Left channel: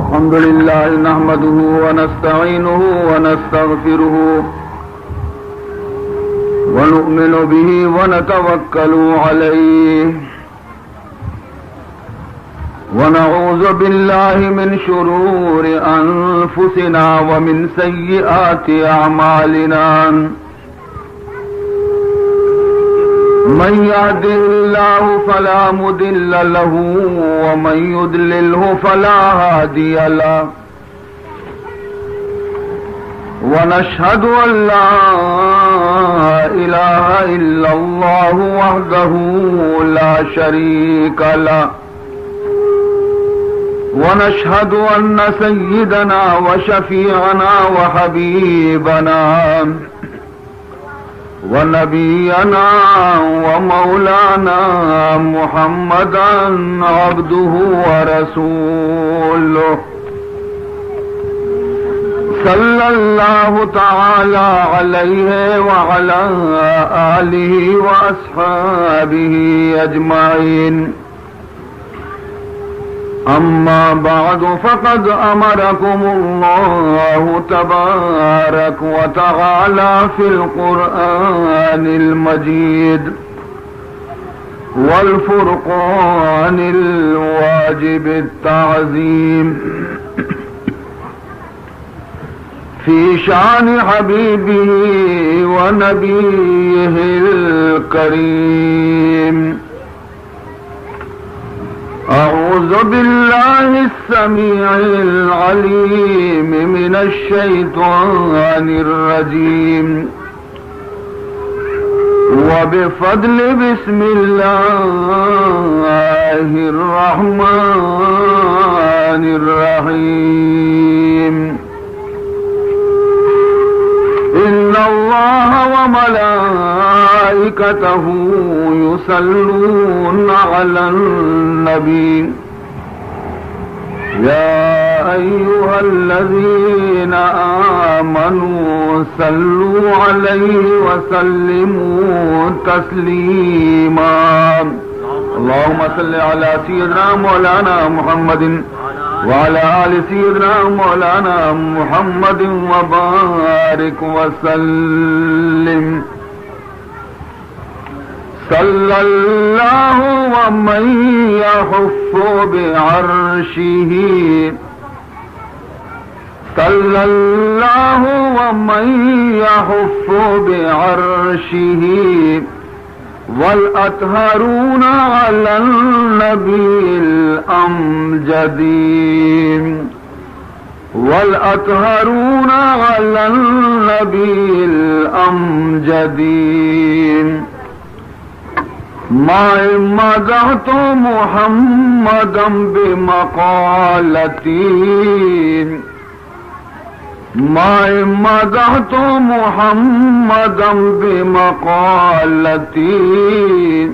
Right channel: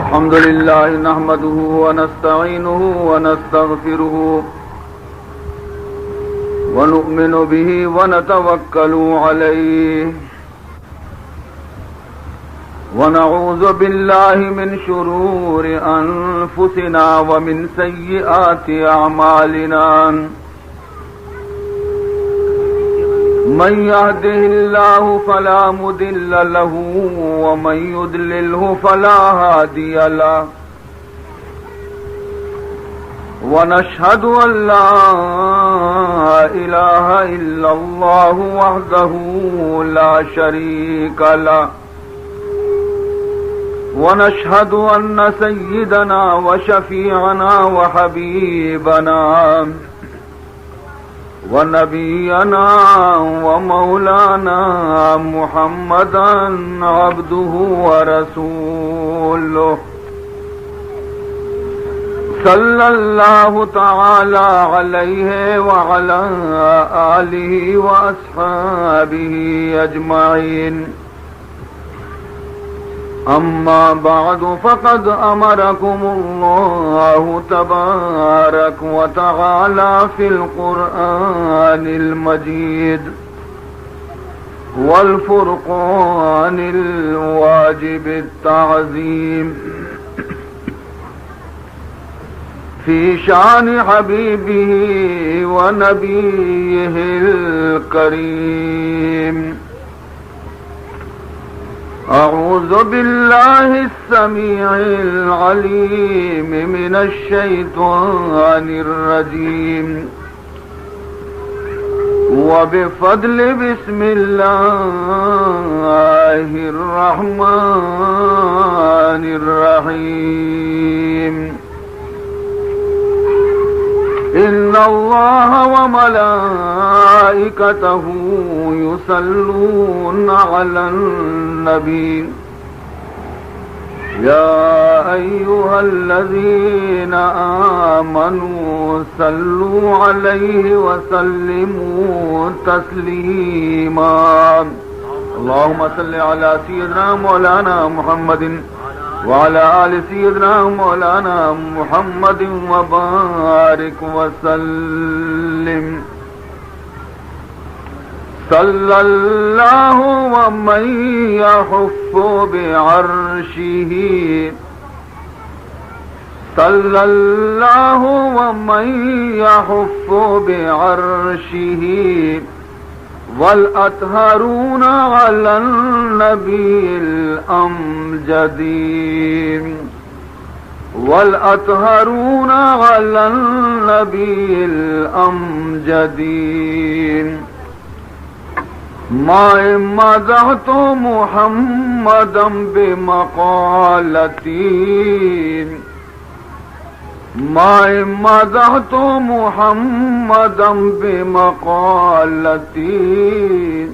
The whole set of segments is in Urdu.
الحمد لله نحمده ونستعينه ونستغفره ونؤمن به ونتوكل عليه ونعوذ بالله من شرور أنفسنا ومن سيئات أعمالنا من يهده الله فلا مضل له ومن يضلله فلا هادي له ونشهد أن لا إله إلا الله وحده لا شريك له ونشهد أن سيدنا وشفيعنا وحبيبنا ونبينا ومولانا محمدا عبده ورسوله صلى الله تعالى عليه وعلى آله وأصحابه أجمعين أما بعد فقد أمركم الله تبارك وتعالى في القرآن المجيد والفرقان الواجب التعظيم في شأن حبيبه ونبيه الكريم أعوذ بالله السميع العليم من الشيطان الرجيم وبفضل بسم الله الرحمن الرحيم إن الله وملائكته يصلون على النبي يا أيها الذين آمنوا صلوا عليه وسلموا تسليما اللهم صل على سيدنا مولانا محمد وعلى آل سيدنا مولانا محمد وبارك وسلم صلى الله ومن يحف بعرشه صلى الله ومن يحف بعرشه والأطهرون على النبي الأمجد والأطهرون على النبي الأمجد ما مدحت محمدا بمقالتي ما مدحت محمدا بمقالتي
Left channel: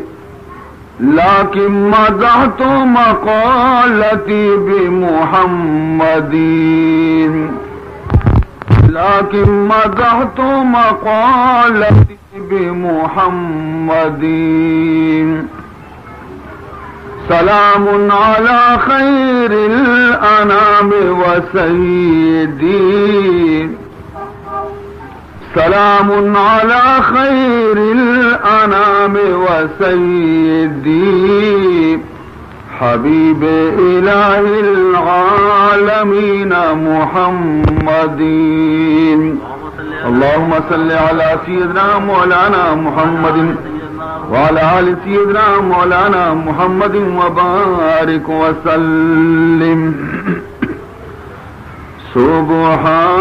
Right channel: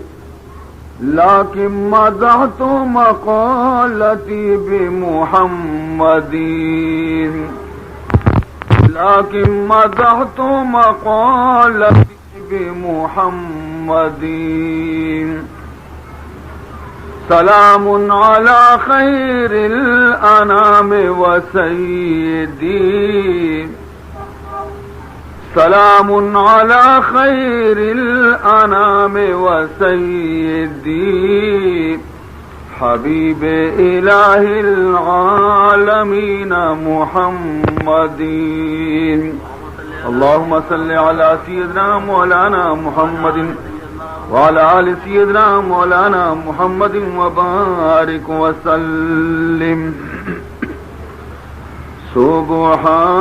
لكن مدحت مقالتي بمحمد لكن مدحت مقالتي بمحمد سلام على خير الأنام وسيدي سلام على خير الأنام وسيدي حبيب إله العالمين محمد اللهم صل على سيدنا مولانا محمد وعلى آل سيدنا مولانا محمد وبارك وسلم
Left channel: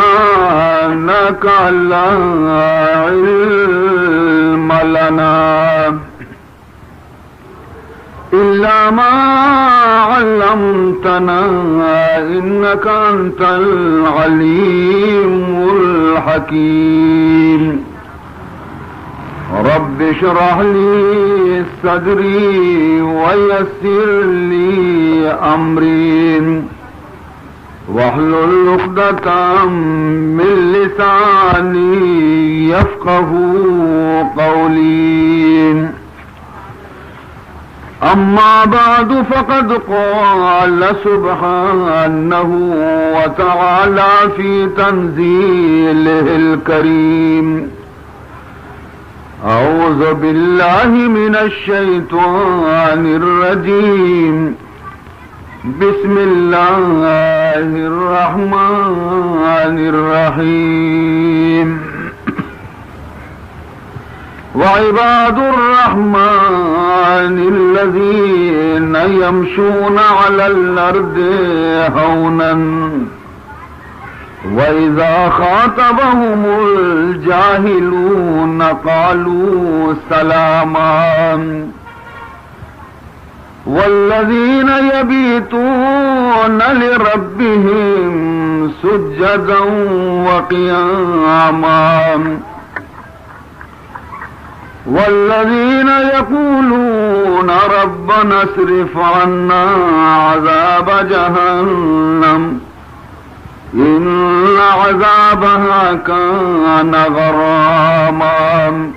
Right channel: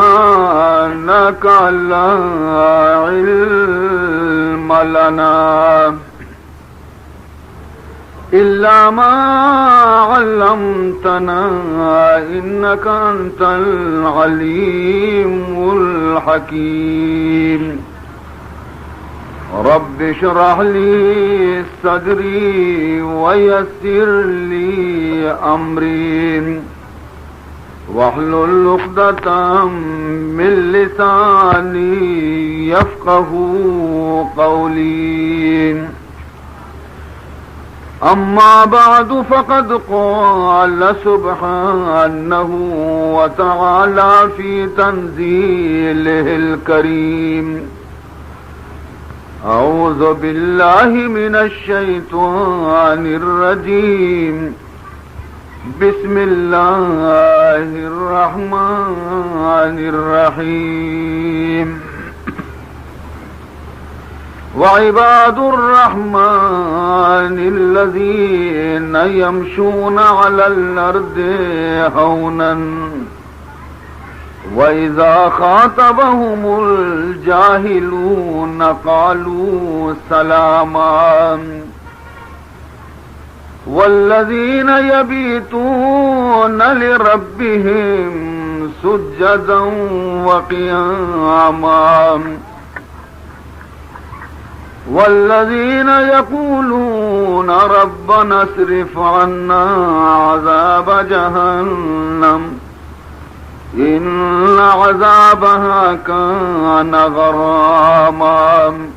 سبحانك لا علم لنا إلا ما علمتنا إنك أنت العليم الحكيم رب اشرح لي صدري ويسر لي أمري واحلل عقدة من لساني يفقه قولي أما بعد فقد قال سبحانه وتعالى في تنزيله الكريم أعوذ بالله من الشيطان الرجيم بسم الله الرحمن الرحيم وعباد الرحمن الذين يمشون على الأرض هونا وإذا خاطبهم الجاهلون قالوا سلاما والذين يبيتون لربهم سجدا وقياما والذين يقولون ربنا اصرف عنا عذاب جهنم إن عذابها كان غراما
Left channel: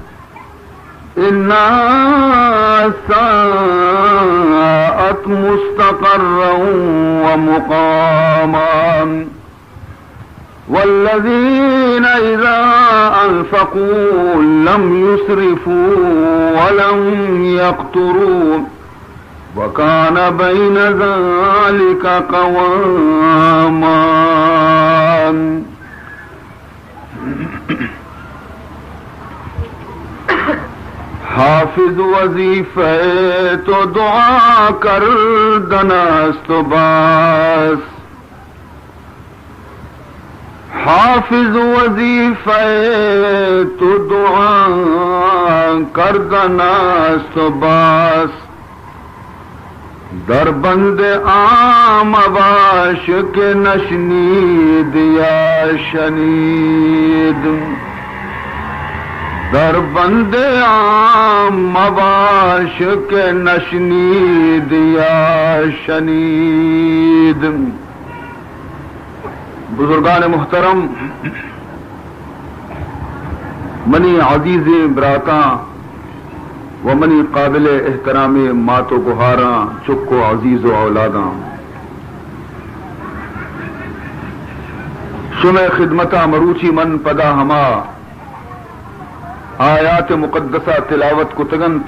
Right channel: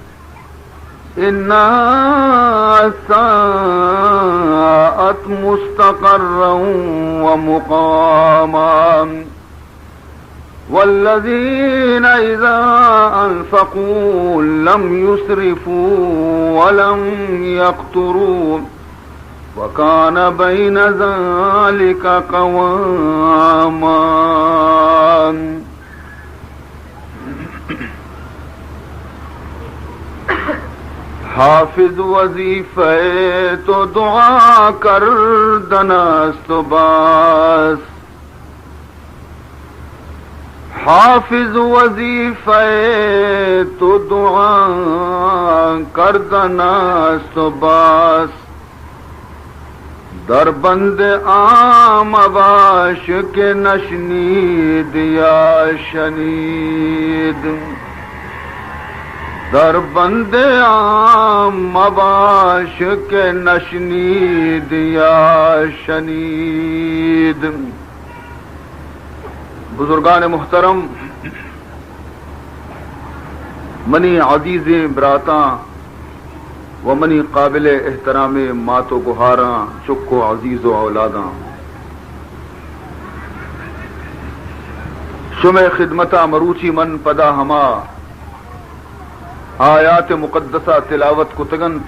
إنها ساءت مستقرا ومقاما والذين إذا أنفقوا لم يسرفوا ولم يقتروا وكان بين ذلك قواما حافظ وظیفے تو دعا کر دنست باس حافظ وظیفے تو دعا کر دنست باس در بند عام باش کے نشنید یا شنید در بند عام باش کے نشنید یا شنید. بزرگان محترم، منی عزیز براتاں و منی قابل احترام مات و گہاراں چکو عزیز و اولاداں، شمع خدمتہ مروچی من پدا ہما آیات مقدسہ تلاوت کو تگنت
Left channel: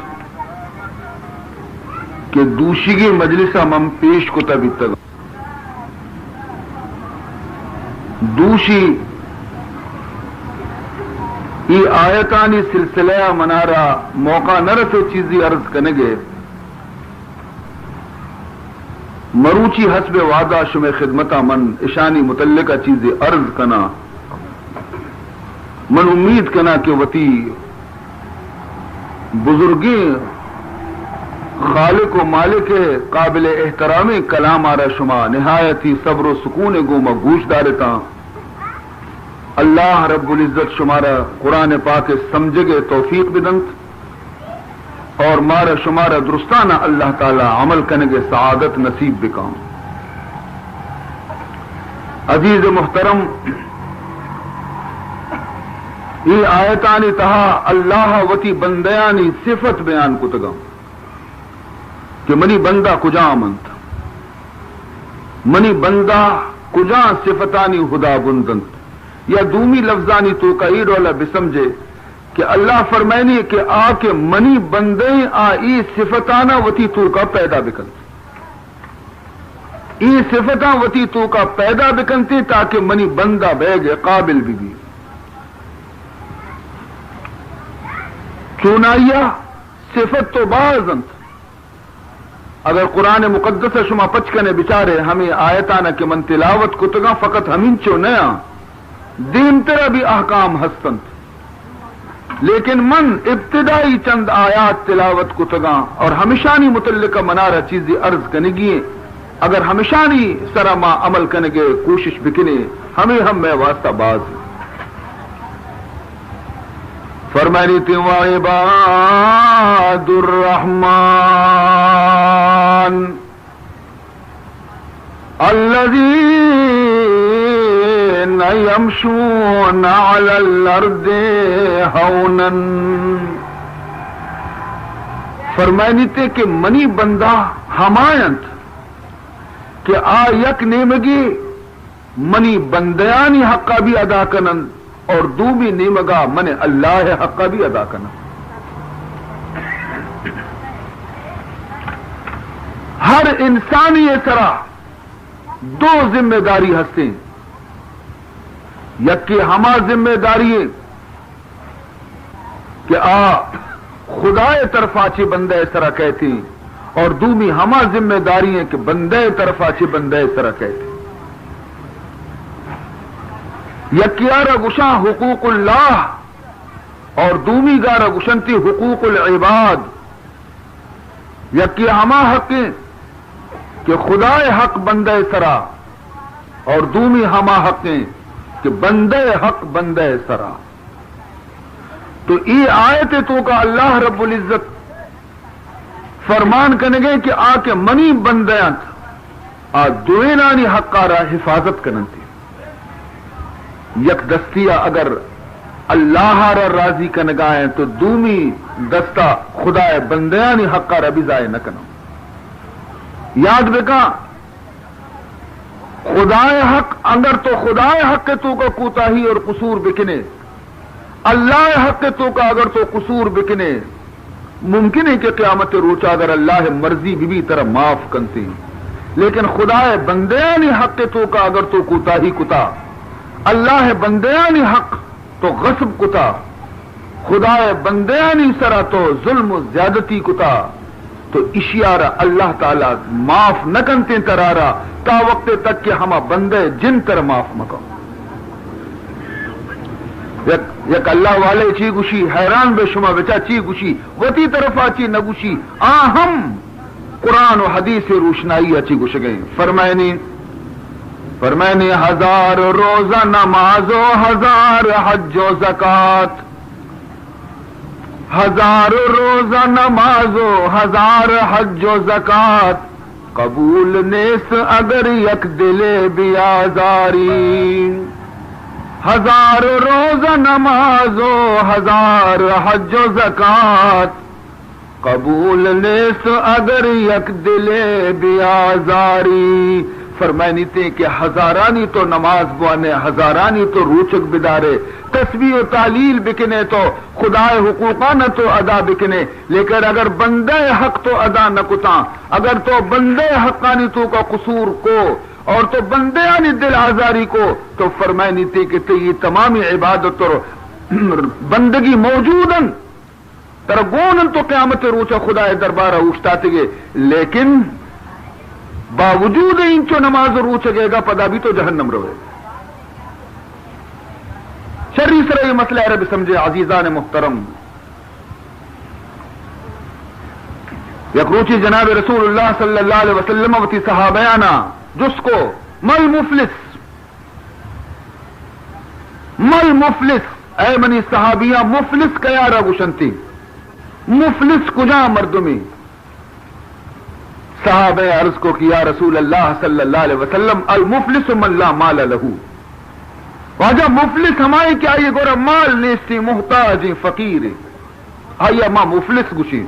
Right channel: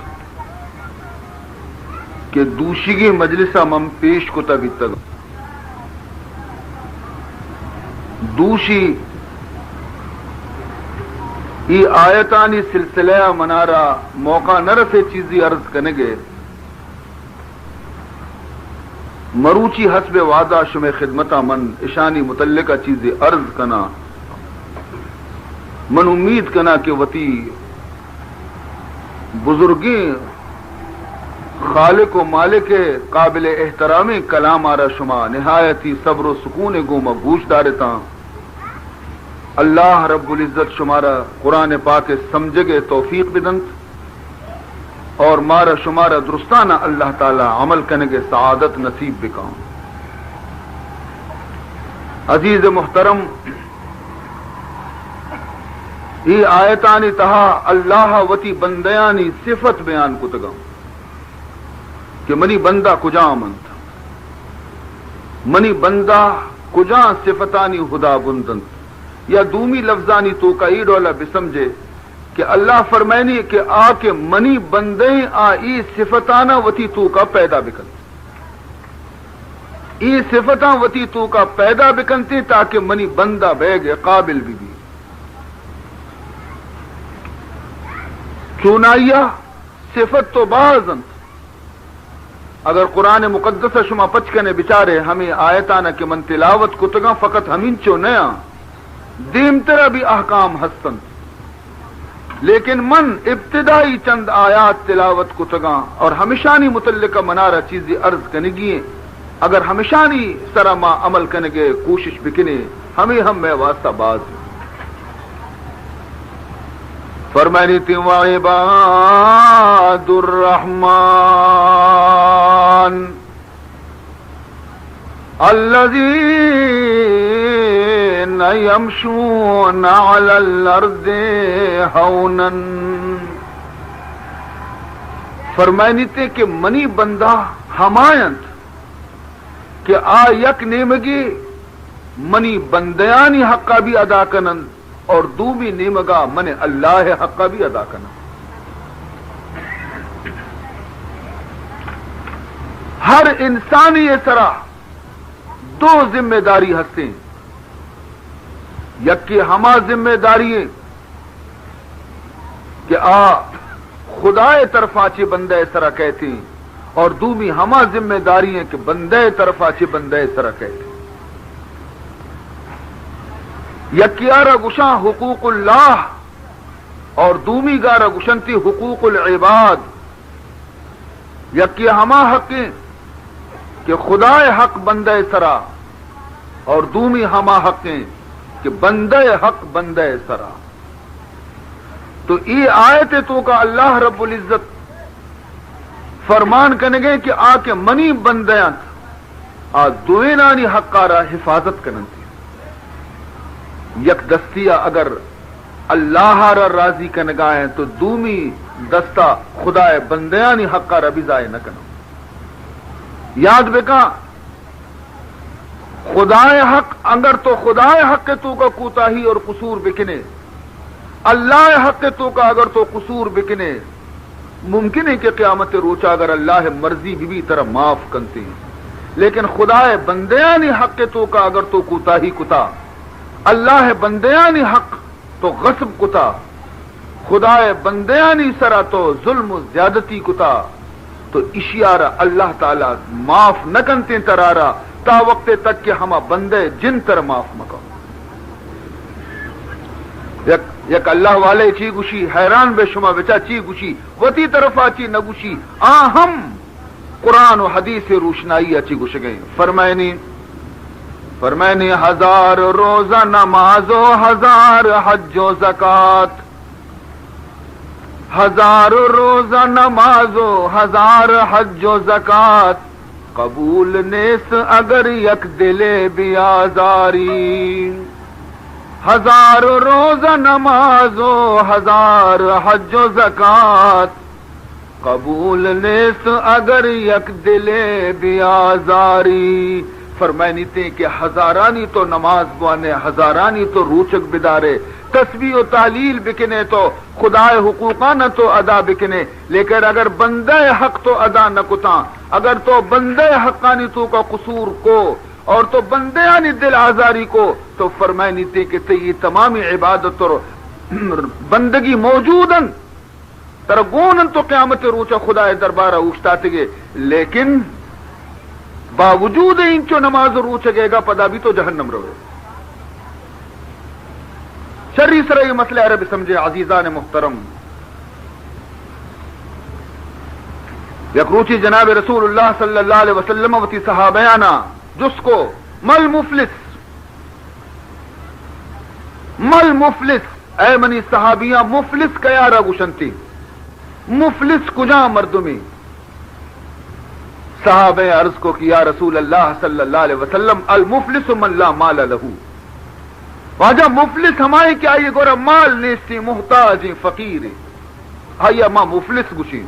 کہ دوشگی مجلسہ مم پیش کو تبھی تگن دوشی یہ آیتانی سلسلہ منارا موقع نہ رسے چیزی عرض کنگے مروچی حسب وعدہ شمع خدمتہ من اشانی متعلقہ چیزی عرض کنا من امید کنا کہ وتی بزرگیں خالق و مالک قابل احترام کلام آرہ شما نہایتی صبر و سکون گو مگوش دارتا اللہ رب العزت شمارا قرآن پاک سمجھگے توفیق بدنت اور مارا شمارا درستانہ اللہ تعالی عمل کنگے سعادت نصیب بکاؤں. عزیز محترم، یہ آیتانی تہا اللہ وتی بندیانی صفت بیان کتگا کہ منی بندہ کجا آمنت، منی بندہ کجا صفتانی خدا بندنت، یا دومی لفظانی تو کا ای رولا بسمجھے کہ اللہ فرمائنی کہ آ کے منی بندے آ ای صفتانہ وتی تو کا پیدا بکنت، ای صفتاں وتی تو کا پیدا بکنتی تاکہ منی بندہ بیگے قابل بھی کیوں نہ صفت تو بازنت. اگر قرآن مقدس شما پچکنے بچارے ہمیں آیتانہ کے من تلاوت کتگا فقط ہمیں چو نیا دین ترہ بھی احکام ہستنت، لیکن من ابتدائی چند آیات تلاوت کتگا اور ہمیشانی متعلقہ منارہ چیزی عرض کنگی اگر ہمیشانی سرا ما عمل کنگے کوشش بکنے ہمیں ہم میں واسطہ باز فرمانی تھی وعباد الرحمن الذين يمشون على الأرض هونا فرمائنی تے کہ منی بندہ ہمایند کہ آ یک نیمگی منی بندیانی حقا بھی ادا کنن اور دومی نیمگا من اللہ حقا بھی ادا کنن. ہر انسانی طرح دو ذمہ داری ہستے یک کہ ہما ذمہ داری ہے کہ خدا طرف آچے بندے اس طرح کہتے ہیں اور دومی ہما ذمہ داری ہے کہ بندے طرف آچے بندے اس طرح کہتے ہیں. یکیارا گشاں حقوق اللہ اور دومی گارا گشنتی حقوق العباد. یکی ہما حق کہ خدا حق بندے سرا اور دومی ہما حق کہ بندے حق بندے سرا. تو یہ آیت تو کا اللہ رب العزت فرمان کرنے گئے کہ آ کے منی بندیاں دوینانی حقارا حفاظت کرن تھی. یک دستیا اگر اللہ را راضی کنگائیں تو دومی دستہ خدا بندیانی حقارا بھی ضائع نہ کرنا. یاد بکا خدا حق اگر تو خدا حق تو کا کوتاہی اور قصور بکنے اللہ حق تو کا اگر تو قصور بکنے ممکن ہے کہ قیامت روچا اگر اللہ مرضی بھی طرح معاف کرتے ہیں. لیکن خدا بندیانی حق تو کا اگر تو کوتاہی کتا اللہ بندیانی حق تو غصب کتا خدا بندیانی سرا تو ظلم و زیادتی کتا تو اشیارہ اللہ تعالی معاف نہ کنتے ترارا تا وقت تک کہ ہما بندے جن کر معاف مکو. یک اللہ والے چی گوشی حیران بے شما بچا چی گوشی وتی طرف آچی نہ گوشی ہم قرآن و حدیث روشنائی اچھی گوش گئی. فرمائنی ہزار روزہ نماز و ہزار حج و زکات. ہزار روزہ نماز و ہزار حج و زکات قبول نیس اگر یک دلے بیازاری. ہزار روزہ نماز و ہزار حج و زکات قبول نیس اگر یک دلے بیازاری. فرمائنی تے کہ ہزارانی تو نماز بوانے ہزارانی تو روچک بدارے تسبیح و تعلیل بکنے تو خدا حقوقانہ تو ادا بکنے. لیکن اگر بندے حق تو ادا نہ کتا اگر تو بندے حقانی تو کا قصور کو اور تو بندیانی دل آزاری کو تو فرمائنی تے کہ یہ تمامی عبادت اور بندگی موجودن ترگونن تو قیامت روچا خدا دربارہ اٹھتا گے. لیکن باوجود انچو نماز روچ گے گا پدا بھی تو جہنم روے. شرعی سر یہ مسئلہ عرب سمجھے عزیزان محترم. یک روچی جناب رسول اللہ صلی اللہ علیہ وسلم وتی صحابیانا جس کو مل مفلس اے منی صحابیہ مفلس کیا را گشنتی مفلس کجا مردمی. صحابہ عرض کو کیا رسول اللہ صلی اللہ علیہ وسلم المفلس من لا مال لہو. واجہ مفلس ہمارے کیا یہ گورا مال نیستی محتاج فقیر آیا ماں مفلس گشی.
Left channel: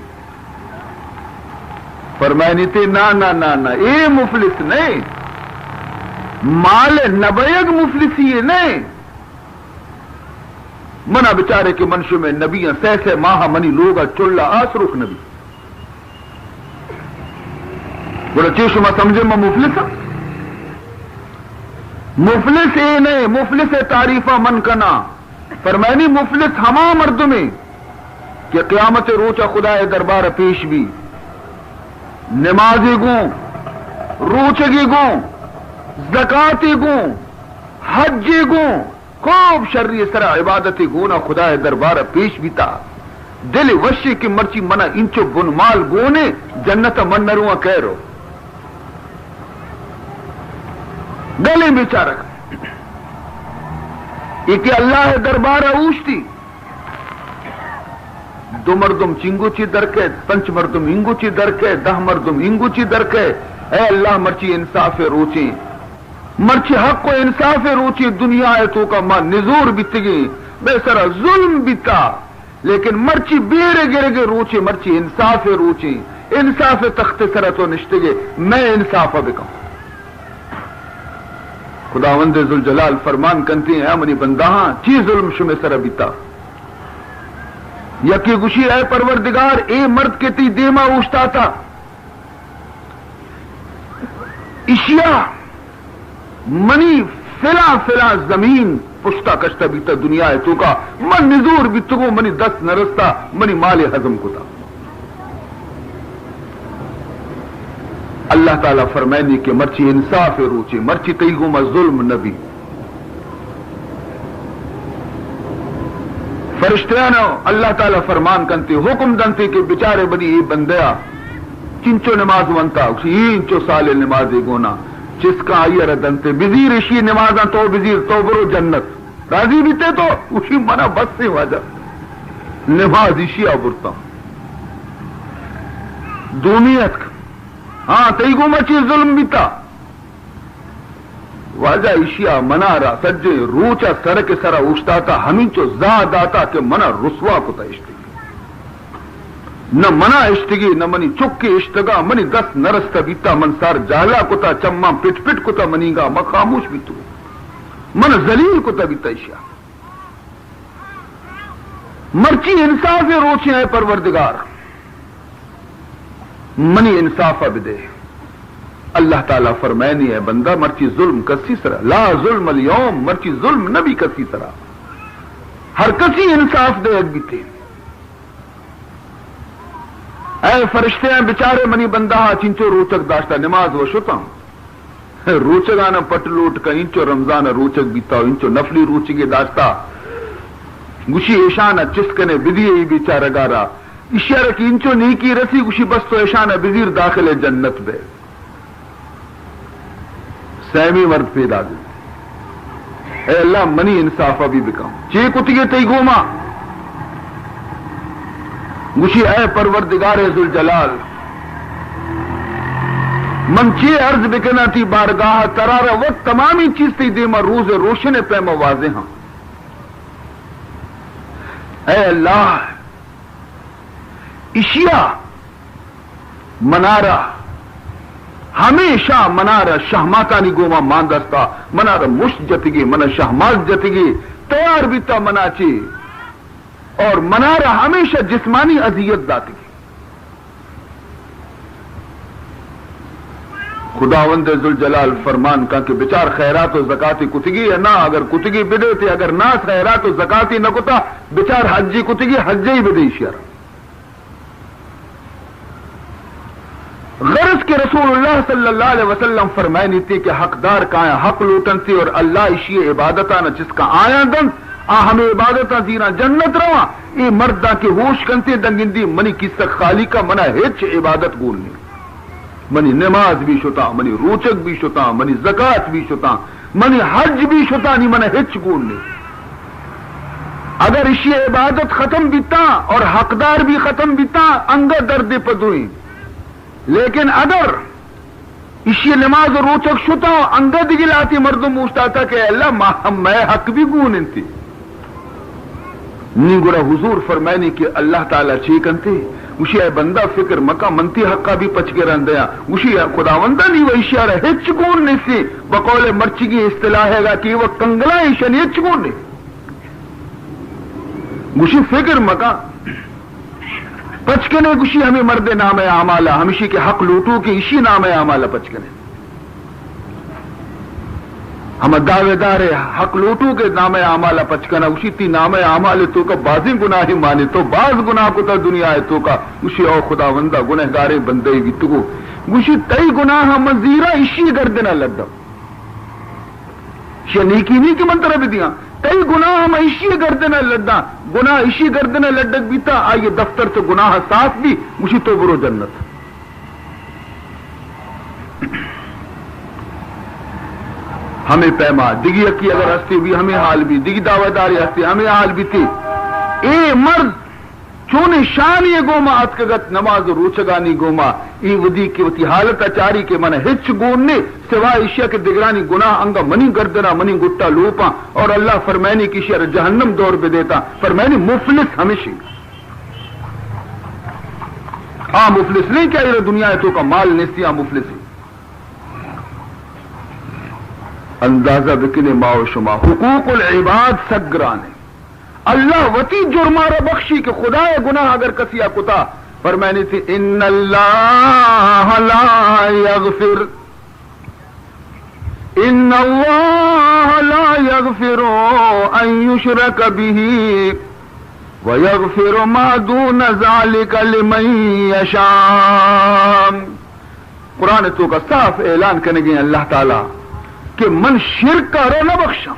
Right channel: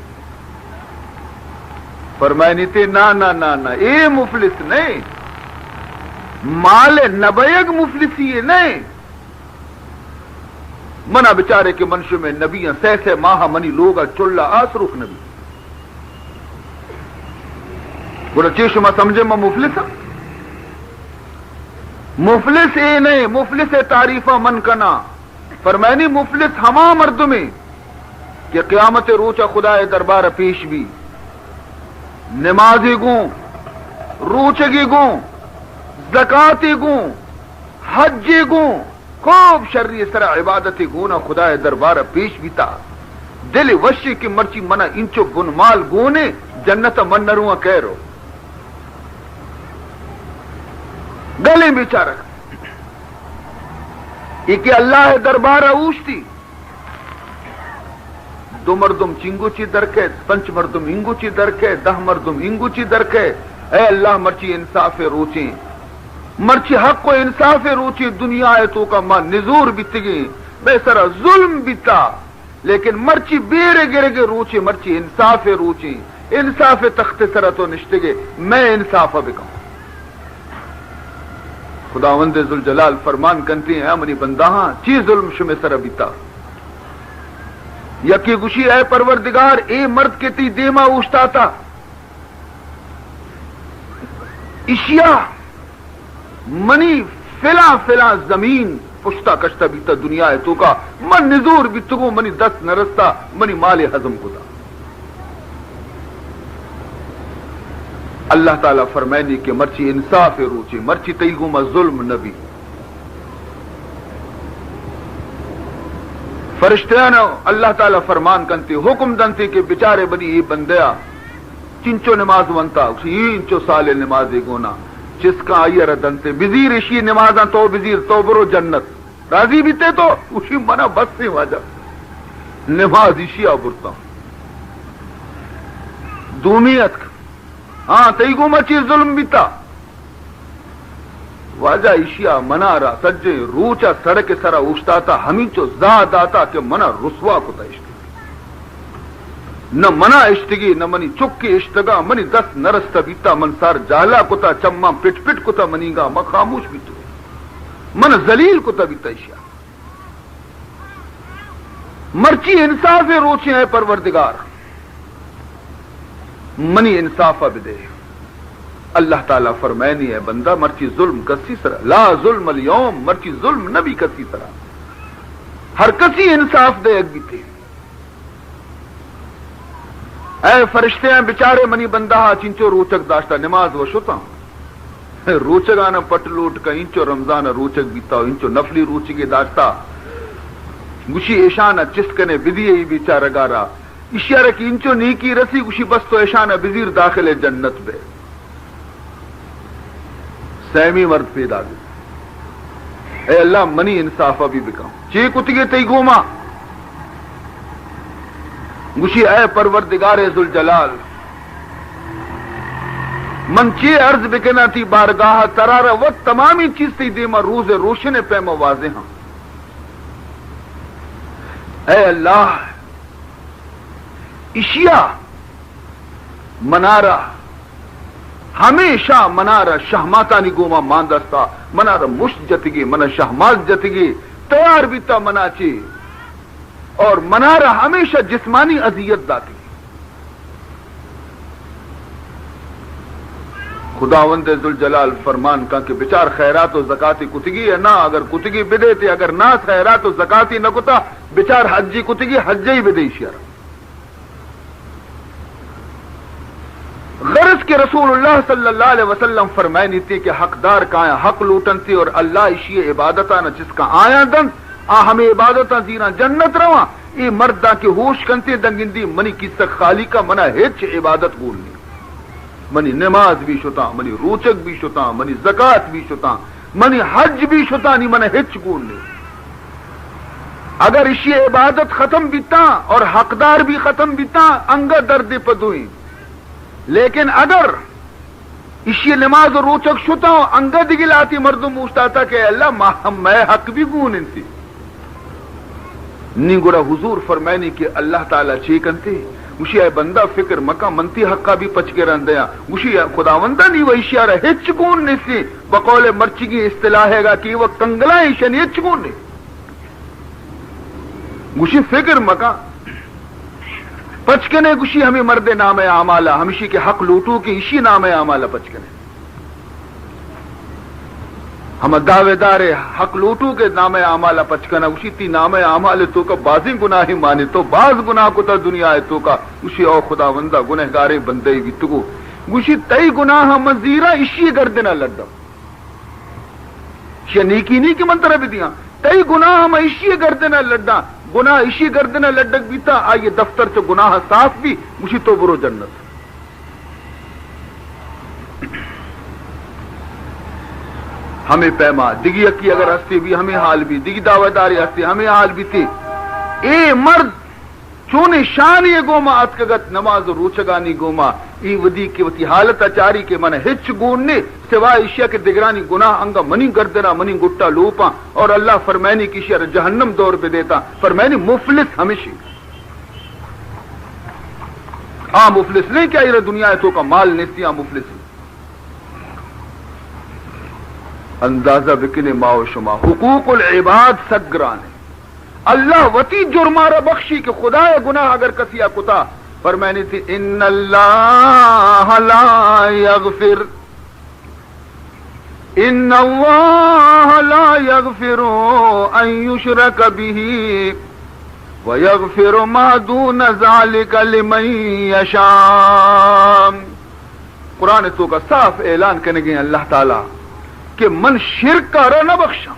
فرمائنی تے نا نا نا نا اے مفلس نہیں مال نبیگ مفلسی نہیں منا بچارے کے منشو میں نبی سیسے ماہ منی لوگا چلا آسرخ نبی بولا چیز میں سمجھے میں مفلس اے نہیں مفلس تعریفہ من کنا. فرمائنی مفلس ہما مرد میں کہ قیامت روچا خدا دربار پیش بھی نمازی گوں روچگی گوں زکاتی گوں حجی گوں خوب شرعی سرا عبادتی گونا خدا دربار پیش بھی تا دل وشی کی مرچی منا انچو بن مال گونے جنت من نروا کہہ رو گلے بیچارک یہ کہ اللہ دربار اوشتی دو مردم چنگو چی درکے پنچ مردم انگو چی درکے 10 مردم انگو چی درکے. اے اللہ مرچی انصاف روچی مرچی حق و انصاف روچی دنیا ہے تو کا ماں نزور بیتگی بے سرا ظلم بیتا. لیکن مرچی بیرے گرے گے روچی مرچی انصاف روچی انصاف تخت سرتو نشتگے میں انصاف بکم خداوند ذوالجلال فرمان کنتی ہیں منی بندہاں چی ظلم شمی سر بیتا یکی گوشی اے پروردگار اے مرد کے تی دیما اوشتا تھا اشیاء منی فلا زمین پشتا کشتا بیتا دنیا ہے تو کا من نزور بیتگو منی دست نرستا منی مال حضم کو تھا اللہ تعالیٰ فرمائنی کہ مرچی انصاف روچی مرچی کئی گما ظلم نبی فرشتیاں اللہ تعالیٰ فرمان کنتی حکم دنتی کہ بچارے بنی یہ بندیا چنچو نماز ونتا اسی انچو سال نمازی گونا جس کا آئیر دنتے بزیر اشی نمازاں تو بزیر تو برو جنت راضی بھی تے تو اسی منا بس سے واجہ نماز اشی آبرتا دومیت ہاں تئی گو مچی ظلم بیتا واجہ اشیا منارا سجے روچا سر کے سرا اوشتا تھا ہمیں چو زاد آتا کہ منا رسوا کتا اشتگی نہ منا اشتگی نہ منی چکی اشتگا منی دست نرستا بیتا من سار جالا کتا چما پٹ پٹ کتا منیگا ما خاموش بیتو من زلیل کتا بیتا اشیا مرچی انصاف روچے ہیں پروردگار منی انصاف بدے اللہ تعالیٰ فرمائنی ہے بندہ مرچی ظلم کسی سرا لا ظلم اليوم مرچی ظلم نبی کسی سرا ہر کسی انصاف دے اگ بیتے اے فرشتے بچارے منی بندہ چنچو روچک داشتا نماز و شتا روچگانا پٹ لوٹ کا انچو رمضان روچک بیتا انچو نفلی روچگی داشتا گوشی ایشانا چسکنے بدیئی بیچارہ گارا اشارہ کی انچو نیکی رسی گوشی بس تو ایشانا بزیر داخل جنت بے سیمی مرد پیدا دی اے اللہ منی انصافہ بھی بکاؤں چی کتگی تی گوما گوشی اے پروردگار ذوالجلال من چی عرض بکنا تھی بارگاہ قرار وقت تمامی چیز تھی دیما روز روشن پیما واضح ہاں اے اللہ اشیاء منارا ہمیشہ منارا شہماتانی گوما ماندستا منارا مشت جتگی منا شہمات جتگی تیار بیتا مناچی اور منارا ہمیشہ جسمانی اذیت داتی خداوند ذوالجلال فرمان کا کہ بچار خیرات و زکاتی کتگی ہے نہ اگر کتگی بدے تھے اگر نہ خیرات و زکاتی نہ کتا بچار حجی کتگی حجی بدے شیرہ غرض کے رسول اللہ صلی اللہ علیہ وسلم فرمائنی تھی کہ حقدار کا حق لوٹن تھی اور اللہ اشی عبادتہ نہ جس کا آیا دن ہمیں عبادتہ دینا جنت رواں یہ مردہ کے ہوش کنتے دنگندی منی کس تک خالی کا منا ہچ عبادت گولنی منی نماز بھی شتا منی روچک بھی شتا منی زکات بھی شتا منی حج بھی شتا نہیں منی ہچ گولنی اگر اشی عبادت ختم بیتا اور حقدار بھی ختم بیتا انگا درد پدوئیں لیکن اگر اسی نماز روچک شتا انگد گلاتی مردم پوچھتا تھا کہ اللہ میں حق بھی گون انتی نہیں گڑا حضور فرمائنی کہ اللہ تعالیٰ چیکنتی اسی اے بندہ فکر مکہ منتی حقا بھی پچ کے رہندیا اسی خداوندہ نہیں وہ اشیاء رہے ہچ گون نہیں سی بقول مرچگی اصطلاح ہے گا کہ وہ کنگلا ایشن ہچ گون نہیں اسی فکر مکہ پچکنے گشی ہمیں مرد نام اعمالہ ہمشی کے حق لوٹو کی اسی نام اعمالہ پچکنے ہم دعوے دار حق لوٹو کے نام اعمالہ پچکنا اسی تی نام اعمال تو کا بازی گناہ مانے تو باز گناہ کو تا دنیا ہے تو کا اسی او خداوندہ گنہگار بندے گی تو گشی تئی گناہ مزیرہ اسی گردنا لگا نیکی نہیں کہ منترہ بھی دیا کئی گناہ ہم اسی گردنا لڈا گناہ اسی گردنا لڈک بیتا آئیے دفتر سے گناہ صاف بھی اسی تو برو جنت ہمیں پیما دگی اکی اگر ہستی بھی ہمیں حال بھی دگی دعوے داری ہستی ہمیں حال بھی تھی اے مرد چونے شان یہ گوما اتکگت نماز روچگانی گوما ای ودی کی وتی حالت اچاری کے من ہچ گوننے سوائے اشیاء کے دگرانی گناہ انگا منی گردنا منی گٹا لوپا اور اللہ فرمائنی کی شر جہنم دور پہ دیتا فرمائنی مفلس ہمیشہ مفلس نہیں چاہیے دنیا تو کا مال نیستی مفلس اندازہ بکنے ماؤ شما حقوق العباد سگرانے اللہ وتی جرمارہ بخشی کہ خدا گناہ اگر کسیا کتا فرمانی تھی ان اللہ لا یغفر ان اللہ لا یغفر ان یشرک به ویغفر ما دون ذلك لمن یشاء قرآن تو کا صاف اعلان کرنے گئے اللہ تعالی کہ من شرک کا نہ بخشا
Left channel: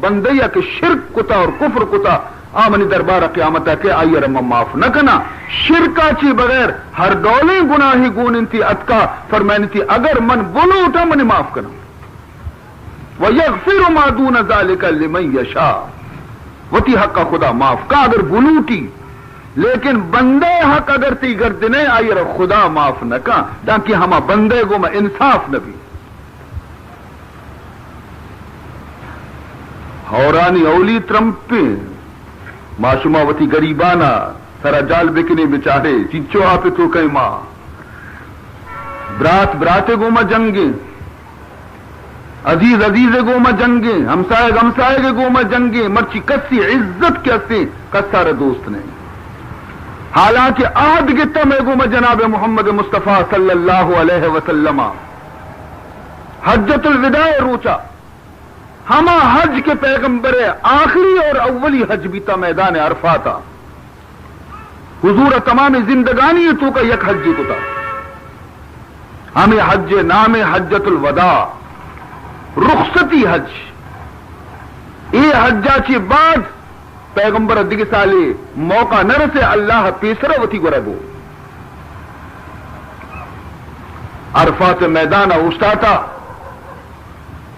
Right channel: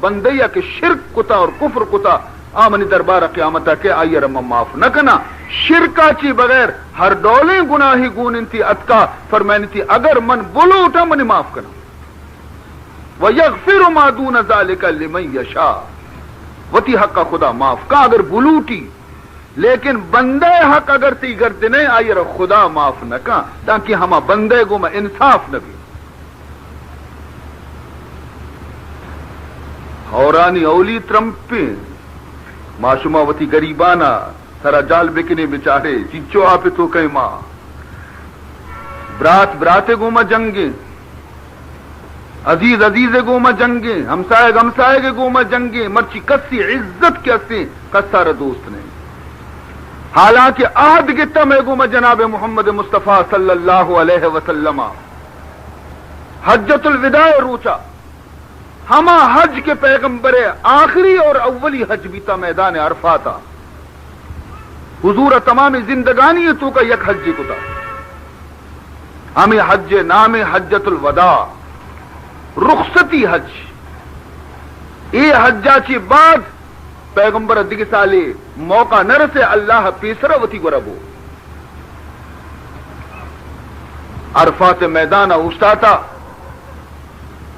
بندیا کہ شرک کتا اور کفر کتا آمنی دربار قیامت کے آئیے رم معاف نہ کنا شرکا چی بغیر ہر ڈولیں گناہی گون انتی اتکا فرمائنی تھی اگر من بلو اٹھا منی معاف کنا وَيَغْفِرُ مَا دُونَ ذَلِكَ لِمَنْ يَشَاءُ وتی حق کا خدا معاف کا اگر بلوٹی لیکن بندے حق اگر تی گردنے آئیے خدا معاف نہ کا تاکہ ہما بندے کو میں انصاف نہ بھی حورانی اولی ترمپے معصومہ وتی گریبانا سرا جال بکنے بچارے چیچو آپ تو کئی ماں براتے گوما جنگیں عزیز گوما جنگیں ہمسائے کے گوما جنگیں مرچی کسی عزت کیسے کسار دوست نے حالانکہ آد گتا میں گوما جناب محمد مصطفیٰ صلی اللہ علیہ وسلم حجت الوداع روچا ہما حج کے پیغمبر آخری اور اولی حج بیتا میدان عرفاتا حضور تمام زندگانی تو کا یک حجی کتا ہمیں حج نام حجت الوداع رخصتی حج یہ حجا چی بعد پیغمبر دیگ سالی موقع نرسے اللہ پیسرا وتی گربو عرفات میدان اوستاتا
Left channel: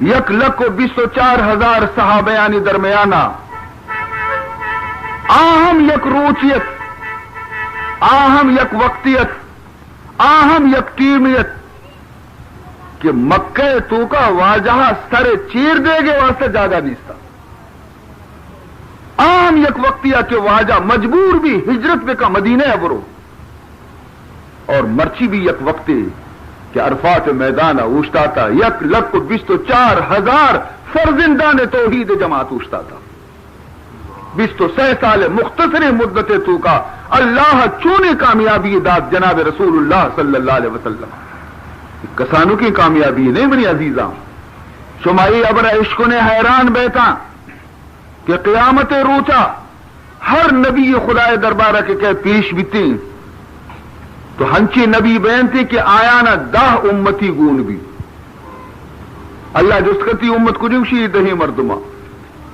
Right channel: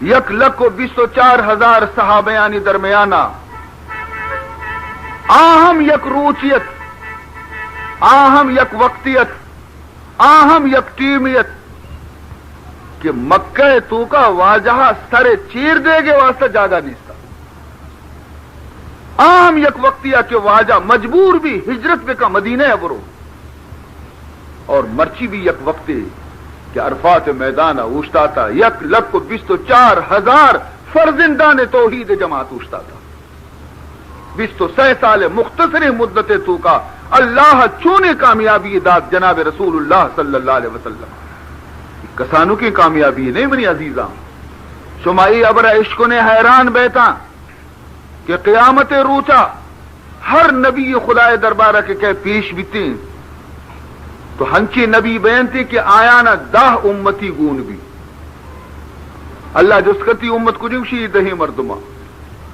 1,24,000 صحابیانی درمیانا آہم یک روچیت آہم یک وقتیت آہم یک ٹیمیت کہ مکہ تو کا واجہ سرے چیر دے گے واسطے جاگا نیستا آہم یک وقتیہ کہ واجہ مجبور بھی ہجرت بے کا مدینہ ابرو اور مرچی بھی یک وقتی کہ عرفات میدان اوشتاتا 1,24,000 فرزندان توحید جماعت اوشتاتا 26 سال مختصر مدت تو کا اللہ چونے کامیابی داد جناب رسول اللہ صلی اللہ علیہ وسلم کسانوں کی کامیابی نہیں بنی عزیزاں شمائی ابر عشق نے حیران بیٹا کہ قیامت روچا ہر نبی خدا دربارہ کے کہ پیش بیتی تو ہنچی نبی بیانتی کہ آیا نہ 10 امتی گون بھی اللہ جس کتی امت کو جمشی دہی مردمہ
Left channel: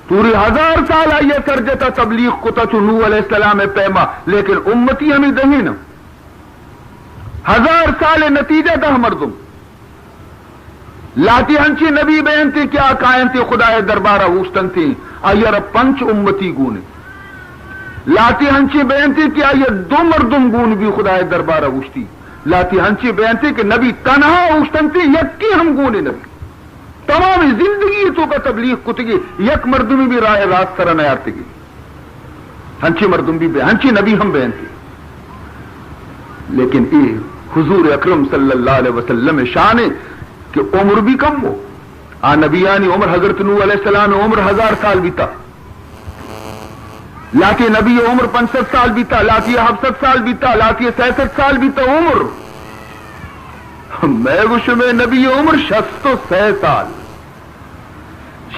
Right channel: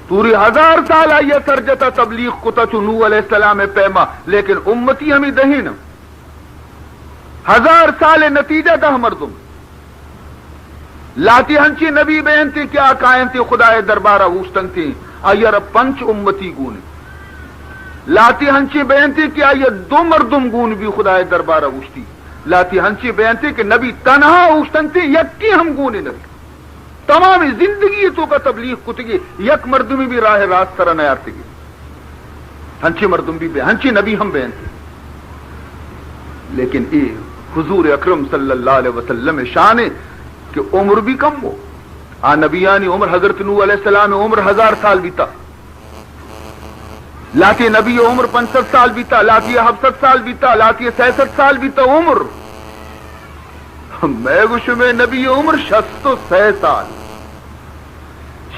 پوری 1000 سال آئیے سرجتا تبلیغ کتا تو نوح علیہ السلام پیما لیکن امتی ہمیں دہی نا 1000 سال نتیجہ 10 مردم لاتی ہنچی نبی بیانتی کیا کائنتی خدا دربارہ وستن تھی آئیر 5 امتی گون لاتی ہنچی بیانتی کیا یہ 2 مردم گون بھی خدا دربارہ وستی لاتی ہنچی بیانتی کہ نبی تنہا وستن تھی یکی ہم گونے نبی تمام زندگی تو کا تبلیغ کتگی یک مردمی بھی راہ راست سرا نیارتگی ہنچی مردم بھی ہنچی نبی ہم بیانتی لیکن اے حضور اکرم صلی اللہ علیہ وسلم شان کہ عمر بھی کم ہو نبیانی عمر حضرت نوح علیہ السلام عمر 1000 سال بیتا لاتی نبی عمر 65 سال بیتا لاتی 67 سال بیتا لاتی 66 سال بیتا عمر میں گوش میں نبی عمر 66 سال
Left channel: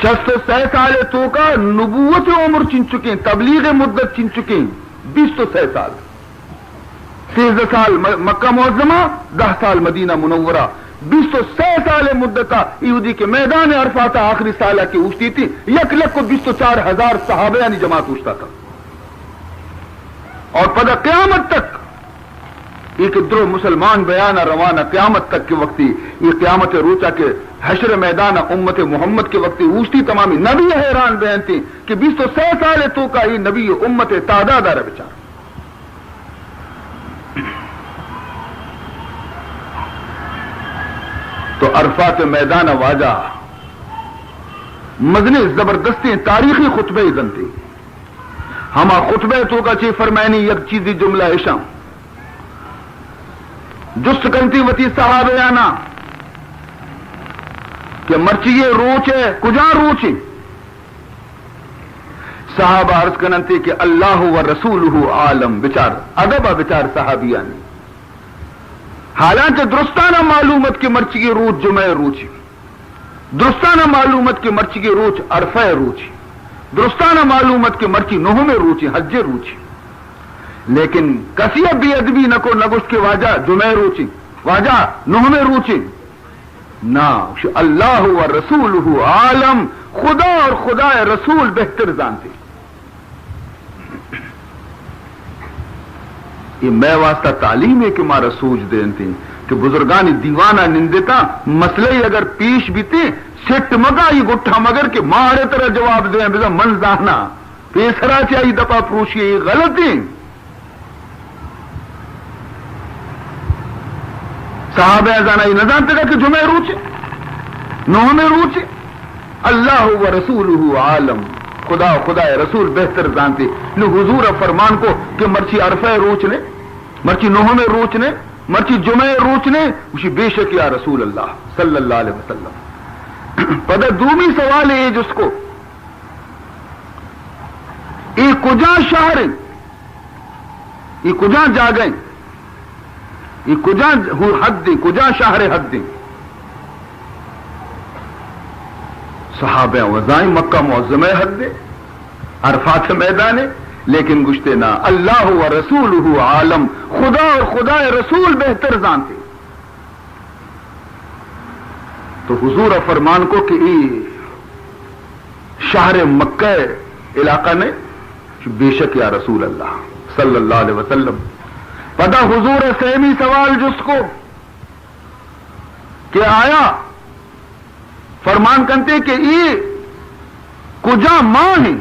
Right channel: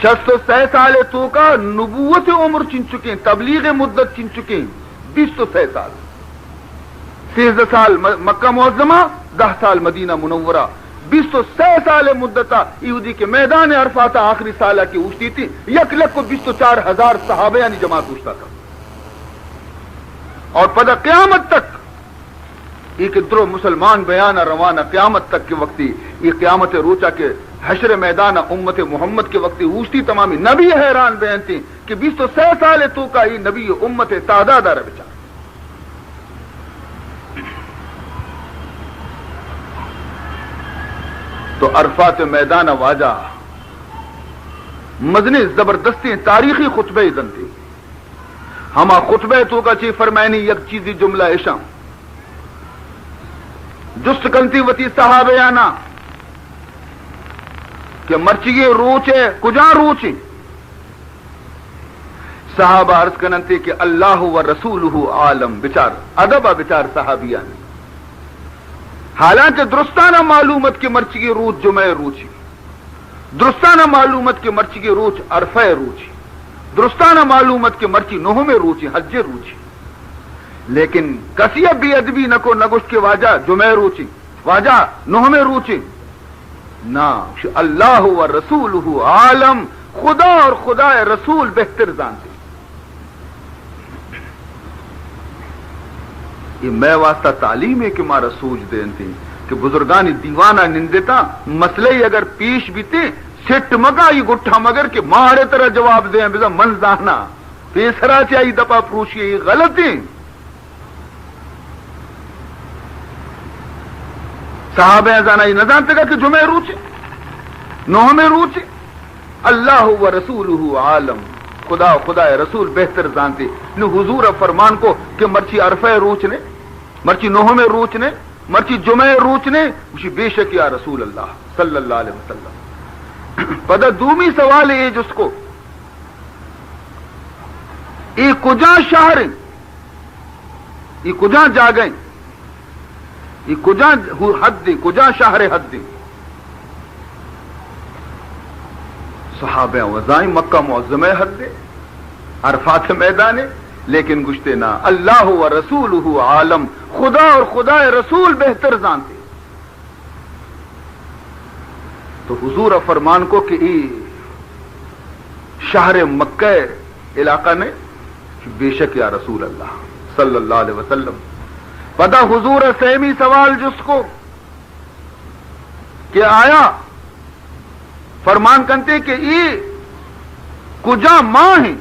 66 سال تو کا نبوت عمر چن چکے تبلیغ مدت چن چکے 26 سال 13 سال مکہ معظمہ 10 سال مدینہ منورہ 26 سال مدتا یہودی کے میدان عرفات آخری سالہ کی اوشتی تھی 1,24,000 صحابیانی جماعت اوشتا تھا اور پدا قیامت تک ایک درو مسلمان بیانہ روانہ قیامت تک کے وقتی یہ قیامت روچا کے حشر میدان امت محمد کے وقتی اوشتی تمامی نبی حیران بیان تھی کہ 26 سال تو کا یہ نبی امت تعداد آ بچار تو عرفات میدان واجہ مدنی زبردستی تاریخی خطبہ ازن تھی ہما خطبہ تو کا چی فرمائنی یک چیزی جملہ اشام جست کنتی وتی صحابیانا کہ مرچیے روچے کجا روچی صحابہ عرض کننتی کہ اللہ و رسولہ عالم بچار ادب بچار صحابیانی حالانکہ درستانہ معلومت کی مرچی روچ جمعہ روچی درستانہ معلومت کی مرچی روچ عرفہ روچی درستانہ معلومت کی مرچی نوہ میں روچی حج روچی لیکن کسی بے ادبی نکو نگوش کے واجہ جمعہ روچی واجہ نوہ میں روچی نا اللہ و رسولہ عالم خدا اور خدا رسول بہتر جانتے یہ میں واسطہ تعلیم ہے کہ مارا سوچ دین تھی کہ بزرگانی دیوانہ نندتا مسئلے اگر پیش بھی تھے سٹ مگا یہ گٹھا مگر کہ مارے طرح جواب دیں بزا من زانا پیسرا چاہیے دپا پروشیے یہ غلطی صحابہ زانا یہ نہ جانتے گا کہ جمعہ روچے نوہ میں روچے اللہ و رسولہ عالم خدا رسول بہتر جانتے نو حضور فرمان کو کہ مرچی عرفہ روچ نے مرچی نوہ میں روچ نے مرچی جمعہ روچ نے اسی بے شک یا رسول اللہ صلی اللہ علیہ وسلم پدا دومی سوال ہے جس کو ای کجا شہر ای کجا جاگئیں ای کجا حد دیں کجا شہر حد دیں صحابہ وزائیں مکہ معظمہ حد دے عرفات میدان لیکن گشتے نا اللہ و رسولہ عالم خدا اور خدا رسول بہتر جانتے تو حضور فرمان کو کہ شہر مکہ علاقہ نے بے شک یا رسول اللہ صلی اللہ علیہ وسلم پتہ حضور سیمی سوال جس کو کہ آیا فرمان کرتے کہ یہ کجا ماں ہے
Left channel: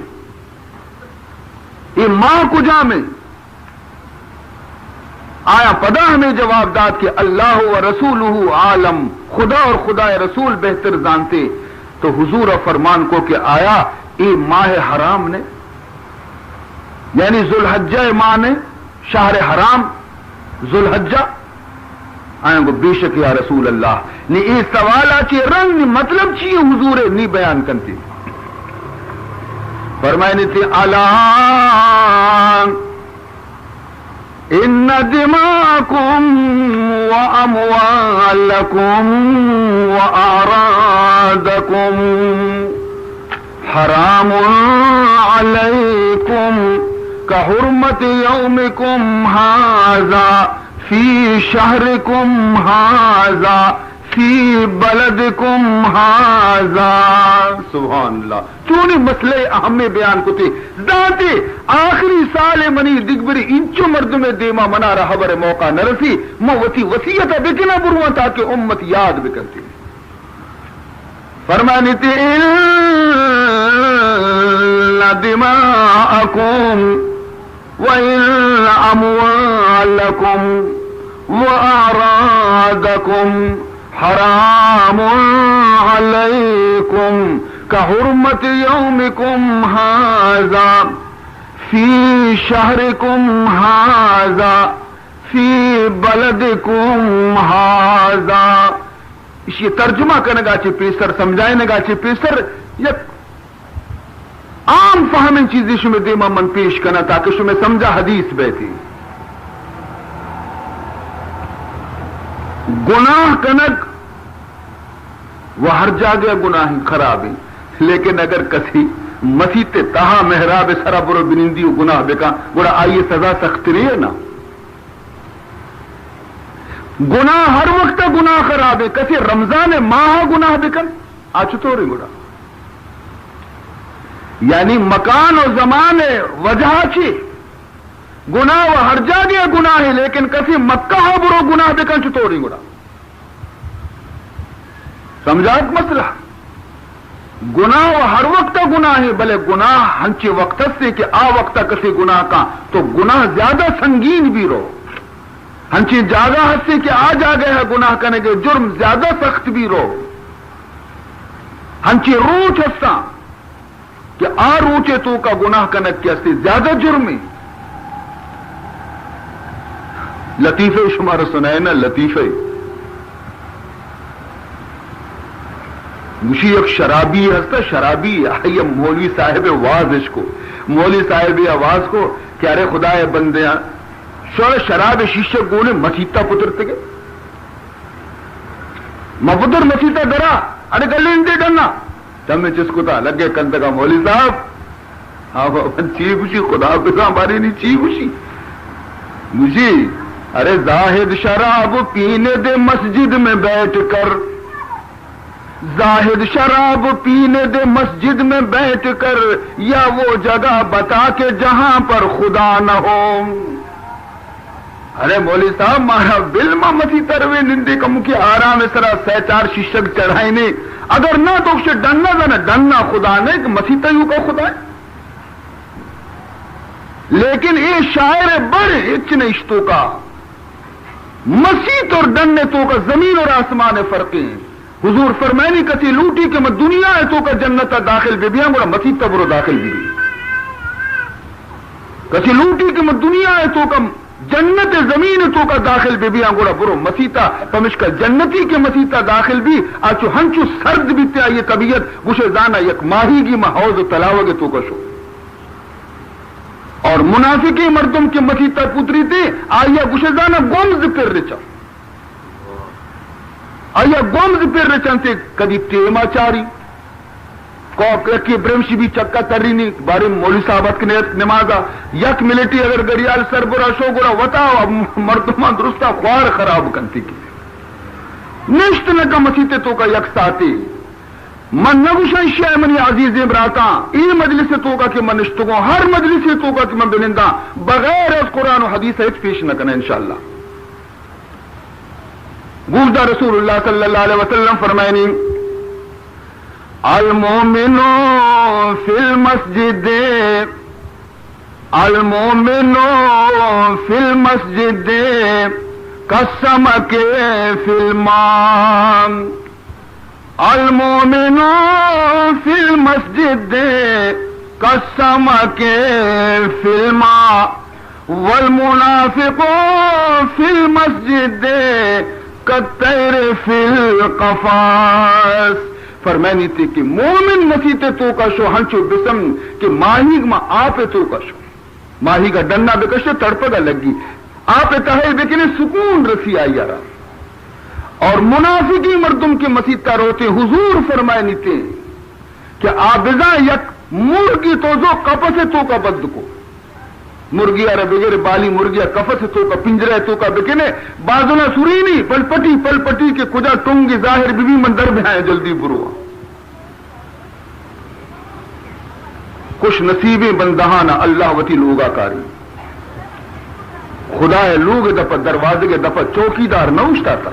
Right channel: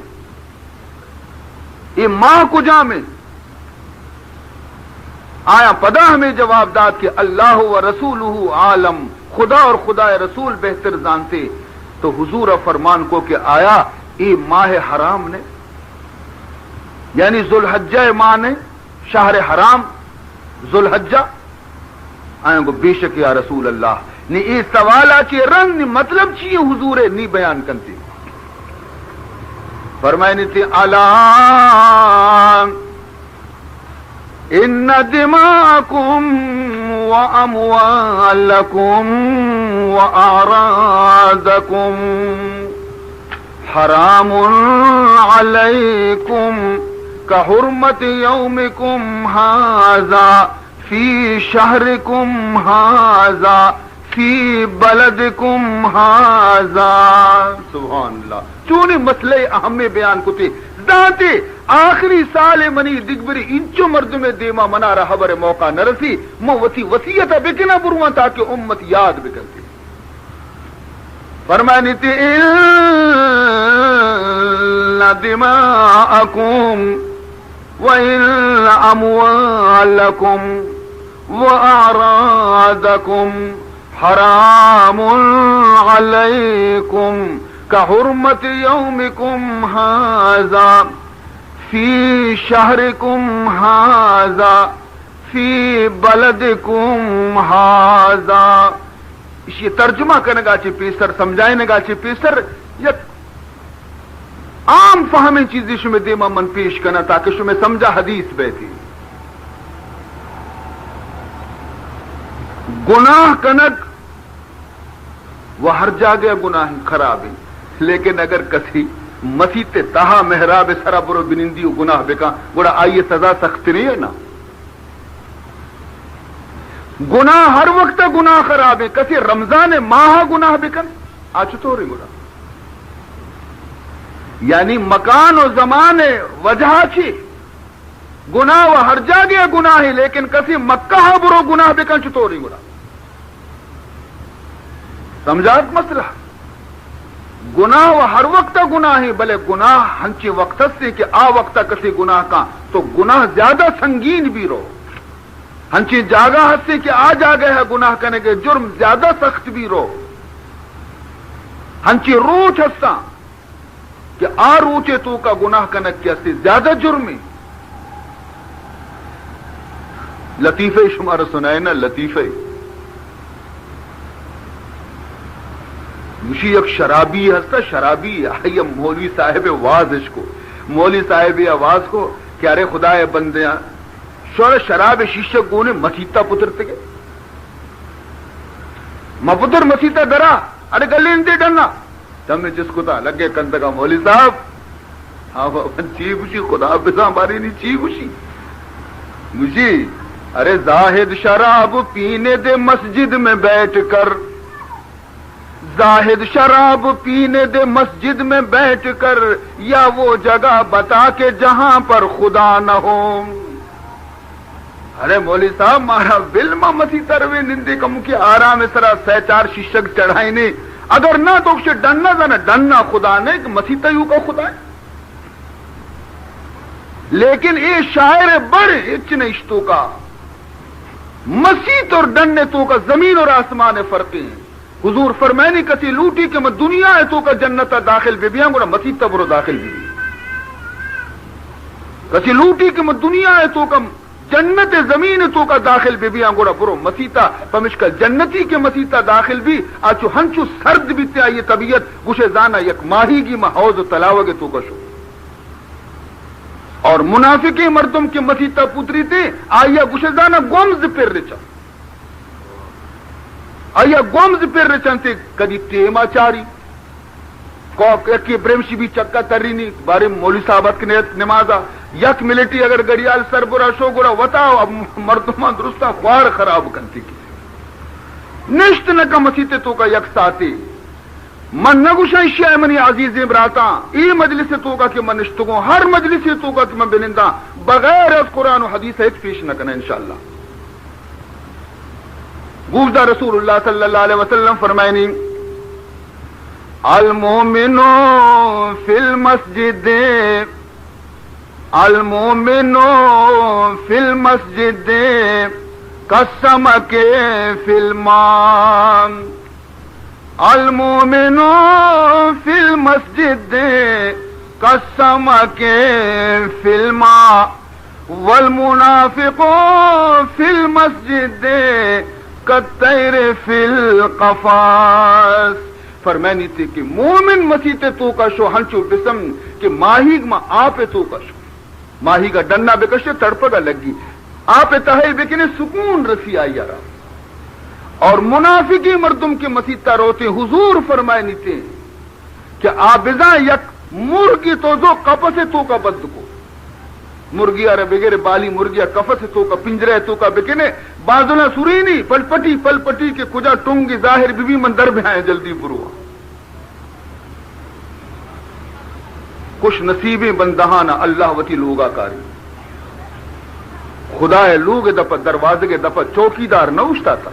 یہ ماں کجا میں آیا پدا ہمیں جواب داد کہ اللہ و رسولہ عالم خدا اور خدا رسول بہتر جانتے تو حضور فرمان کو کہ آیا یہ ماہ حرام نے یعنی ذوالحجہ ماہ نے شہر حرام ذوالحجہ آئیں گو بے شک یا رسول اللہ نی یہ سوال آچی رنگ نی مطلب چیئے حضور نی بیان کرتی فرمائنی تھی الان ان دماءکم و اموالکم و اعراضکم حرام علیکم کحرمت یومکم ھذا فی شہرکم ھذا فی بلدکم ھذا سبحان اللہ چونی مسئلے اہم بیان کو تھے ذاتے آخری سال منی دگبری انچو مرد میں دیما منا رہا حبر موقع نرسی مو وسی وسیعت بکنا بروان تاکہ امت یاد بکرتی فرمانی تھی ان دماءکم وَإِنَّ أَمْوَالَكُمْ وَأَعْرَاضَكُمْ حَرَامٌ عَلَيْكُمْ كَحُرْمَةِ يَوْمِكُمْ هَذَا فِي شَهْرِكُمْ هَذَا فِي بَلَدِكُمْ هَذَا یہ ترجمہ کرنے گا چی پیسر سمجھائنے گا چی پیسر یک عام فہمی چیزی شمی دیما من پیش کرنا تاکہ شمی سمجھا حدیث بیٹھی گناہ کنک وہ ہر جاگے گناہ خراب ہے لیکن اگر کسی مسیح تہا محراب سرا برو بنندی گناہ بکا گوڑا آئیے سزا سخت نہیں ہے نا گناہ ہر وقت گناہ خراب ہے کسی رمضان ماہ گناہ بکن آج تو رہی گوڑا یعنی مکان و زمان وجہ چی گناہ و ہر جاگے گناہ ہے لیکن کسی مکہ برو گناہ بکن چطوری گوڑا سمجھات مسئلہ گناہ و ہر وقت گناہ ہے بلے گناہ ہنچے وقت سے کہ آ وقت کسی گناہ کا تو گناہ زیادہ سنگین بھی رو ہنچی جاگہ حد سے کہ آ جاگے ہے گناہ کرنے کے جرم زیادہ سخت بھی رو ہنچی روچ ہستا کہ آ روچے تو کا گناہ کنک کیا سے زیادہ جرمی لطیفے شمار سنائے نا لطیفے. مشی ایک شرابی ہستا شرابی یہ مولوی صاحب واز اس کو مولوی صاحب آواز کو کہ ارے خدا بندے شور شراب شیشے گونے مسیتا پتر تگے مپتر مسیتا درا ارے گلی انتے ڈننا تم جس کو تھا لگے کند کا مولوی صاحب ہاں چی خوشی خدا پہ ہماری نہیں چی خوشی مجھے ارے زاہد شراب پینے دے مسجد میں بیٹھ کر زاہد شراب پینے دے مسجد میں بیٹھ کر یا وہ جگہ بتا کے جہاں پر خدا نہ ہو. ارے مولوی صاحب مارا بل متی تروے نندے کم کے آرام سرا سہ چار شیشک چڑھائی نے اگر نہ تو اسے ڈننا تھا نا ڈننا خدا نے کہ مسی تیو کا خدا ہے. لیکن یہ شاعر بڑے اچن اشتوں کا مسیت اور ڈننے تو کا زمین اور آسمان فرق ہیں. حضور فرمائنی کتی لوٹی کہ میں دنیا ہے تو کا جنت داخل بے بیاں گوڑا مسیح تبرو داخل بھی کتی لوٹی کہ میں دنیا ہے تو کا جنت زمین تو کا داخل بے بیاں گوڑا برو مسیحتا پمش کا جنتی کے مسیحتا داخل بھی آچو ہنچو سرد بھی تے آئیے طبیعت گوشے زانا یک ماہی گی محوض تلاوگے تو کا شو اور منافقی مردم کے مسیحتا پتری تے آئیے گوشے زانا گومز پھر رچا آیا گومز پھر رچنتے کدی ٹیما چاری کی برمشی بھی چکا تری نہیں بارے مولوی صاحبت کی نمازا یک ملٹی اگر گریال سر برا شو گرا وطاو اب مردمان درستا خوار خراب کنتی کی نشت نکا مسیتے تو کا یک ساتی من نگوشن شیع منی عزیزی براتا ای مجلس تو کا کہ من نشتگوں ہر مجلس تو کا کہ من بلندہ بغیر از قرآن و حدیث ایک پیش نکنے انشاءاللہ. گوزدہ رسول اللہ صلی اللہ علیہ وسلم فرمائنی المومن فی المسجد المومن فی المسجد کالسمک فی الماء المومن فی المسجد کالسمک فی الماء والمنافق فی المسجد کتیر فی القفاس. فرمانی تھی کہ مومن مسیتے تو کا شو ہنچو بسم کہ ماہی ما آپ تو کا شو ماہی کا ڈننا بکشے تڑپگا لگی آپ تہے بکنے سکون رسی آئی یارا. اور منافقی مردم کے مسیطہ روتے حضور فرمائنی تھے کہ آبزاں یک مرگی تو جو کپسے تو کا بد کو مرگی ارے بغیر بالی مرگیا کفت تو کا پنجرے تو کا بکنے بازنا سرینی پل پٹی کے کجا ٹونگی ظاہر بھی مندر میں آئے جلدی بروا کچھ نصیبیں بندہانا اللہ وتی لوگا کاری خدا لوگ دفع دروازے کے دفع چوکیدار نہ اٹھتا تھا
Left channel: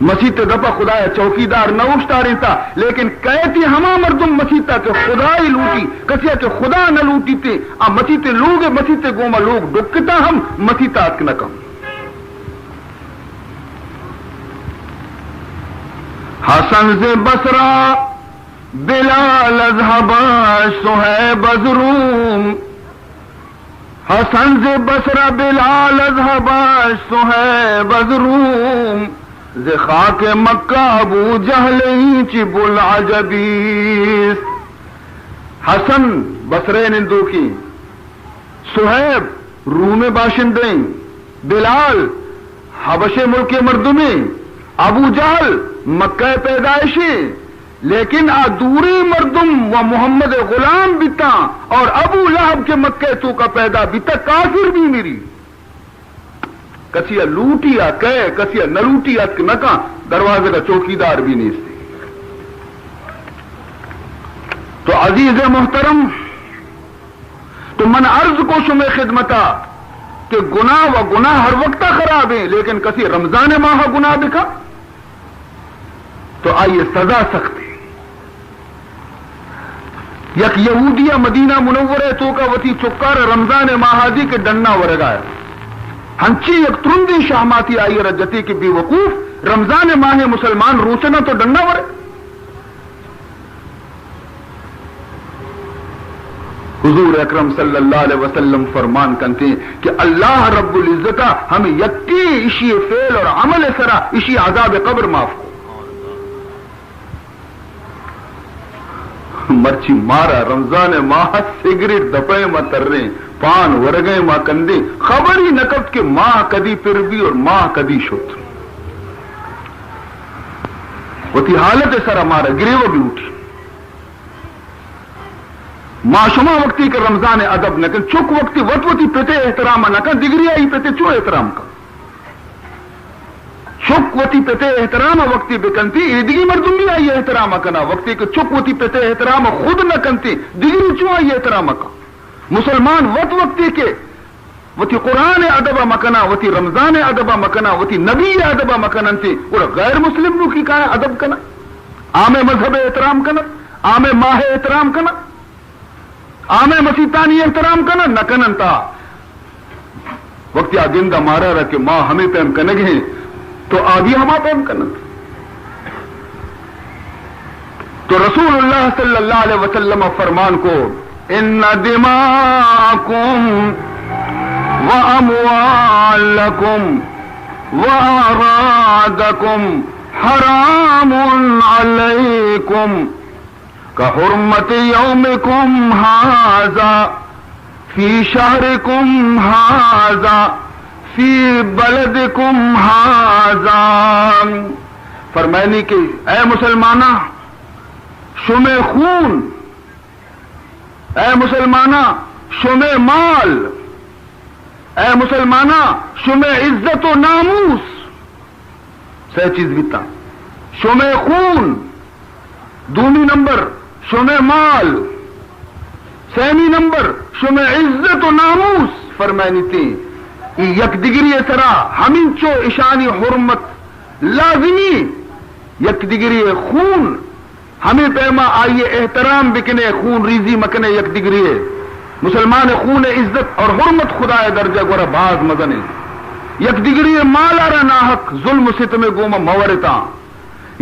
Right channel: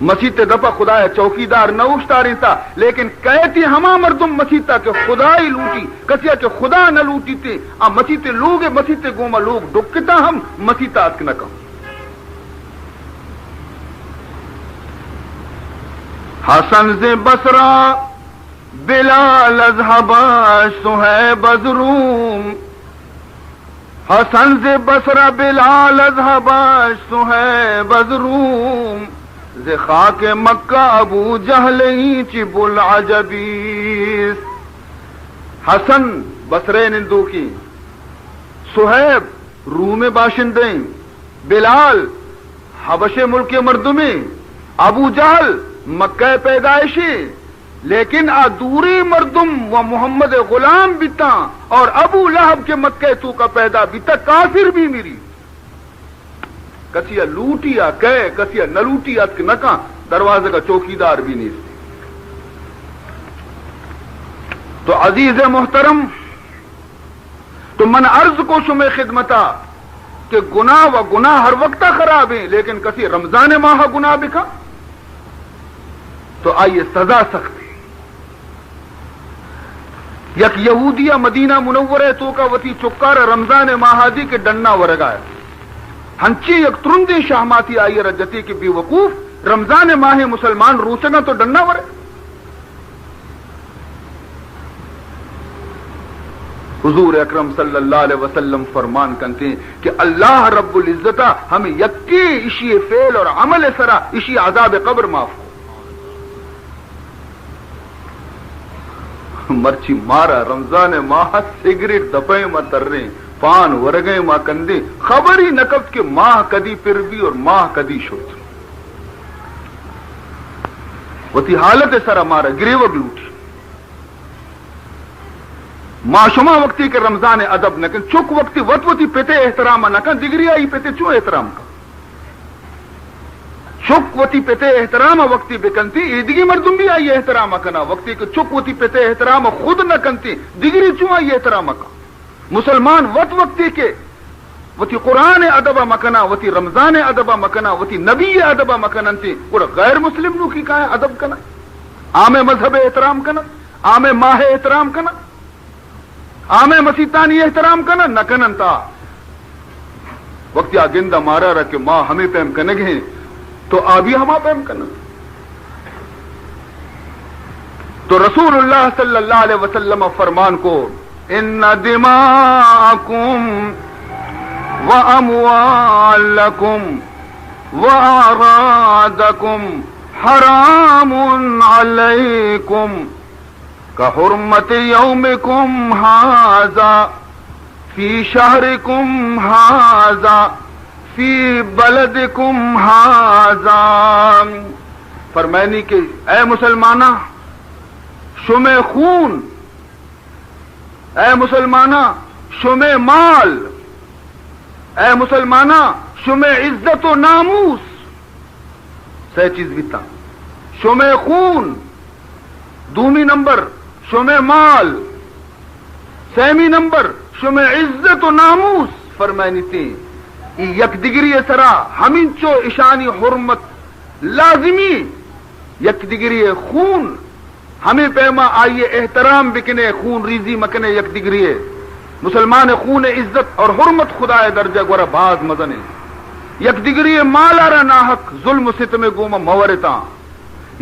مسیح دفع خدا چوکیدار نہ اٹھتا رہتا لیکن کہتی ہما مردم مسیحتا کہ خدا ہی لوٹی کسیا کہ خدا نہ لوٹی تھے مسیحتے لوگ مسیحتے گوما لوگ ڈکتا ہم مسیحتا نہ کم. حسن سے بسرا بلال اذهبا صہیب روم حسن سے بسرا بلال اذهبا صہیب روم ز خاک مکہ ابو جہل چب العجبیس. حسن بصرے نندو کی صہیب روم باشندیں بلال حبش ملک مردمی ابو جہل مکہ پیدائشی لیکن ادوری مردم و محمد غلام بیتا اور ابو لہب کے مکہ تو کا پیدا بیتا کافر بھی میری کسیا لوٹیا کہے کسیا نہ لوٹیا نکا دروازے کا چوکیدار بھی نہیں تھی. تو عزیز محترم تو من عرض کو شمع خدمتا کہ گناہ و گناہ ہر وقت خراب ہیں لیکن کسی رمضان ماہ گناہ بکا تو آئیے سزا سخت ہے. یک یہودیہ مدینہ منورہ تو کا وتی چکار رمضان ماہادی کے ڈننا ورگایا ہنچی یک ترندی شاماتی آئی رجتی کی بے وقوف رمضان ماہ مسلمان روچنا تو ڈننا ورے حضور اکرم صلی اللہ علیہ وسلم فرمان کرتے ہیں کہ اللہ رب العزت ہمیں یکی اشی فعل اور عمل سرا اشی عذاب قبر معاف کو مرچی مارا رمضان ماہ سگریٹ دپے ما تر رہے پان ورگے ما کندے خبر ہی نکب کہ ماہ کدی پھر بھی اور ماہ کدی شد وتی حالت سرا مارا گریو لوٹی معشما وقتی کے رمضان ادب نہ چک وقتی وطوتی پیتے احترام نہ دگری آئی پیتے چو احترام کا چک وتی پیتے احترام وقتی بکنتی ایدگی مردم بھی آئی احترام کنا وقتی کے چک وتی پیتے احترام خود نہ کنتی دگری چو آئی احترام کا مسلمان وقتی کے وتی قرآن ادب مکنا وتی رمضان ادب مکنا وتی نبی ادب مکننتی اور غیر مسلم نو کی کہا ادب کنا عام مذہب احترام کنا عام ماہ احترام کنا عام مسیطانی احترام کنا نہ کننتا وقت گندہ مارا رہا کہ ماں ہمیں پیم کنگ ہیں تو آبی ہما پیم کنن تو رسول اللہ صلی اللہ علیہ وسلم فرمان کو ان دماءکم واموالکم واعراضکم حرام علیکم كحرمة يومكم هذا في شهركم هذا في بلدكم هذا فرمائنی کہ اے مسلمانہ شمع خون اے مسلمانہ شمع مال اے مسلمانہ شمع عزت و ناموس سہ چیز بیتا شمع خون دومی نمبر شمع مال سیمی نمبر شمع عزت و ناموس فرمائنی تھی یک دگری سرا ہمیں چو اشانی حرمت لازمی یک دگری خون ہمیں پیما آئیے احترام بکنے خون ریزی مکنے یک دگری مسلمان خون عزت اور حرمت خدا درجہ گورا باز مزنے یک دگری مال آرا ناحق ظلم ستم گوما مورتا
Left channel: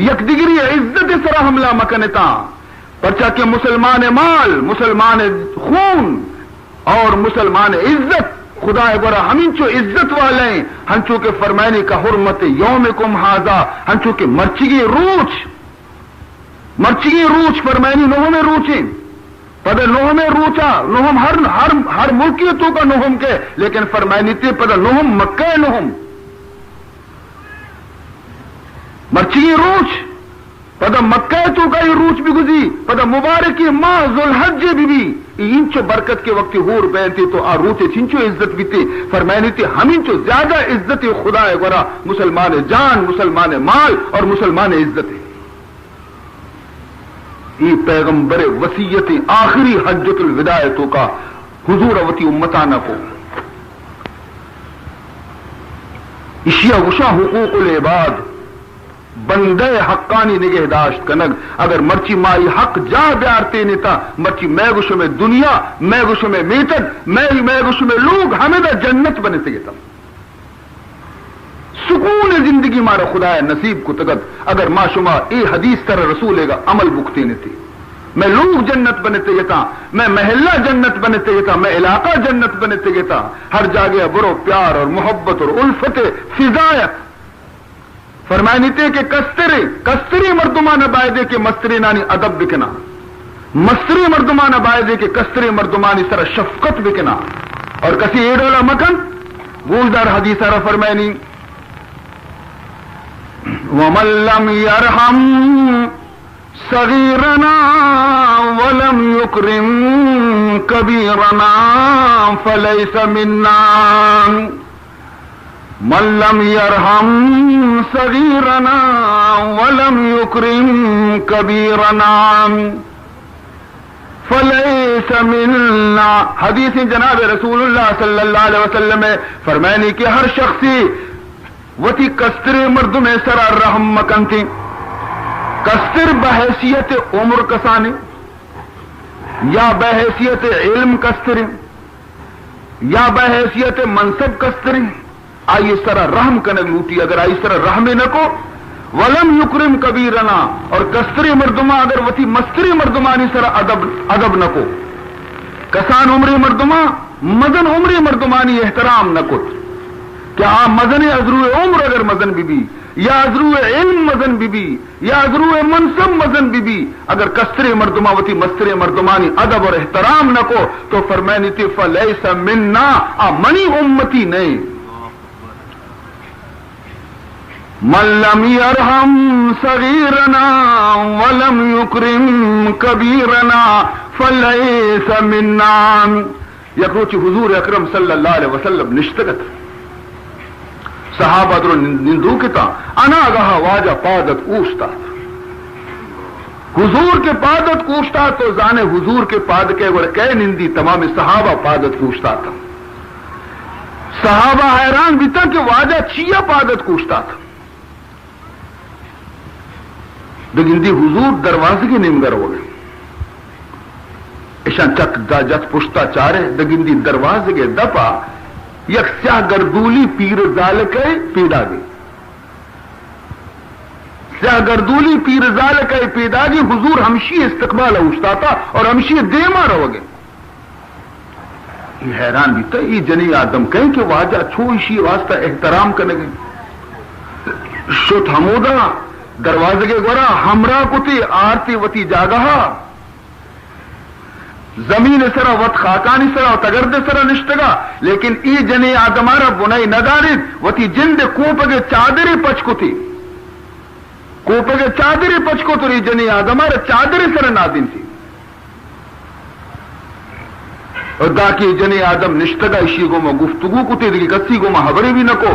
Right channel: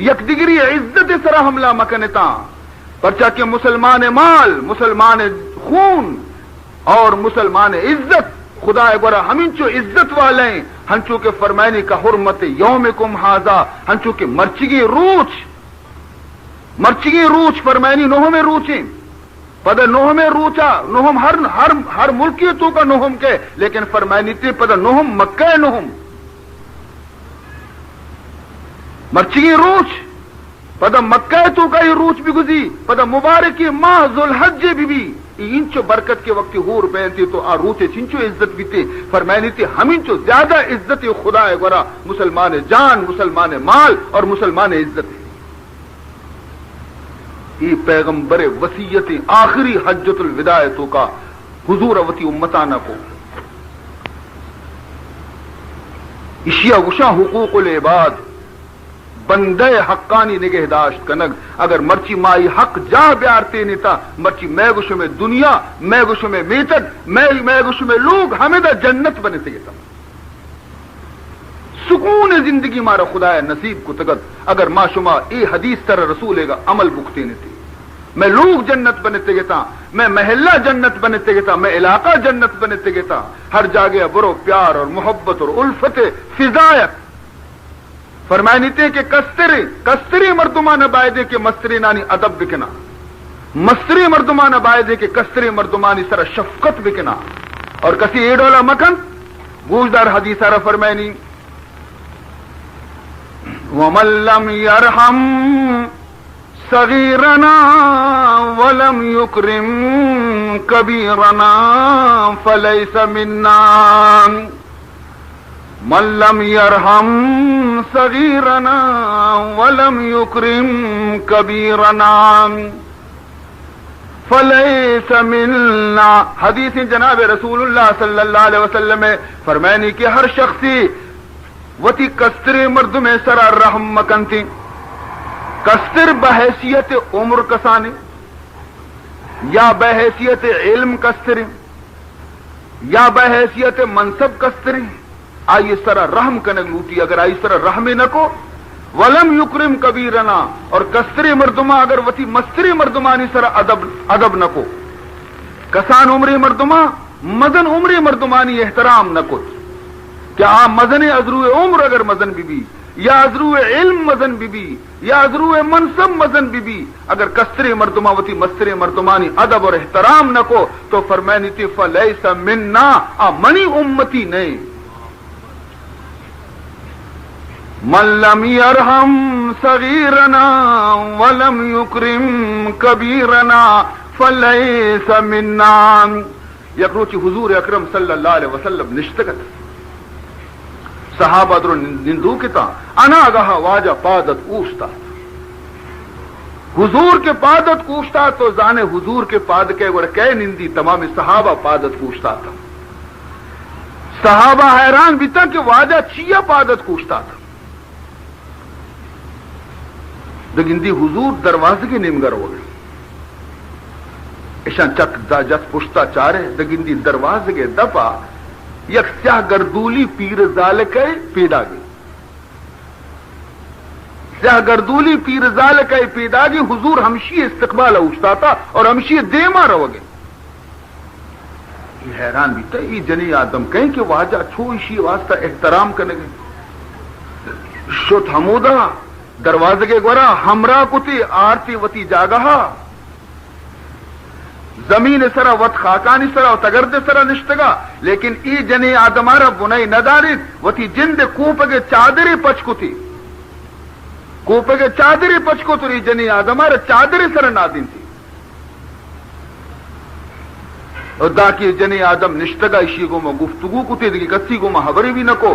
یک دگری عزت سرا حملہ مکنتا پرچا کہ مسلمان مال مسلمان خون اور مسلمان عزت خدا برا ہمیں چو عزت والے ہنچو کے فرمائنی کا حرمت یومکم ہاذا ہنچو کے مرچگی روچ فرمائنی نوہ میں روچیں پدہ نوہ میں روچا نوہم ہر ملکی تو کا نوہم کے لیکن فرمائنی تی پدہ نوہم مکہ نوہم مرچگی روچ پدہ مکہ تو کا یہ روچ بھی گزی پدہ مبارکی ماہ ذوالحج بھی انچو برکت کے وقت ہور بیتی تو آ روچے چنچو عزت بھی تھی فرمائنی تھی ہمینچو زیادہ عزت خدا ہے گورا مسلمان جان مسلمان مال اور مسلمان عزت ہے یہ پیغمبر وصیت آخری حجت الوداع کا حضور وتی امتانہ کو اشیاء وشا حقوق العباد بندے حقانی نگہداشت کنگ اگر مرچی مائی حق جا بیارتے نیتا مرچی میں گوشو میں دنیا میں گوشو میں میتد میں گوشو میں لوگ ہمیں دا جنت بنے سے گیتا سکون زندگی مارا خدا نصیب کو تگت اگر ما شما ای حدیث تر رسولے گا عمل بکتے نیتی میں لوگ جنت بنتے گیتا میں محلہ جنت بنتے گیتا میں علاقہ جنت بنتے گیتا ہر جاگے برو پیار اور محبت اور الفت فضایت فرمائنی تے کہ کستری مردمان بائدے کے مستری نانی ادب بکنا مستری مردمان بائدے کے کستری مردمانی سر شفقت بکنا اور کسی ایڈولا مکن گوشدار حدیث آرہ فرمائنی وَمَن لَّمْ يَرْحَمْ صَغِيرَنَا وَلَمْ يُكْرِمْ كَبِيرَنَا فَلَيْسَ مِنَّا من لم يرحم صغيرنا ولم يكرم كبيرنا فليس منا حدیث جناب رسول اللہ صلی اللہ علیہ وسلم میں فرمائنی کہ ہر شخصی وتی کستر مرد میں سرا رحم مکنتی کستر بحیثیت عمر کسانی یا بحیثیت علم کستر یا بحیثیت منصب کستر آئی سرا رحم کنگ لوٹی اگر آئی سرا رحم نہ کو ولم یکرم کبیرنا اور کستری مردما اگر وتی مستری مردمانی سرا ادب نہ کو کسان عمری مردما مزن عمری مردمانی احترام نہ کت کہ آ مزن ازرو عمر اگر مزن بی یا ازرو علم مزن بی یا ازرو منصب مزن بی اگر کسر مردماوتی مستر مردمانی ادب اور احترام نہ کو تو فرمائنی تھی فلیس منا منی امتی نہیں. من لم يرحم صغيرنا ولم يكرم كبيرنا فليس منا. یکروچ حضور اکرم صلی اللہ علیہ وسلم نشتگت صحابہ در نندو کتا انا گہا واجہ پادت اوشتا حضور کے پادت کوشتا تو زانے حضور کے پاد کے ور کہ نندی تمام صحابہ پادت کوشتا تھا. صحابہ حیران بھی تھا کہ واجہ چیا پادت کوشتا تھا. دگندی حضور دروازے کی نمگر ہو گئے ایشان چک دا جت پشتا چارے دگندی دروازے کے دپا یک سیاہ گردولی پیر ذالکے پیدا گئی. سیاہ گردولی پیر ذالکے پیدا گئی. حضور ہمشی استقبال اوشتا تھا اور ہمشی دیما رو گئے. یہ حیران بھی تھا یہ جنی آدم کہیں کہ واجہ چھوشی واسطہ احترام کرنے گئے. شت حمودہ دروازے کے گورا ہمراہ کتی آرتی وتی جاگہا زمین سرا وت خاکانی سرا تگرد سرا نشتگا لیکن ای جنی آدمارا بنائی ندارید وتی جند کوپگے چادری پچکتی کوپگے چادری پچکتری جنی آدمارا چادری سرا نادین تھی اور دا کی جنی آدم نشتگا اشی گو میں گفتگو کتی دیکھی کسی گو میں حبری بھی نکو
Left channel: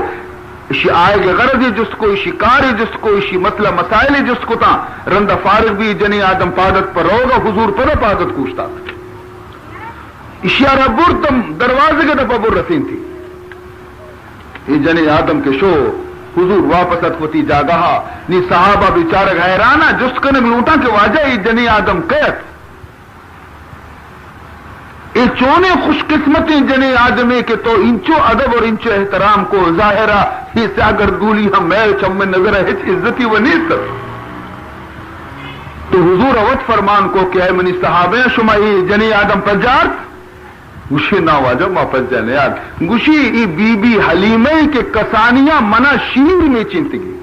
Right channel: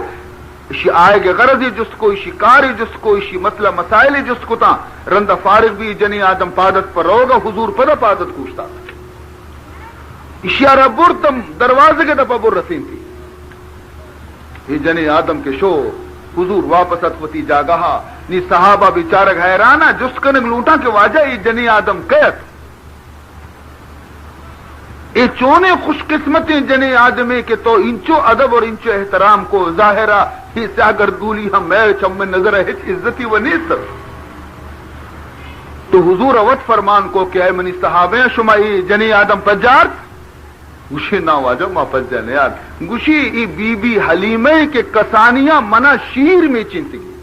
اشی آئے گے غرضی جس کو اشی کاری جس کو اشی مطلب مسائلی جس کو تا رندہ فارغ بھی جنی آدم پادت پر روگا حضور پر پادت کوشتا تھا. اشیارہ برتم دروازے کے دفعہ بر رسین تھی. یہ جنی آدم کے شو حضور واپس اتفتی جاگہا نی صحابہ بیچارک حیرانا جس کنگ لوٹا کہ واجہ یہ جنی آدم کہت یہ چونے خوش قسمتیں جنی آدمی کے تو انچو ادب اور انچو احترام کو ظاہرہ ہی سے اگر گولی ہم میل چم میں نظر ہے عزتی و نیست. تو حضور اوت فرمان کو کہ اے منی صحابہ شما یہ جنی آدم پر جارت گوشی نہ واجہ واپس جانے یاد گوشی ای بی بی حلیمہ کے کسانیاں منا شیر میں چنتگی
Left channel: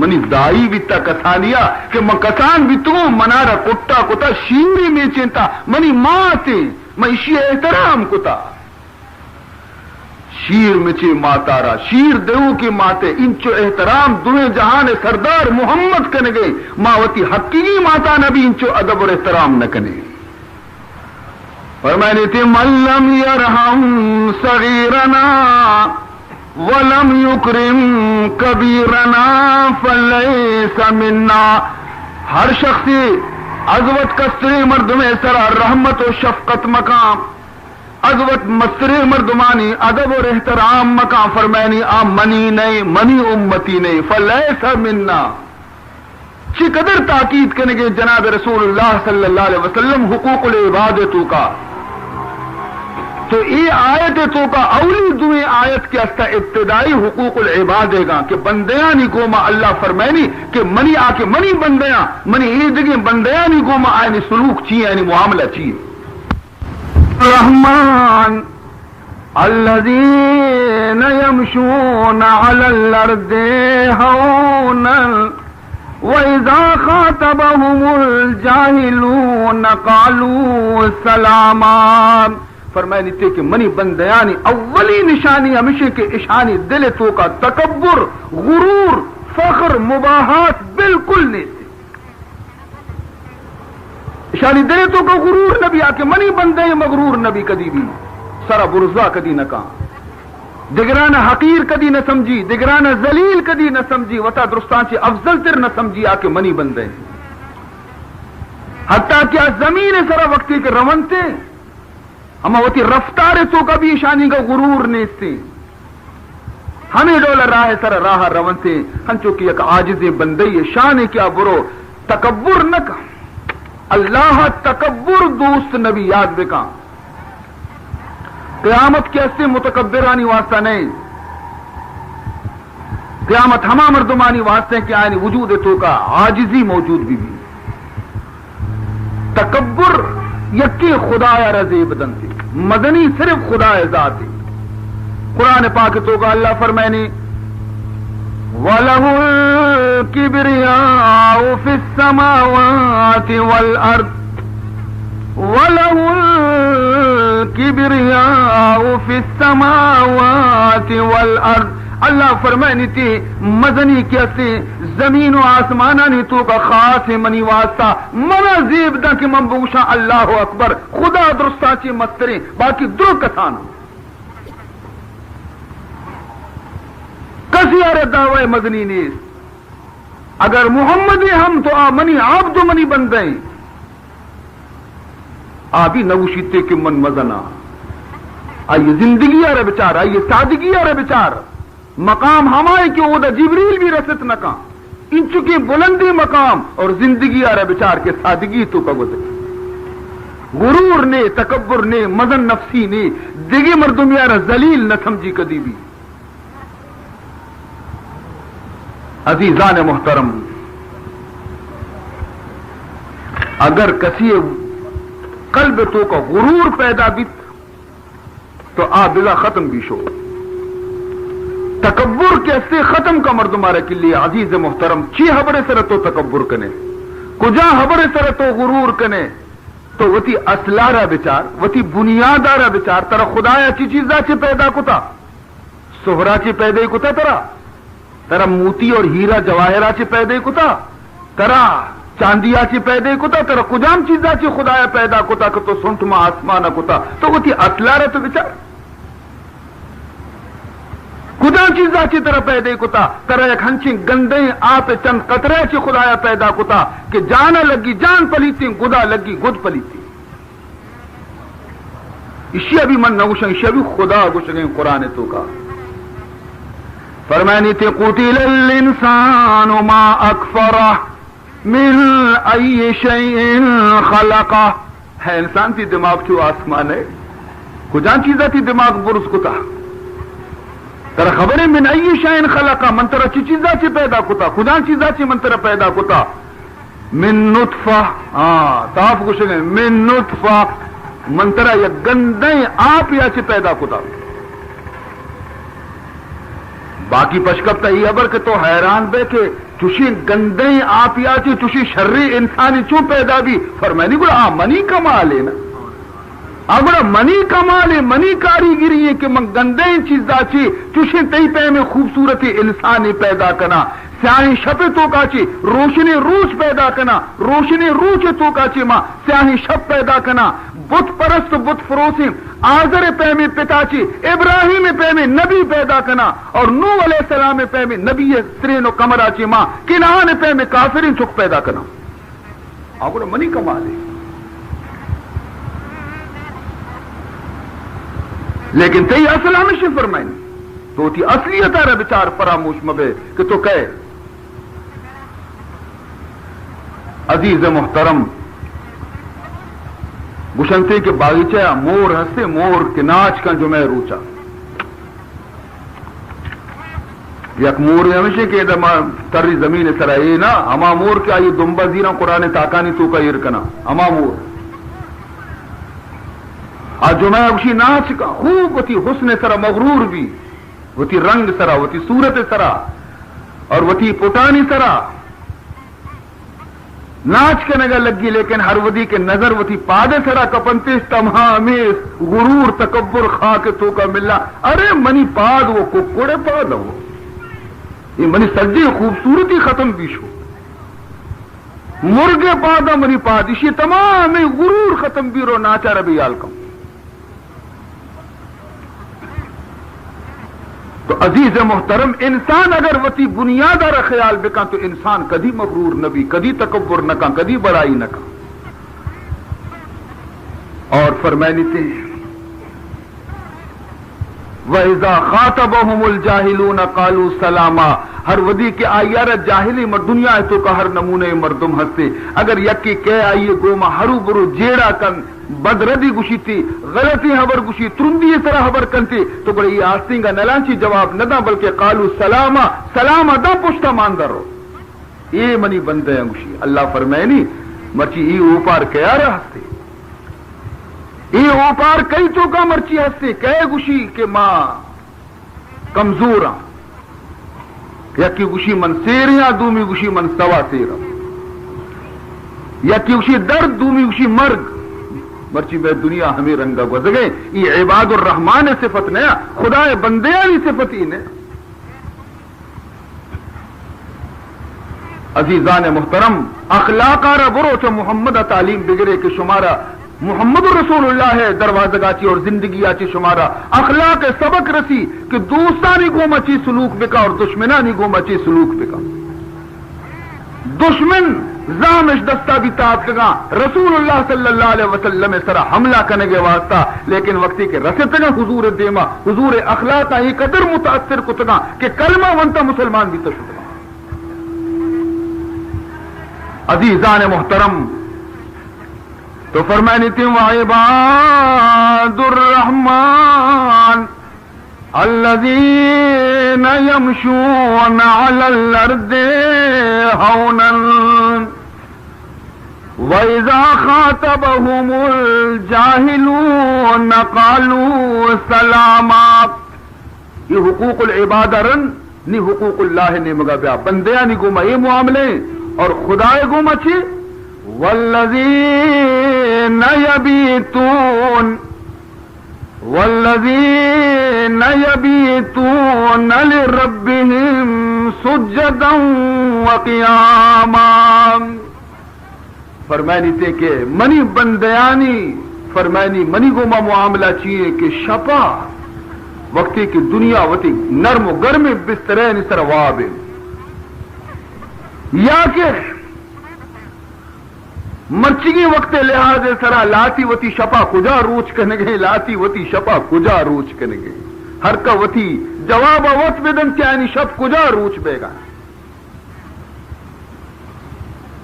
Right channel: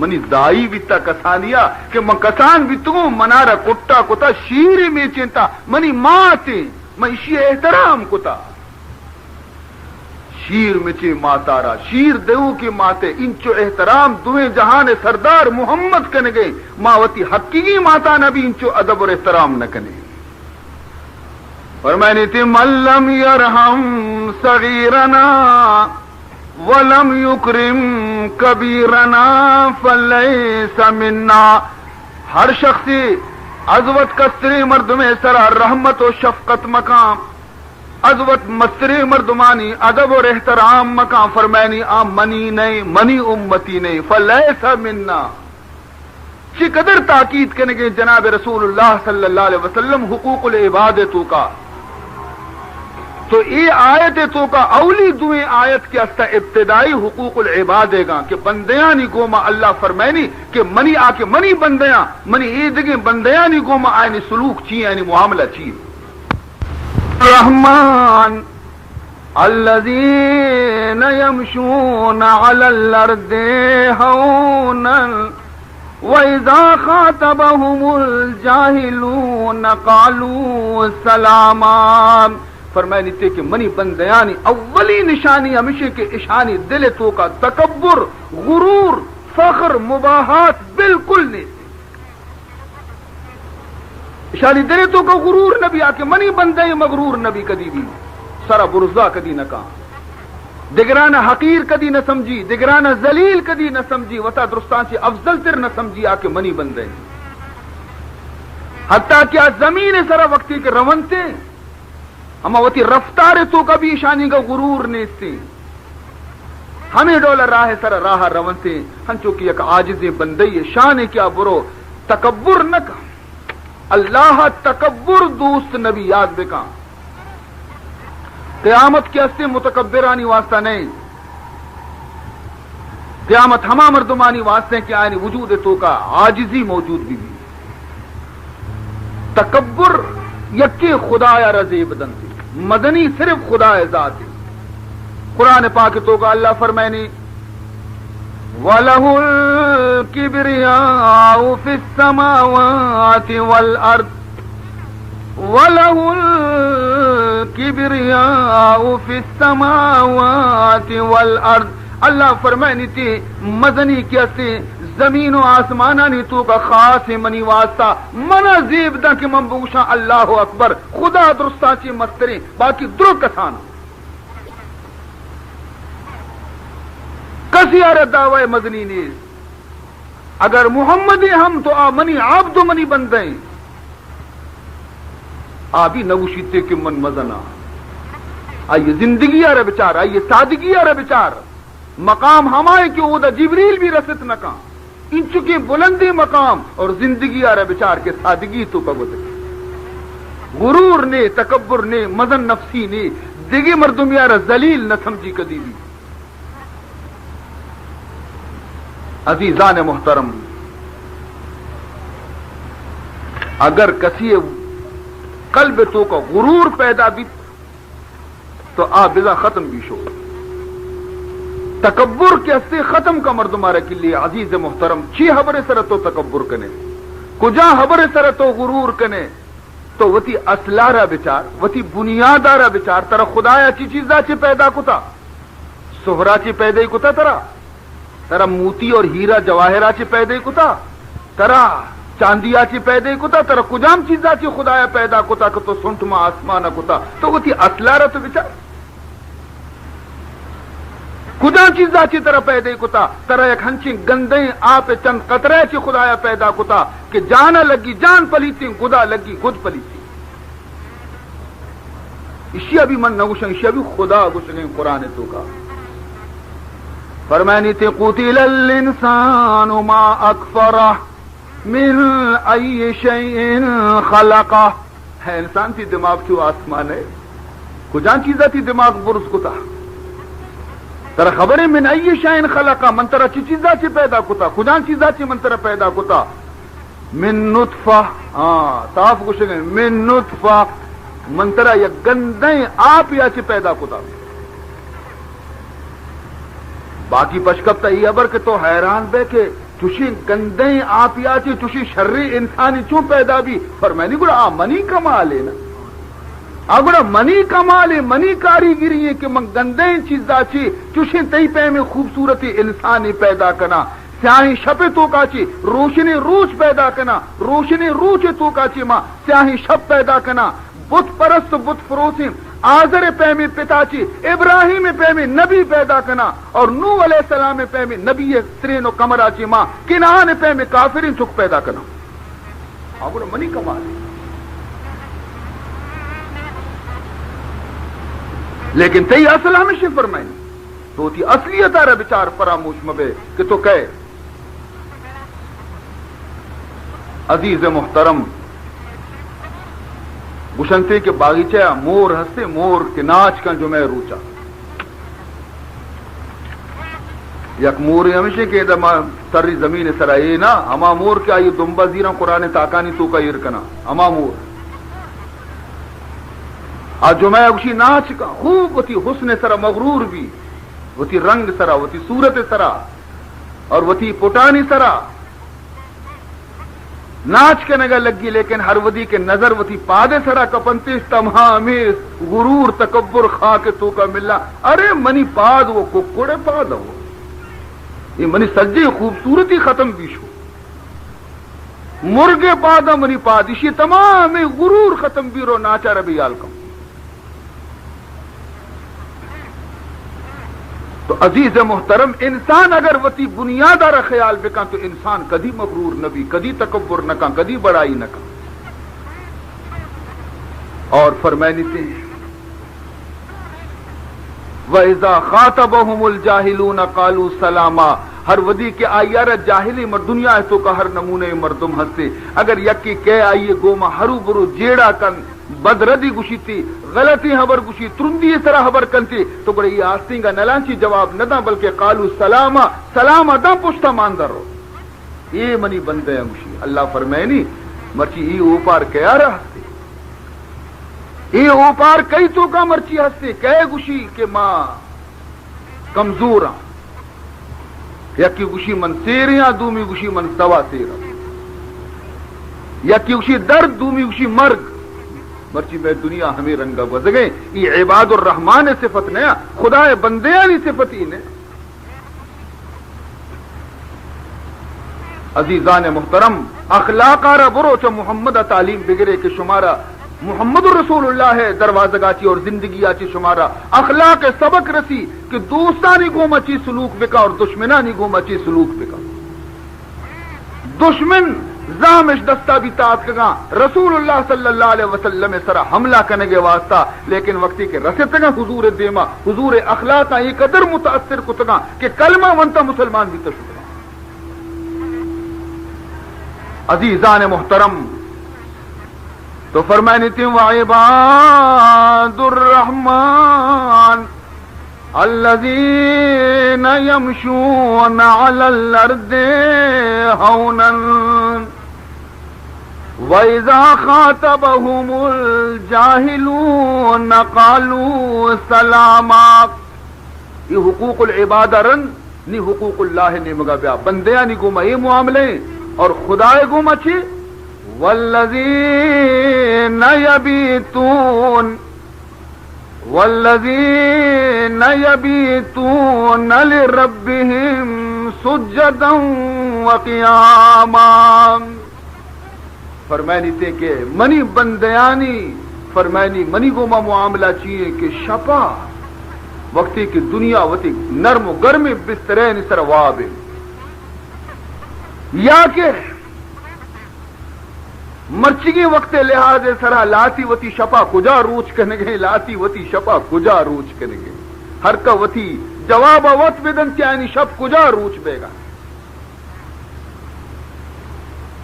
منی دائی بیتا کسانیا کہ من کسان بیتو منارا کتا کتا شیری میں چنتا منی ماں تے من اسی احترام کتا شیر مچے ماتارا شیر دیو کی ماتے انچو احترام دوہیں جہان سردار محمد کنے گئے ماوتی حقیقی ماتا نبی انچو ادب اور احترام نہ کنے. فرمائنی تھی من لم یرحم صغیرنا ولم یکرم کبیرنا فلیس منا. ہر شخصی عزوت کستری مرد میں سرا رحمت و شفقت مقام عزوت مستری مردمانی ادب اور احترام مقام فرمائنی آ منی نہیں منی امتی نہیں فلیس منا. چی قدر تاکید کرنے کے جناب رسول اللہ صلی اللہ علیہ وسلم حقوق العبادتوں کا تو یہ آیت تو کا اولی دوئیں آیت کے استا ابتدائی حقوق العباد گا کہ بندیاں نی گوما اللہ فرمائنی کہ منی آ کے منی بندیاں منی عیدگیں بندیاں نی گوما آئینی سلوک چیئے یعنی معاملہ چیئے. رحمان الذین یمشون علی الارض ہونا وَإِذَا خَاطَبَهُمُ الْجَاهِلُونَ قَالُوا سَلَامًا. فرمائے نیتے کہ منی بندیانی اولی نشانی ہمیشہ کے اشانی دل تو کا تکبر غرور فخر مباحات بالکل نہیں تھی. اشانی دل تو کا غرور نبی آکے منی بندے مغرور نبی کدی بھی سرا برزا کدی نہ کہا دگرانہ حقیر کدی نہ سمجھی دگرانہ ذلیل کدی نہ سمجھی وطا درستان سے افضل تر نہ سمجھی آکے منی بندے حتیٰ کیا زمین سرا وقتی کے رونتے ہم وتی رفتار تو کا بھی شانی کا غرور نیستے ہمیں ڈولا راہ سر راہ رونتے ہم چونکہ ایک عاجز بندے شان کیا برو تکبر نہ کا اللہ تکبر دوست نبی یاد بکا قیامت کے اسے متکبرانی واسطہ نہیں قیامت ہما مردمانی واسطے کہ آئینی وجود تو کا عاجزی موجود بھی تکبر یکی خدا رضی بدن تھی مدنی صرف خدا ذات تھی. قرآن پاک تو کا اللہ فرمائنی وَلَهُ الْكِبْرِيَاءُ فِي السَّمَاوَاتِ وَالْأَرْضِ وَلَهُ الْكِبْرِيَاءُ فِي السَّمَاوَاتِ وَالْأَرْضِ. اللہ فرمائنی تھی مدنی کیسی زمین و آسمانانی تو کا خاص منی واسطہ منا زیب دا کہ من بوشا اللہ اکبر خدا درستا چی مستری باقی درو کسانا کسی آرہ دعوی مدنی نیز. اگر محمدی ہم تو منی عبد منی بن گئیں آبی نوشیتے کہ من مزنا آئیے زندگی آرہ بچار آئیے سادگی آرہ بچار مقام ہمائے کہ وہ دا جبریل بھی رسط نکا ان چکی بلندی مقام اور زندگی آرہ بچار کے سادگی تو کا گزر غرور نے تکبر نے مزن نفسی نے دیگی مردم یارہ ذلیل نہ سمجھی کدی بھی. عزیزان محترم اگر کسی قلب تو کا غرور پیدا بھی تو بلا ختم بھی شو تکبر کیسے ختم کا مردمارے کے لیے عزیز محترم چی حبر سر تو تکبر کنے کجا حبر سر تو غرور کنے تو وتی اصلارا بچار وتی بنیادارا بچار ترا خدایا چی چیزا چی پیدا کتا سہرا چی پیدا کتا ترا موتی اور ہیرا جواہرا چی پیدا کتا ترا چاندیا چی پیدا کتا ترا کجام چیزا چی خدایا پیدا کتا کہ تو سنٹ ما آسمانا کتا تو وتی اصلارا تو بچار خدا چیزا چی طرح پیدا کتا ترا ایک ہنچی گندیں آپ چند قطرے چی خدایا پیدا کتا کہ جانا لگی جان پلیتی گدا لگی گد پلیتی اشیاء بھی من نگوشن اشیاء بھی خدا گوشن قرآن تو کا فرمانی تے قتل الانسان ما اکفرہ من ای شیء خلقہ ہے انسان تی دماغ چو آسمان ہے کجان چیزا تی دماغ برز کتا ترا خبریں من ای شیء خلقہ من ترا چی چیزا چی پیدا کتا خدا چیزا چی من ترا پیدا کتا من نطفہ تاف گوشن من نطفہ من ترا یا گندیں آپ یا چی پیدا کتا باقی پشکبتا یہ ابر کہ تو حیران بے کہ تشی گندیں آپ یا چی تشی شرری انسانی چون پیدا بھی فرمائنی گولا منی کمال ہے نا اگر منی کمال منی کاریگری ہے کہ من گندیں چیزا چی تشی تی پہ میں خوبصورتی انسانی پیدا کنا سیاہی شپ تو کا چی روشنی روش پیدا کنا روشنی روچ تو کا چی ماں سیاہی شپ پیدا کنا بت پرست بت فروسی آزر پہ میں پتا چی ابراہیم پہ میں نبی پیدا کنا اور نوح علیہ السلام پہ میں نبی سرین و کمرہ چی ماں کنان پہ میں کافرین چک پیدا کنا اگر منی کمال ہے لیکن تی اصل ہمیشہ فرمائیں تو تی اصلیت آرہ بچار فراموش مبے کہ تو کہے عزیز محترم گشنتے کے باغیچہ مور ہستے مور کے ناچ کا جو میں روچا یک مور ہمیشہ کہ تری زمین سرائی نا اما مور کیا یہ دنبا زیرہ قرآن تاکانی تو کا یرکنا اما مور آج جو میں اسی ناچ کا خوب وتی حسن سرا مغرور بھی وتی رنگ سرا وتی صورت سرا اور وتی پٹانی سرا ناچ کے نگا لگی لیکن ہر ودی کے نظر وتی پادے سرا کپنتے تمام غرور تکبر خواہ کے تو کا ملنا ارے منی پاد وہ ککڑے پاد وہ یہ منی سجی خوبصورتی ختم بھی شو مرغے پادا منی پاد اسی تمام غرور ختم بھی رو ناچا ربی آلکم تو عزیز محترم انسان اگر وتی بنیادار خیال بکا تو انسان کدی مغرور نبی کدی تکبر نہ کا کدی بڑائی نہ کا اور فرمائنی تھے وَإِذَا خَاطَبَهُمُ الْجَاهِلُونَ قَالُوا سَلَامًا ہر ودی کے آئیار جاہلی دنیا ہے تو کا ہر نمونے مردم ہستے اگر یکی کہہ آئیے گوما ہرو برو جیڑا کن بدردی گشی تھی غلطی حبر گشی ترندی طرح حبر کنتی تو بڑے یہ آستین کا نلانچی جواب نہ دا بلکہ قالو سلاما سلاما دا پشتا ماندر رو یہ منی بندے ہیں گشی اللہ فرمائنی مرچی ای اوپار کیا رہا ہستے یہ اوپار کئی تو کا مرچی ہستے کہے گوشی کہ ماں کمزور ہاں یکی گوشی من سیریاں دومی گوشی من سوا سیرا یکی گوشی درد دومی گوشی مرگ مرچی میں دنیا ہمیں رنگا گزگے یہ عباد الرحمان صفت نیا خدا بندیاں صفت ہی نے عزیزان محترم اخلاق آرہ برو چا محمد تعلیم بگرے کہ شمارا محمد رسول اللہ ہے دروازہ گاچی اور زندگی آچی شمارا اخلاق سبق رسی کہ دوستانی گوما چی سلوک بکا اور دشمنانی گوما چی سلوک بکا دشمن زامش دستا بھی تابتگا رسول اللہ صلی اللہ علیہ وسلم سرا حملہ کنگے واسطہ لیکن وقتی کے رسطنے حضور دیما حضور اخلاق ہی قدر متاثر کتگا کہ کلمہ ونتا مسلمان بھی تشکا عزیزان محترم تو فرمائنی تھی وعباد الرحمن الذین یمشون علی الارض ہونا وَإِذَا خَاطَبَهُمُ الْجَاهِلُونَ قَالُوا سَلَامًا یہ حقوق العبادہ رن نی حقوق اللہ نے مگا بیا بندیاں نی گوما یہ معاملے اور خدا گوما چی والذین یبیتون لربهم سجدا وقیاما فرمائنی تے کہ منی بندیانی فرمائنی منی گوما معاملہ چیئے کہ شپا وقتی کی دنیا وتی نرم و گرم بسترین سر وابے یا کہ مرچگی وقت لحاظ سرا لاتی وتی شپا کجا روچ کنگے لاتی وتی شپا کجا روچ کنگے ہر کا وتی جواب وقت بدن یعنی شپ کجا روچ بے گا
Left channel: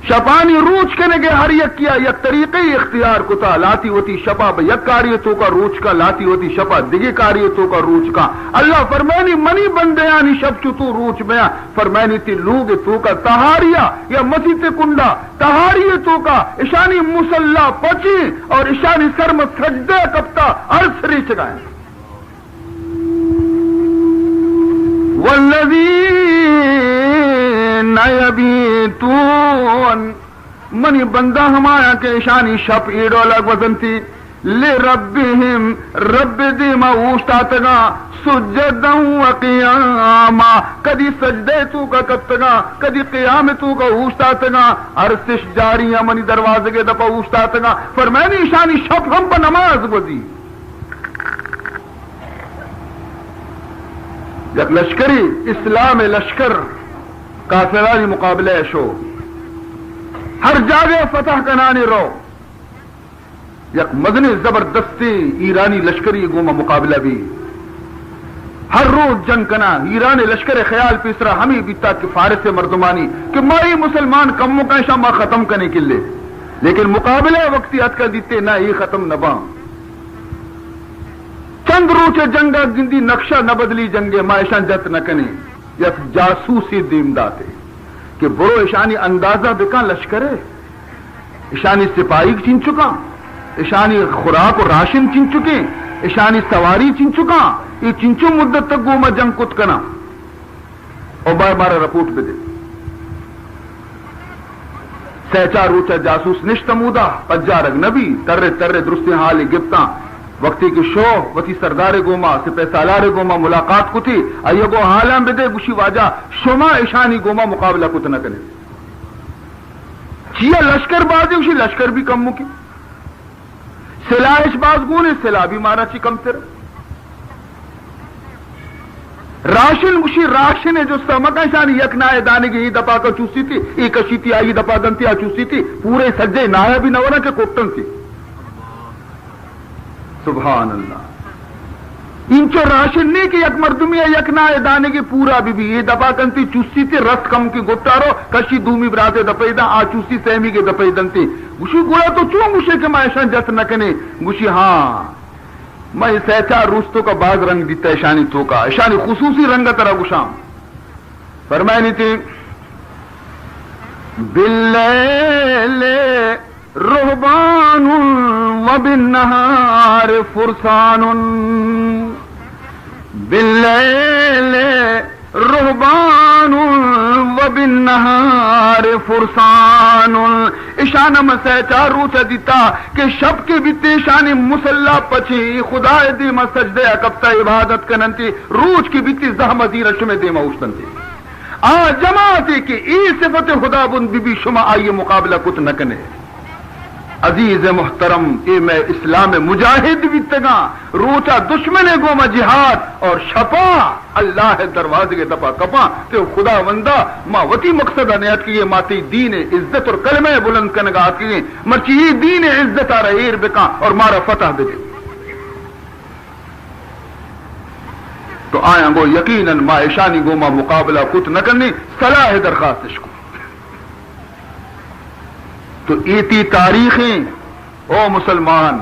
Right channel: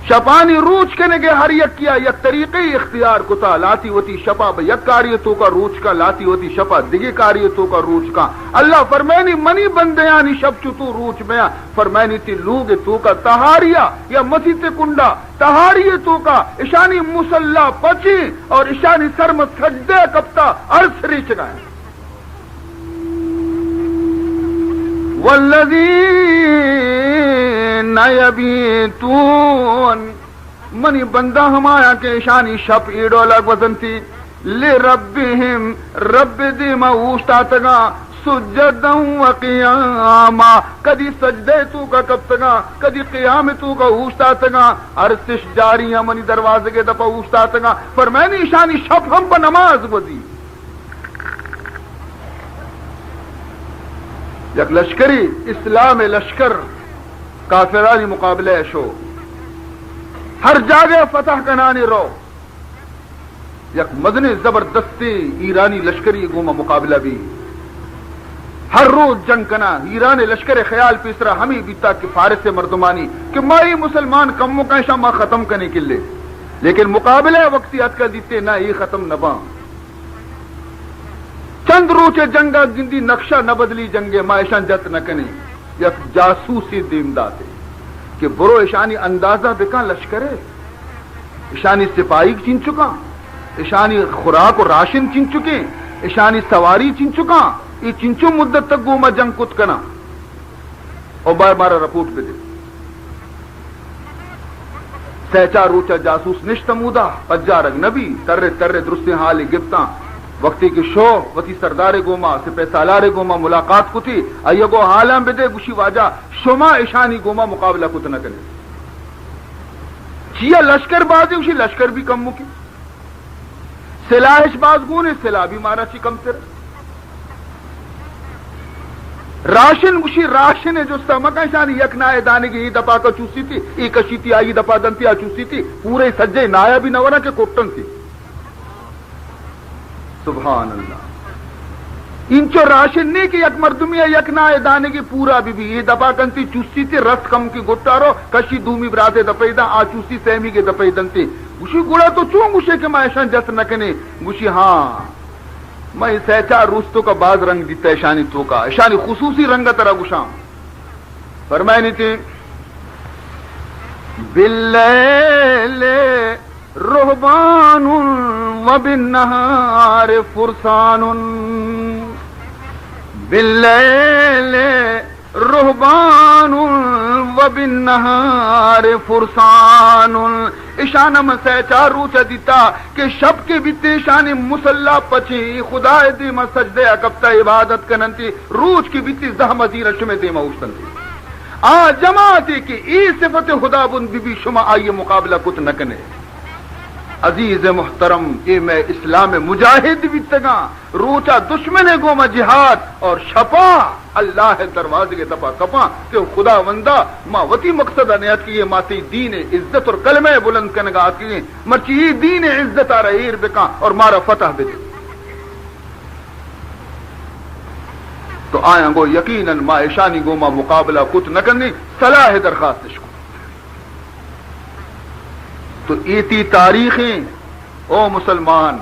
شپانی روچ کنگے ہر یک کیا یک طریقے اختیار کتا لاتی وتی شپا یک کاریتوں کا روچ کا لاتی وتی شپا دگی کاریتوں کا روچ کا اللہ فرمائنی منی بندیانی شب تو روچ میں فرمائنی تی لوگ تو کا تہاریا یا مسیط کنڈا تہاری تو کا اشانی مسلح پچی اور اشانی سرم سجدے کپتا ارسری چگائیں والذین یبیتون منی بندہ ہمایا کے شانی شپ ایڈو لگ وزنتی لربہم رب دیما اوشتاتگا سجدا وقیاما کدی سجدے تو کا کتگا کدی قیام تو کا اوشتاتگا ارسش جاریاں منی دروازے کے دپا اوشتاتگا فرمینی شانی شپ ہم پا نماز وزی یک لشکری اسلام لشکر کافرانی مقابلہ شو ہر جاگے فتح کنانی رو یک مدنی زبردستی ایرانی لشکری گوما مقابلہ بھی ہر روز جنگ کنا ایرانی لشکر خیال پیسرا ہمیں بیتا کہ فارس مردمانی کہ مائی مسلمان کموں کا شامہ ختم کرنے کے لئے لیکن مقابلہ وقتی حد کا دیتے نہ یہ ختم نہ باں چند روچے جنگا گندی نقشہ نہ بدلی جنگے مائشان جت نہ کنے یک جاسوسی دین داتے کہ برو اشانی اندازہ بکا لشکر ہے اشانی سپاہی چن چکا اشانی خوراک و راشن چن چکے اشانی سواری چن چکا یہ چنچو مدت تک گوما جنگ کت کنا اور بار بارہ رپورٹ پہ دے سہچا روچا جاسوس نشتمودا پجارگ نبی ترے ترے درستی حالی گپتا وقتی کی شو وتی سردار گوما سپہ سالار گوما ملاقات کو تھی ایگو حالاں بدے گوشی واجہ شما اشانی گوما مقابلہ کت نہ کرے چیا لشکر بازی اسی لشکر بھی کم مکی سلاحش باز گونے سلاح بھی مارا چی کم تر راشن گوشی راشن ہے جو سمکہ اشانی یک نائے دانے کی دپا کا چوسی تھی ایک اشی تھی آئی دپا دنتی آ چوسی تھی پورے سجے نایا بھی نورا کے کوٹن تھی سبحان اللہ انچو راشن نہیں کہ یک مردمی یک نہ دانے کی پورا بھی یہ دپا کنتی چوسی تھی رس کم کی گٹارو کشی دومی براتے دپیدا آ چوسی سہمی کے دپیدنتی گوشی گوڑا تو چوں گوشے کہ میں ایشان جت نہ کنے گوشی ہاں میں سہچا روستوں کا بعض رنگ دیتا ایشانی تو کا ایشانی خصوصی رنگ ترا گوشام فرمائنی تھی باللیل رهبان وبالنهار فرسان بالليل رهبان وبالنهار فرسان اشانہ مسا چار روچا دیتا کہ شب کے بیتے شانی مسلح پچھی خدا دیما سجدے اکبتا عبادت کننتی روچ کی بیتی زحمتی رشم دیما اوستنتی جماعتی کہ ای صفت خدا بن بی بی شما آئیے مقابلہ کت نکنے عزیز محترم اے میں اسلام مجاہد بھی تگا روچا دشمن گو میں جہاد اور شپا اللہ دروازے کے دپا کپا کہ خدا وندہ ما وتی مقصد نیت کیے ماتی دین عزت اور کلمہ بلند کنگا کیے مرچی دین عزت آ رہیر بکا اور مارا فتح بکا تو آیا گو یقیناً ما ایشانی گو ما مقابلہ کت نہ کرنی صلاح درخواست کو تو ایتی تاریخیں او مسلمان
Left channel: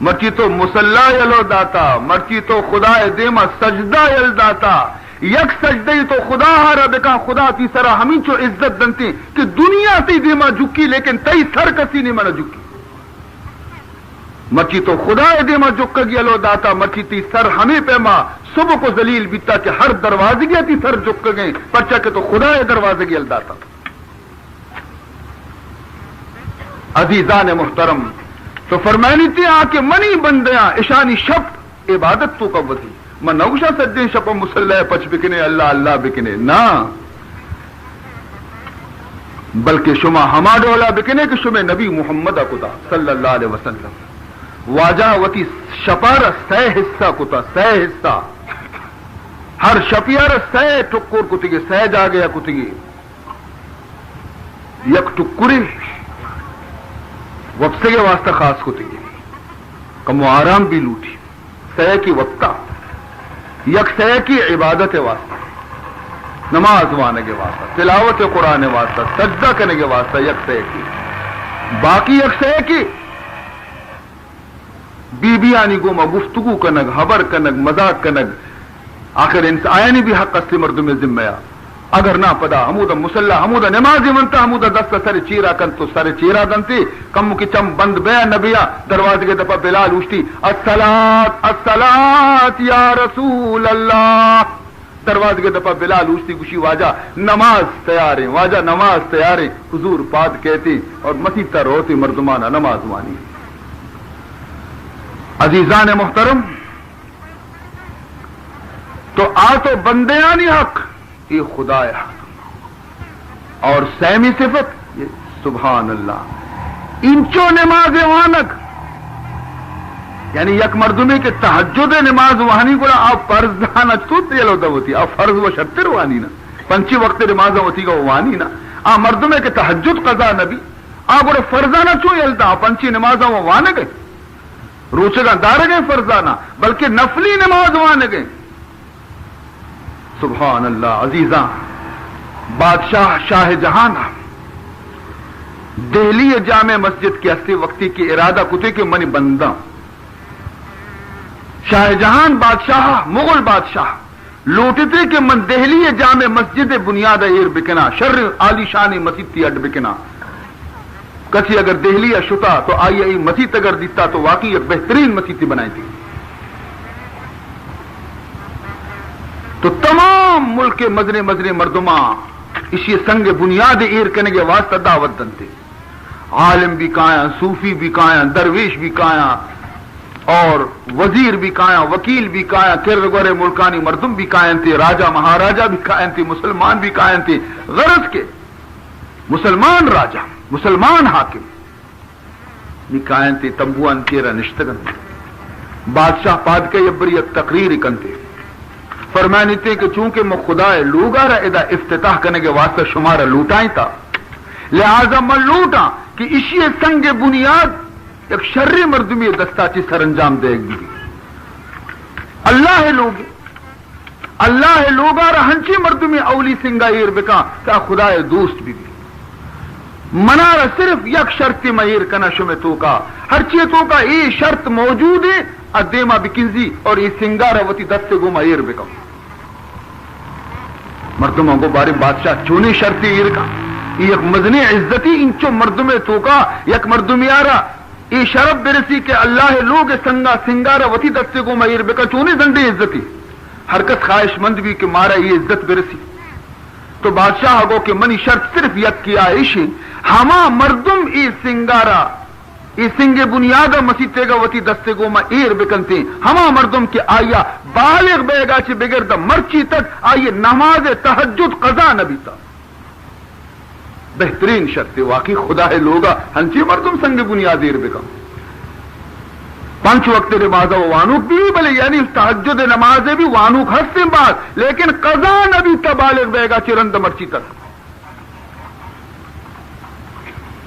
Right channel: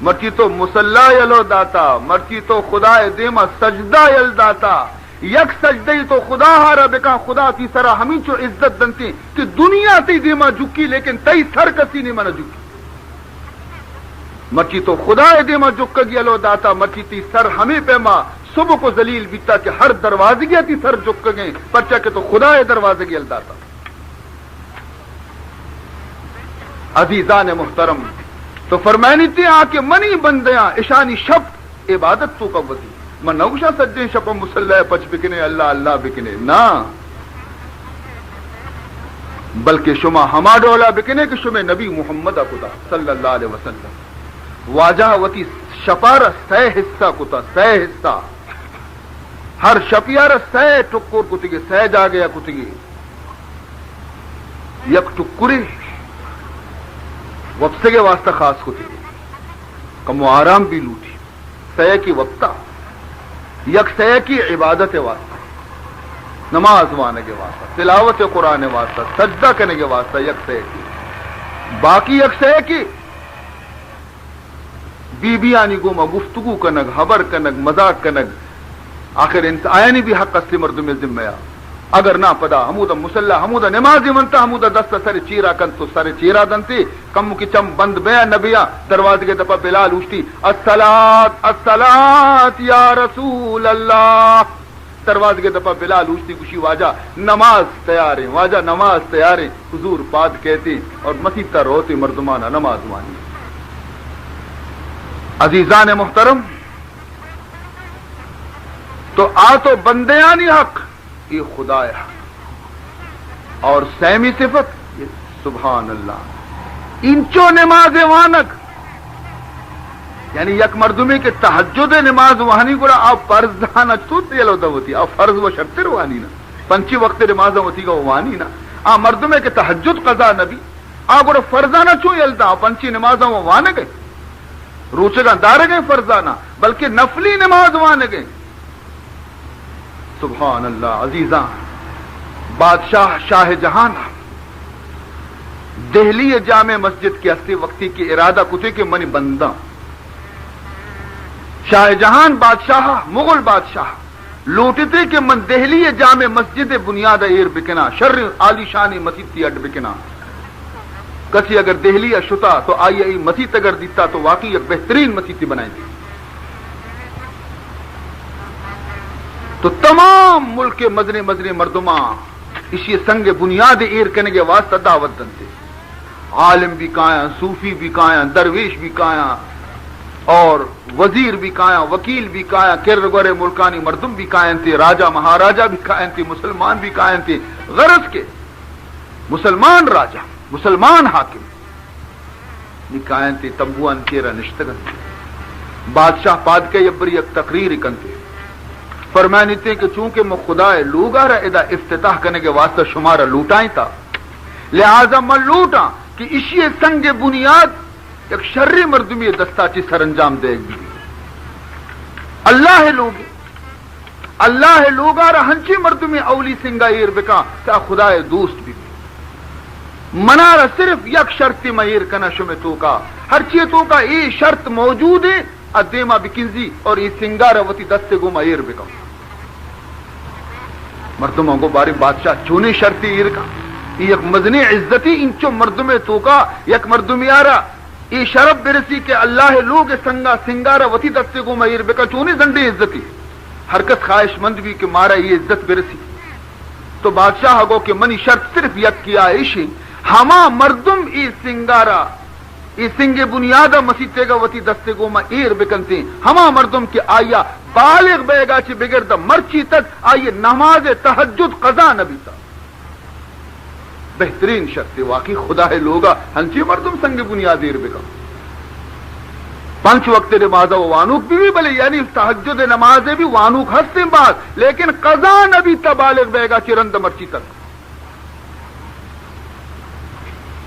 مرچی تو مسلح یلو داتا مرچی تو خدا دیما سجدہ یل داتا یک سجدی تو خدا ہارا بکا خدا تی سرا ہمیں چو عزت دنتی کہ دنیا تی دیما جکی لیکن تی سر کسی نہیں منا جکی مرچی تو خدا دیما جکگ یلو داتا مرچی تی سر ہمیں پیما صبح کو ذلیل بیتا کہ ہر دروازے گیا تی سر جک گئے پرچا کہ تو خدا دروازے گیا داتا عزیزان محترم تو فرمائنی تھی آ کے منی بندیاں اشانی شب عبادت تو کا وزی میں نوشا سجدیں شب مسلح پچ بکنے اللہ اللہ بکنے نا بلکہ شما ہما ڈولا بکنے کہ شما نبی محمد کتا صلی اللہ علیہ وسلم واجہ وتی شپارہ سہ حصہ کتا سہ حصہ ہر شپیار سہ ٹکر کتگی سہ جا گیا کتگی یک ٹکری وقت کے واسطہ خاص کو تھی کم و آرام بھی لوٹی سہ کی وقتہ یک سہ کی عبادت واسطہ نماز وانے کے واسطہ تلاوت قرآن واسطہ سجدہ کرنے کے واسطہ یک سہ کی باقی یک سہ کی بی بی آنی گو ما گفتگو کنگ خبر کنگ مذاق کنگ آخر انسان آئینی بھی حق اصلی مردم ذمہ اگر نہ پدا حمودہ مسلح حمودہ نمازی منتا حمودہ دست سر چیرا کن تو سر چیرا دنتی کم کی چم بند بے نبیا دروازے کے دپا بلال اوشتی الصلاۃ الصلاۃ یا رسول اللہ دروازے کے دپا بلال اوشتی گوشی واجہ نماز تیار ہے واجہ نماز تیار ہے حضور پاد کہتی اور مسیح روتی مردمانہ نماز وانی عزیزان محترم تو آ تو بندیانی حق یہ خدا ہے اور سیمی صفت سبحان اللہ انچو نماز وانک یعنی یک مردمی کے تہجد نماز وانی کو آپ فرض دانا چوت یلو دوتی آپ فرض و شتر وانی نا پنچی وقت نماز ہوتی کا وانی نا آ مردمی کے تہجد قضا نبی آپ کو فرضانہ چو یلتا پنچی نماز وانے گئے روچگا دار گئے فرضانہ بلکہ نفلی نماز وانے گئے سبحان اللہ عزیزاں بادشاہ شاہ جہان دہلی جامع مسجد کی ہستی وقتی کی ارادہ کتے کے منی بندہ شاہ جہان بادشاہ مغل بادشاہ لوٹتے کہ من دہلی جامع مسجد بنیاد ایر بکنا شر عالی شانی مسجد کی اڈ بکنا کسی اگر دہلی شتا تو آئی مسجد اگر دیتا تو واقعی ایک بہترین مسجد بنائی تھی تو تمام ملک کے مزنے مزنے مردماں اسی سنگ بنیاد ایر کرنے کے واسطہ دعوت دنتے عالم بھی کایا صوفی بھی کایا درویش بھی کایا اور وزیر بھی کایا وکیل بھی کایا کرگورے ملکانی مردم بھی کائن تھے راجہ مہاراجہ بھی کائن تھے مسلمان بھی کائن تھے غرض کے مسلمان راجہ مسلمان حاکم بھی کائن تھے تمبوان کیرا نشتگن بادشاہ پاد کے یبریت تقریر کنتے فرمانی تھے کہ چونکہ میں خدا لوگا رہا ادا افتتاح کرنے کے واسطے شمارا لوٹائیں تھا لہذا میں لوٹا کہ اسی سنگ بنیاد ایک شرری مردمی دستا چی سر انجام دے گی اللہ لوگا رہا ہنچی مردمی اولی سنگا ایر بکا تا خدا دوست بھی منارا صرف یک شرطی مہیر کنا شمی تو کا ہر چیز تو کا یہ شرط موجود ہے ادیما بکنزی اور یہ سنگار وتی دستے گو مہیر بکا مردموں کو بارے بادشاہ چونی شرطی ایر کا یک مزنی عزتی انچو مردم توکا یک مردم یارا ای شرف برسی کہ اللہ لوگ سنگا سنگارا وتی دستے کو میر بکا چونی زنڈی عزتی حرکت خواہش مند بھی کہ مارا یہ عزت برسی تو بادشاہ گو کہ منی شرط صرف یک کیا ایشی ہما مردم ای سنگارا ای سنگ بنیاد مسیطے گا وتی دستے کو ما ایر بکنتے ہما مردم کے آیا بالغ بیگا چی بگرد مرچی تک آئیے نماز تہجد قضا نبی تا بہترین شرط واقعی خدا ہے لوگا ہنچی مردم سنگ بنیاد ایر بکن 5 وقت نماز وانوک بھی بلے یعنی تہجد نمازیں بھی وانوک ہستے بعد لیکن قضا نبی تا بالغ بیگا چی رند مرچی تک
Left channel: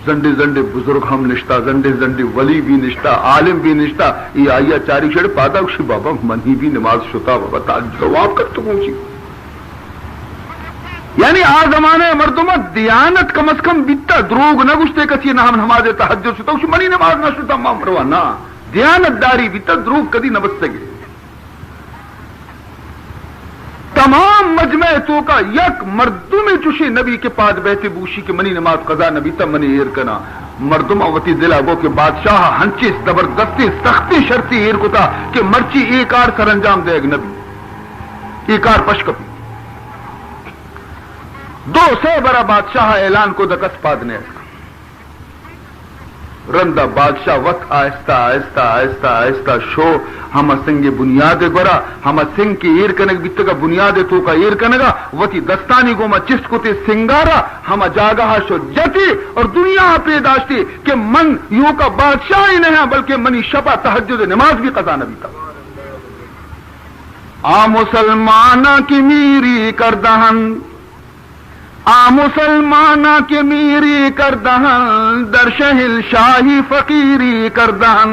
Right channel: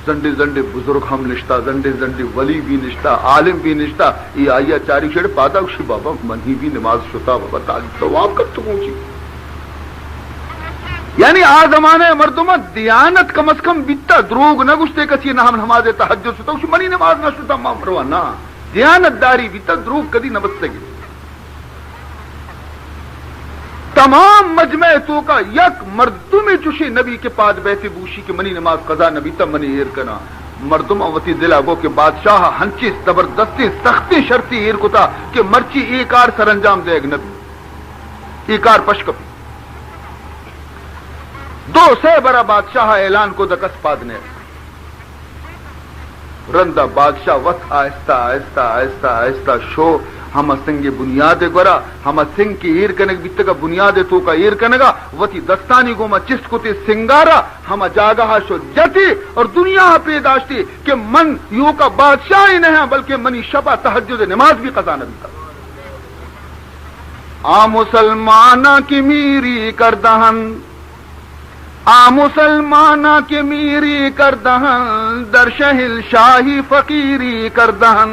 زنڈے زنڈے بزرگ ہم نشتا زنڈے زنڈے ولی بھی نشتا عالم بھی نشتا یہ آئیا چاری چھڑ پادا اسی بابا منی بھی نماز شتا بابا تاج جواب کر تو پہنچی یعنی آ زمانے مردمہ دیانت کم از کم بیتا دروگ نہ گشتے کچی نہ ہم نماز تہجد شتا اسی منی نماز نہ شتا مامروا نا دیانت داری بیتا دروگ کدی نہ بچ سکے تمام مجمع تو کا یک مردم چوشی نبی کے پاس بیٹھے بوشی کہ منی نماز قضا نبی تا منی ایر کنا مردم اوتی دلا گو کہ بادشاہ ہنچی زبردستی سختی شرطی ایر کو تا کہ مرچی ایک آر سر انجام دے گا نبی ایک آر پشکپی 200 برا بادشاہ اعلان کو دکس پادنے رندہ بادشاہ وقت آہستہ آہستہ آہستہ آہستہ شو ہم سنگ بنیاد گورا ہم سنگ کی ایر کنگ بیتے کا بنیاد تو کا ایر کنگا وتی دستانی گو ما چست کو تے سنگارا ہم جاگہ شو جتی اور دنیا پیداشتی کہ من یوں کا بادشاہ ہی نہیں ہے بلکہ منی شپا تہجد نماز بھی قضا نبی کا آ مسلمانہ کی میری کردہن آ مسلمانہ کی میری کردہن در شہل شاہی فقیری کردہن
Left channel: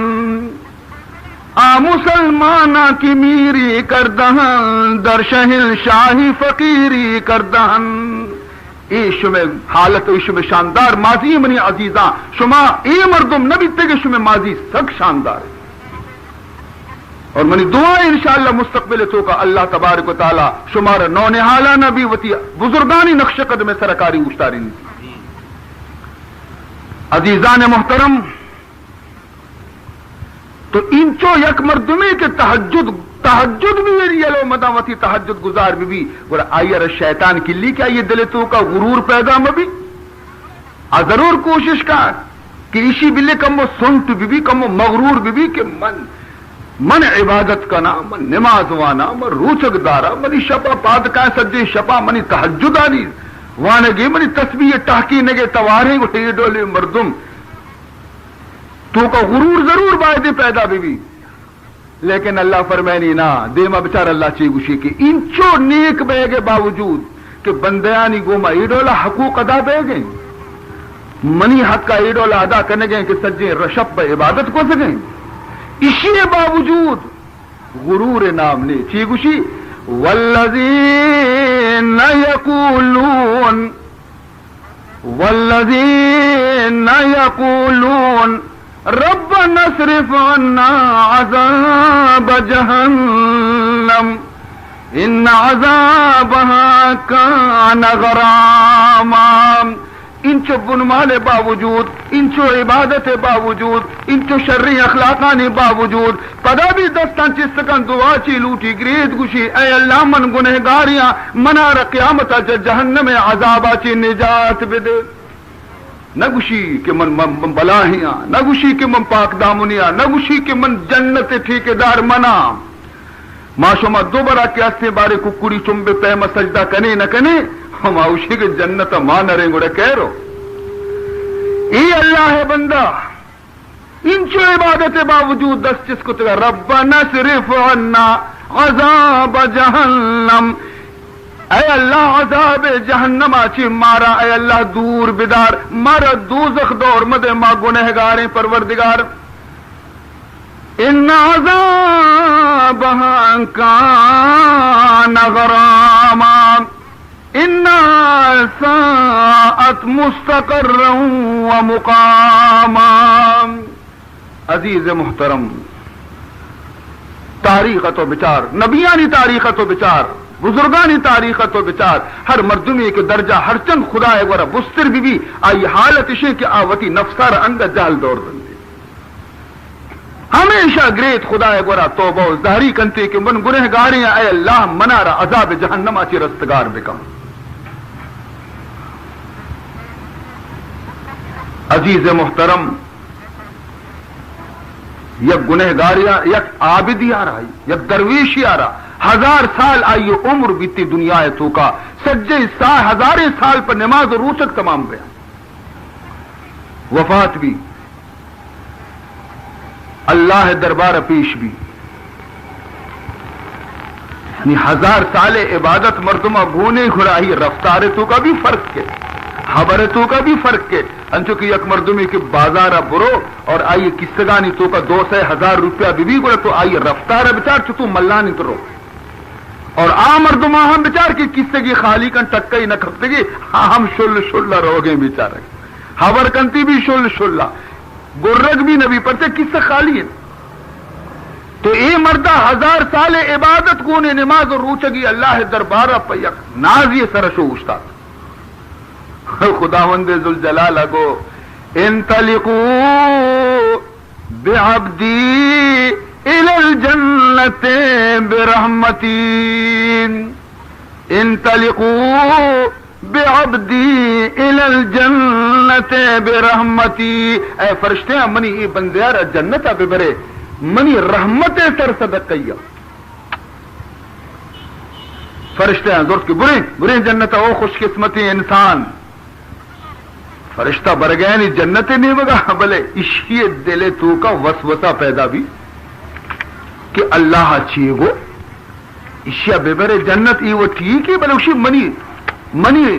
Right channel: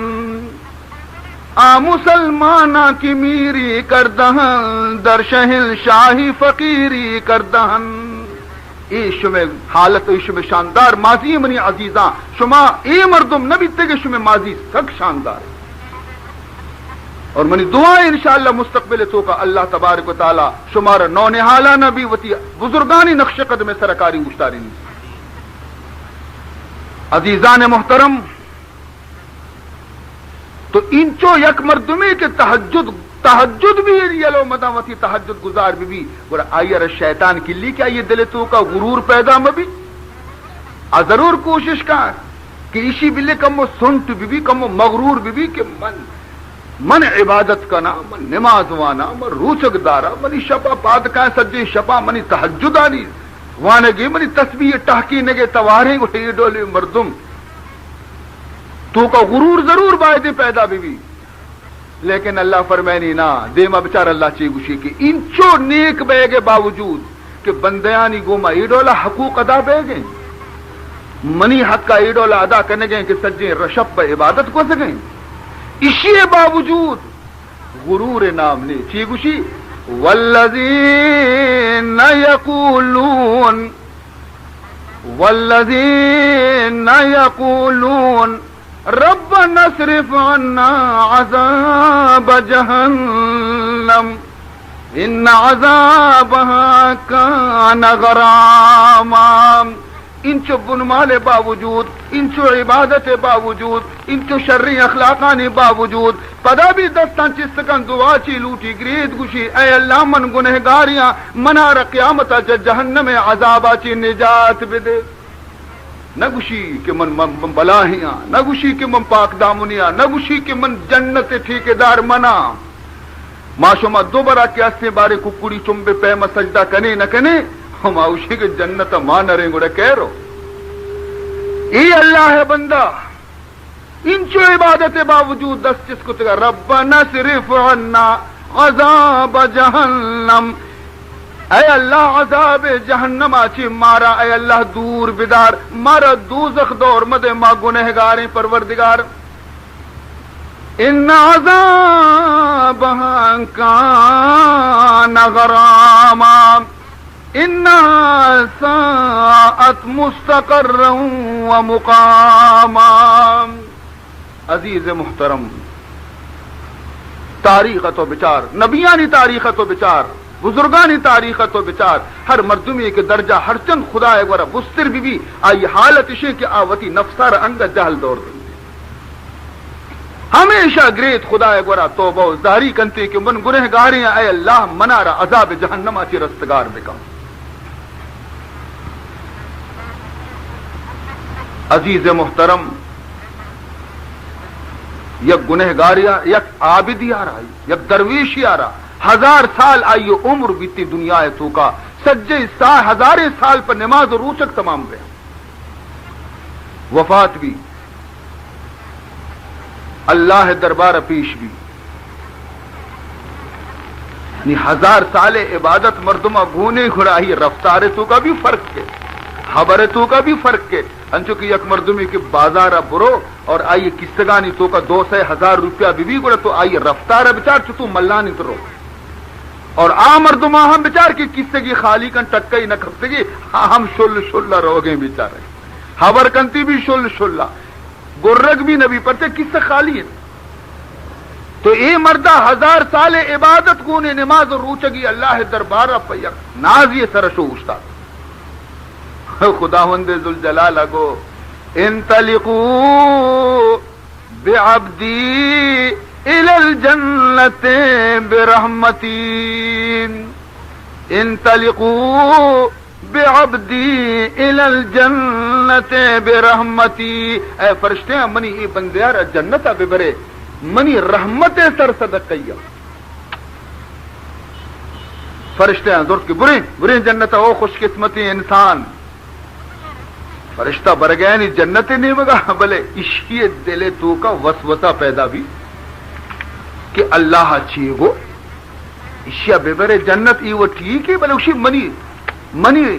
آ مسلمانہ کی میری کردہن در شہل شاہی فقیری کردہن شمع حالت شمع شاندار ماضی منی عزیزاں شما اے مردم نبی تگے شمع ماضی سک شاندار اور منی دعائیں انشاءاللہ مستقبل تو کا اللہ تبارک و تعالی شمار نونحالہ نبی وتی بزرگانی نقش قدم سرکاری اشتاری عزیزان محترم تو انچو یک مردمی کے تہجد بھی یلو مداوتی تہجد گزار بھی گورا آئیر شیطان کی لی کیا یہ دل تو کا غرور پیدا مبی ضرور کوشش کر کہ اسی بلے کم سنٹ بھی کم مغرور بھی کہ من عبادت کا نام من نماز وانا من روچک دارا منی شپا پاد کا سجے شپا منی تہجد آنی وانگی منی تسبیح ٹاکی نگے توارے گو ڈولے مردم تو کا غرور ضرور باعدے پیدا بھی لیکن اللہ فرمائنی نا دیما بچار اللہ چی گوشی کہ انچو نیک بے گے باوجود کہ بندیانی گوما ایڈولا حقوق ادا بے گئیں منی حق کا ایڈولا ادا کرنے گئیں کہ سجے رشب عبادت کو سکیں اسی باوجود غرور نام نے چی گوشی والذین یقولون ربنا اصرف عنا عذاب جہنم ان عذابها كان غراما انچو بنمال باوجود انچو عبادت باوجود انچو شرری اخلاقانی باوجود پدا بھی دستان چستکن دعا چی لوٹی گرید گوشی اے اللہ من گنہگاریاں منار قیامتا جہنم عذابا چی نجات بدے نہ گوشی کہ من بلاہیاں نہ گوشی کہ من پاک دامنیاں نہ گوشی کہ من جنت ٹھیکیدار منا ما شما دوبارہ کیاستے بارے ککڑی چمبے پیما سجدہ کنے نہ کنے ہم اوشی کے جنت ماں نریں گوڑے کہہ رو اے اللہ ہے بندہ انچو عبادت باوجود دست چس کو تگا ربنا صرف عنا عذاب جہنم اے اللہ عذاب جہنم آچی مارا اے اللہ دور بدار مارا دوزخ دور مدے ما گنہگاریں پروردگار ان عذابها کان غراما ان ساعت مستقرا ومقاما عزیز محترم تاریخ تو بچار نبیانی تاریخ تو بچار بزرگانی تاریخ تو بچار ہر مردمی کے درجہ ہر چند خدا ہے گورا بستر بھی آئی حالت اشے کہ آوتی نفسار انگ جہل دور دیں ہمیشہ گریت خدا ہے گورا توبہ و ظاہری کنتے کہ من گنہ گاریاں اے اللہ منارا عذاب جہنم آچی رستگار بکا عزیز محترم یک گنہ گاریاں یک عابدی آ رہا یک درویشی آ رہا 1000 سال آئیے عمر بیتی دنیا ہے تو کا سجے ہزاریں سال پر نماز و روچک تمام گیا وفات بھی اللہ دربار پیش بھی 1000 سال عبادت مردمہ گونے گھڑائی رفتار تو کا بھی فرق کے خبر تو کا بھی فرق کے انچو کہ یک مردمی کے بازارہ برو اور آئیے کستگانی تو کا 200,000 روپیہ بھی گوڑا تو آئیے رفتار بچار تو ملانی کرو اور آ مردمہ ہم بچار کی کستگی خالی کن ٹکئی نہ کھپتگی ہم شل رو گئے بیچارے خبر کنتی بھی شل گرگ بھی نبی پڑتے کس سے خالی ہے تو اے مردہ 1000 سال عبادت گونے نماز اور روچگی اللہ دربارہ پیک ناز یہ سرشو استاد خداوند ذوالجلال گو انطلقوا بعبدی الى الجنت برحمتی انطلقوا بعبدی الى الجنت برحمتی اے فرشتے ہیں منی ای بندیار جنت اب برے منی رحمت سر صدقیہ فرشتے ہیں درست کی بری جنت او خوش قسمتی انسان فرشتہ بر گیا نہیں جنت نہیں بگا بلے اشی دلے تو کا وسوسہ پیدا بھی کہ اللہ چیئے گو اشیا بے برے جنت ای وہ ٹھیک ہے بلے اسی منی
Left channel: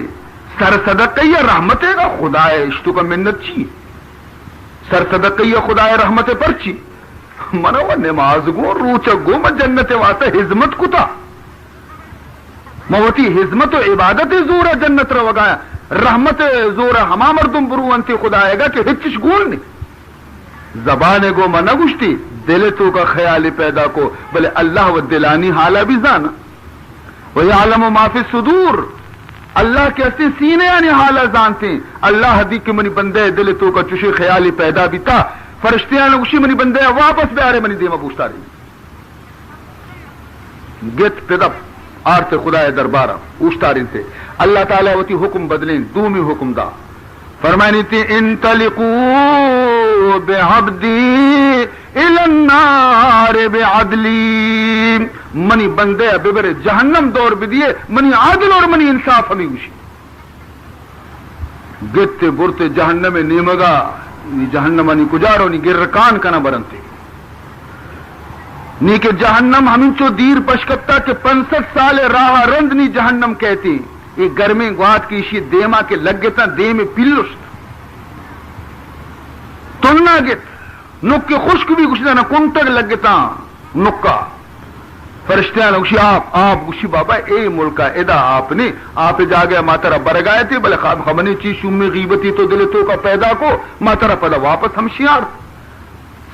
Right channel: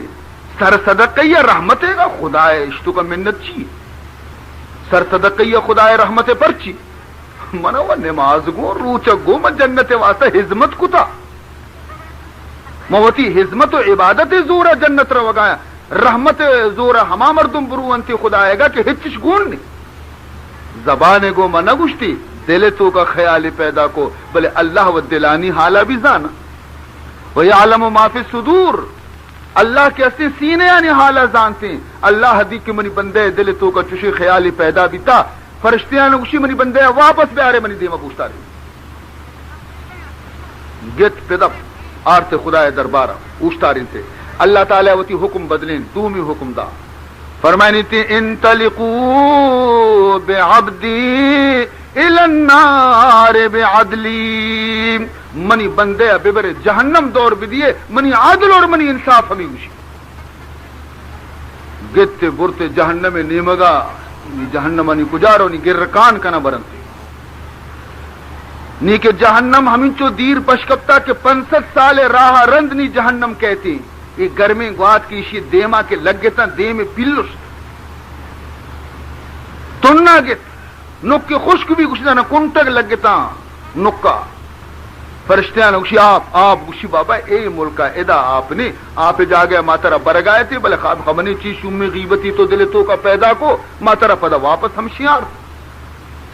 سر صدقی رحمت گا خدا اشتو کا منت چی سر صدقی خدا رحمت پر چی منو وہ نماز گو روچ گو من جنت واسطہ حزمت کتا موتی حزمت و عبادت زورا جنت رو گایا رحمت زورا ہما مردم برو انتی خدا آئے گا کہ ہچش گول نہیں زبان گو منہ گشتی دل تو کا خیال پیدا کو بلے اللہ و دلانی حالا بھی زانا وَيَعْلَمُ مَا فِي الصُّدُورِ اللہ کے اصلی سینے یعنی حالا زانتے ہیں اللہ حدیق کے منی بندے دل تو کا چشی خیالی پیدا بھی تا فرشتیاں نے اسی منی بندے واپس بے آرے منی دیما پوچھتا رہی گت پیدب آرتے خدا دربارہ پوچھتا رہی تھے اللہ تعالیٰ وتی حکم بدلیں دومی حکم دا فرمائنی تھی انطلقوا بعبدی الى النار بعدلی منی بندے ببر جہنم دور بدیے منی عادل اور منی انصاف ہمیں گتے برتے جہنم نیمگا جہنم نی کجارو نی گرکان کنا برنتے نی کہ جہنم ہمیں چو دیر پشکپتا کہ 65 سال راہ رند نی جہنم کہتی یہ گرمی گوات کی اسی دیما کے لگ گتا دے میں پلس تننا گت نک کے خشک بھی گشتا نہ کنٹک لگ گتا نکا فرشتیاں نے گشی آپ گشی بابا اے ملکہ ادا آپ نے آپ جا گیا ماترہ برگائے تھے بلے خواب خبنی چیز شمی غیبتی تو دل تو کا پیدا کو ماترہ پدا واپس ہم شیار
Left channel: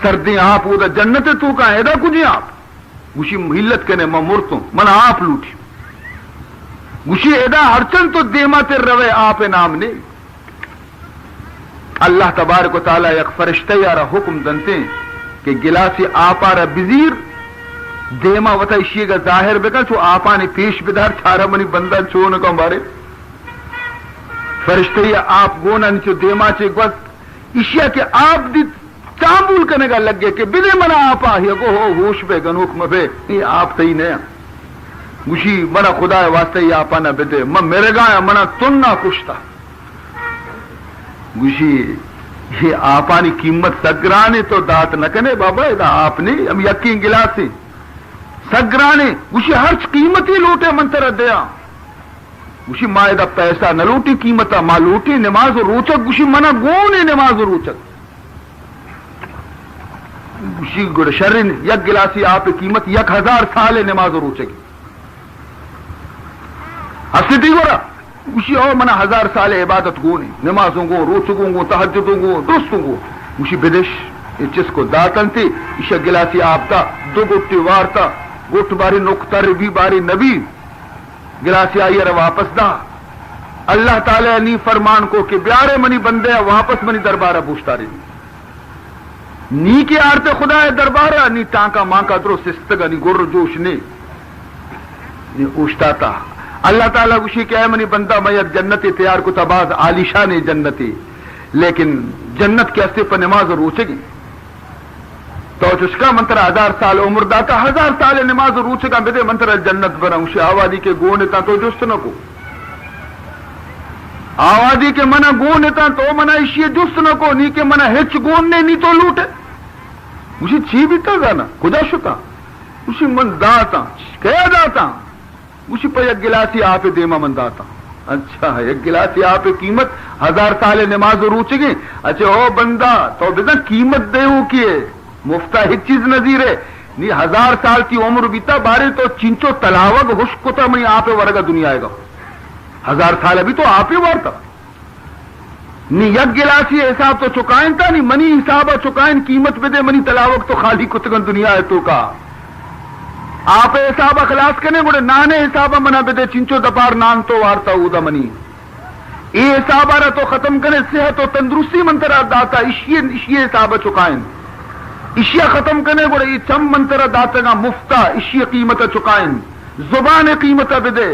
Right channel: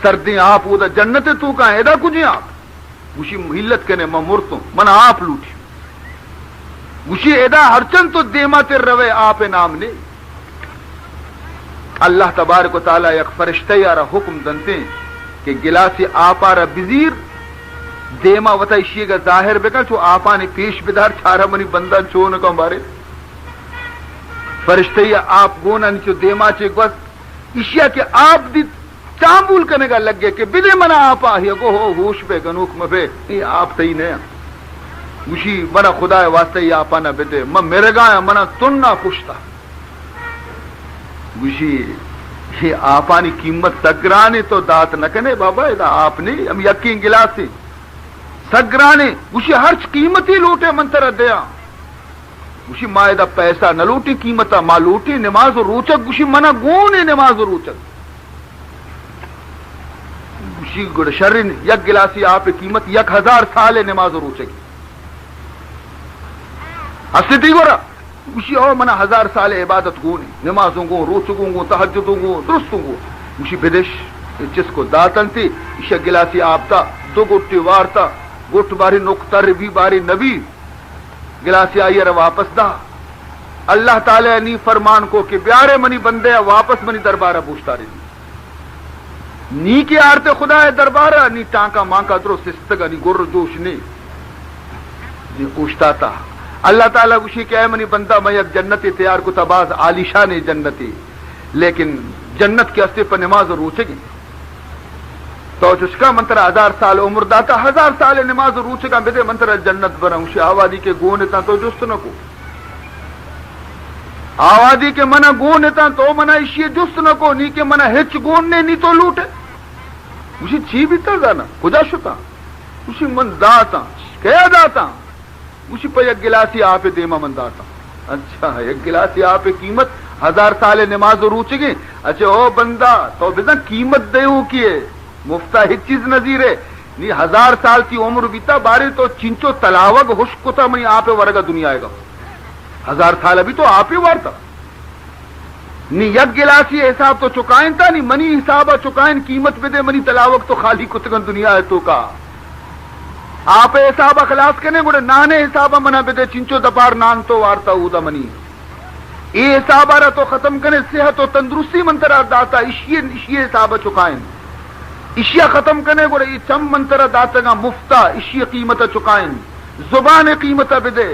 سردیں آپ ادا جنت تو کا ادا کجی آپ گشی محلت کنے میں مرتوں من آپ لوٹی گشی ادا ہرچند تو دیما تیر روے آپ نام نے اللہ تبارک و تعالی یک فرشتہ یارا حکم دنتے کہ گلاسی آپا را بزیر دیما وطا اشیے گا ظاہر بکا چو آپا نے پیش بدار چھارا منی بندہ چون کا بارے فرشتہ یا آپ گونا نیچو دیما چے گوست اشیاء کے آپ دی چامبول کرنے کا لگ گئے کہ بدے منا آپا یہ گو ہو ہوش بے گنوک مبے یہ آپ تی نہیں گوشی منا خدا واسطے یہ آپا نہ بدے میں میرے گایا منا تن نہ کشتا گوشی یہ آپا نے قیمت سگرانے تو دات نہ کنے بابا ادا آپ نے ہم یقین گلاسی سگرانے گوشی ہر قیمتی لوٹے منتر دیا گوشی ماں ادا پیسہ نہ لوٹی قیمتا ماں لوٹی نماز و روچک گوشی منا گونی نماز و روچک گوشی گڑ شرن یک گلاسی آپ قیمت 1000 سال نماز و روچک ہستی گورا گوشی او منا 1000 سال عبادت گونی نمازوں گو روچکوں گو تہجدوں گو درستوں گو گوشی بدش جس کو داتن تھی اشا گلاسی آپ تا دو گٹی وارتا گٹ باری نقطہ ربی باری نبی گلاسی آئیے واپس دا اللہ تعالی نی فرمان کو کہ بیارے منی بندے واپس منی دربارہ پوچھتا رہی نی کی آرتے خدا ہے دربارہ نی ٹانکا مانکا درو سستگا نی گر دوش نی پوچھتا تھا اللہ تعالیٰ اسی کہ اے منی بندہ میں جنتی تیار کو تباز عالیشان جنتی لیکن جنت کے استے پر نماز روچے گی تو اس کا منترا 1000 سال عمر داتا 1000 سال نماز روچے گا بدے منترا جنت بنا اسی آوازی کے گونے تا تو جست نہ کو آوازی کے منع گونے تا تو منع اسی جست نہ کو نی کے منع ہچ گون نے نی تو لوٹے اسی چھی بیتا گانا خدا شکا اسی من داتا کیا داتا اسی پہ ایک گلاسی آپ دیما من داتا اچھا ایک گلاسی آپ قیمت 1000 سال نماز روچے گی اچھا او بندہ تو بزن قیمت دیو کیے مفتہ ایک چیز نظیر ہے نی 1000 سال کی عمر بیتا بارے تو چنچو تلاوگ حشک تا منی آپ ورگا دنیا آئے گا 1000 سال ابھی تو آپ ہی وارتا نی یک گلاسی حساب تو چکائیں تا نی منی حسابہ چکائیں قیمت بدے منی تلاوگ تو خالی کتگن دنیا ہے تو کا آپ حسابہ خلاص کرنے گوڑے نانے حسابہ منا بدے چنچو دپار نان تو وارتا اودا منی یہ حسابہ رہا تو ختم کرنے صحت و تندرستی منترہ داتا اشی حسابہ چکائیں اشیا ختم کرنے گوڑے یہ چم منترہ داتا گا مفتہ اشی قیمت چکائیں زبان قیمت بدے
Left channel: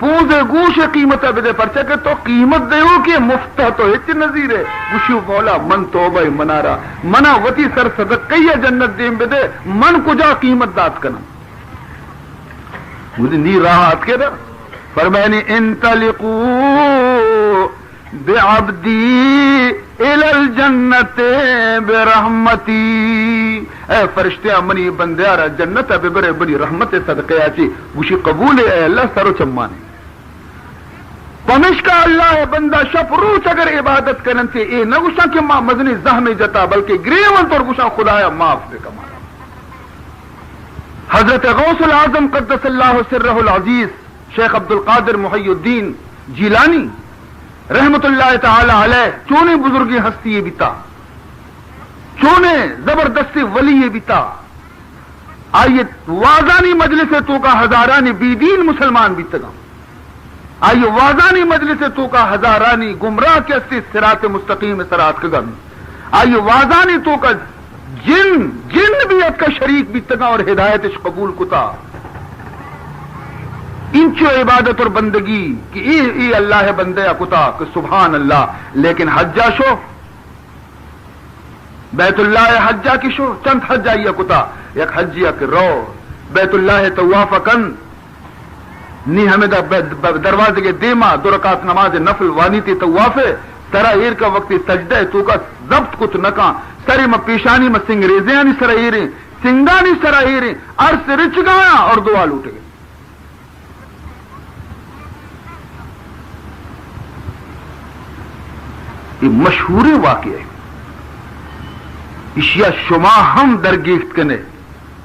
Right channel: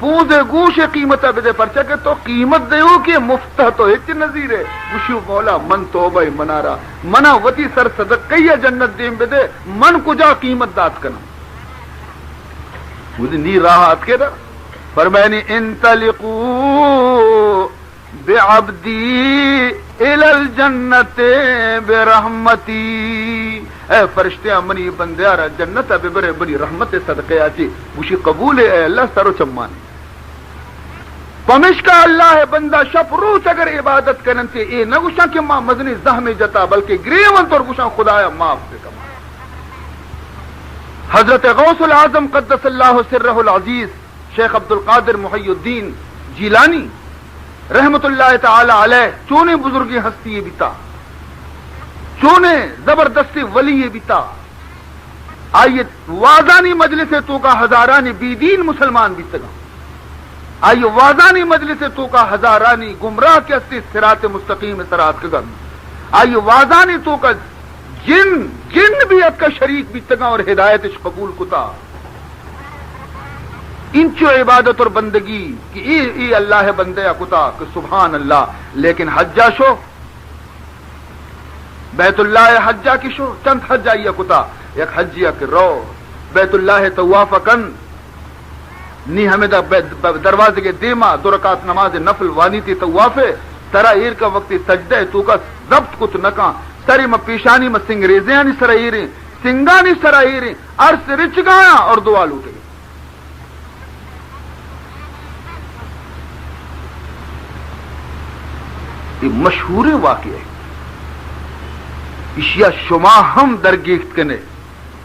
پوزے گوش قیمت بدے پرچہ کہ تو قیمت دے ہو کہ مفتہ تو ہچ نظیر ہے گوشو مولا من توبہ منارا منا وطی سر صدقیہ جنت دیم بدے من کجا قیمت دات کنا مجھے نی راحت کے در فرمائنی انطلقو بعبدی الی الجنت برحمتی اے فرشتے امنی بندیارا جنت اب برے بڑی رحمت صدقے آچی گوشی قبول اے اللہ سرو چمان پمش کا اللہ ہے بندہ شپ روچ اگر عبادت کرن سے اے نہ گوشا کہ ماں مزنی زہمی جتا بلکہ گریون تو گوشا خدایا معاف دے کما حضرت غوث العظم قدس اللہ سرہ العزیز شیخ عبد القادر محی الدین جیلانی رحمت اللہ تعالی علیہ چونے بزرگی ہستی بیتا چونے زبردستی ولی بیتا آئیے وازانی مجلس تو کا ہزارانی بی دین مسلمان بیتگا آئیے وازانی مجلس تو کا ہزارانی گمراہ کے استی صراط مستقیم صراط کا گم آئیے وازانی تو کا جن بھی اب کا شریک بیتگا اور ہدایت اس قبول کتا انچو عبادت اور بندگی کہ ای اللہ ہے بندے کتا کہ سبحان اللہ لیکن حجہ شو بیت اللہ حجہ کی شو چند حجہ یا کتا ایک حجیہ کہ رو بیت اللہ توافہ کن نی ہمیں دروازے کے دیما 2 رکعت نماز نفل وانی تی توافے ترا ایر کا وقت سجدہ تو کا ضبط کت نکا سری میں پیشانی میں سنگریزیانی سرائیریں سنگانی سرائیریں عرص رچ گایا اور دعا لوٹے گئے یہ مشہور واقعہ اشیا شما ہم درگیفت کنے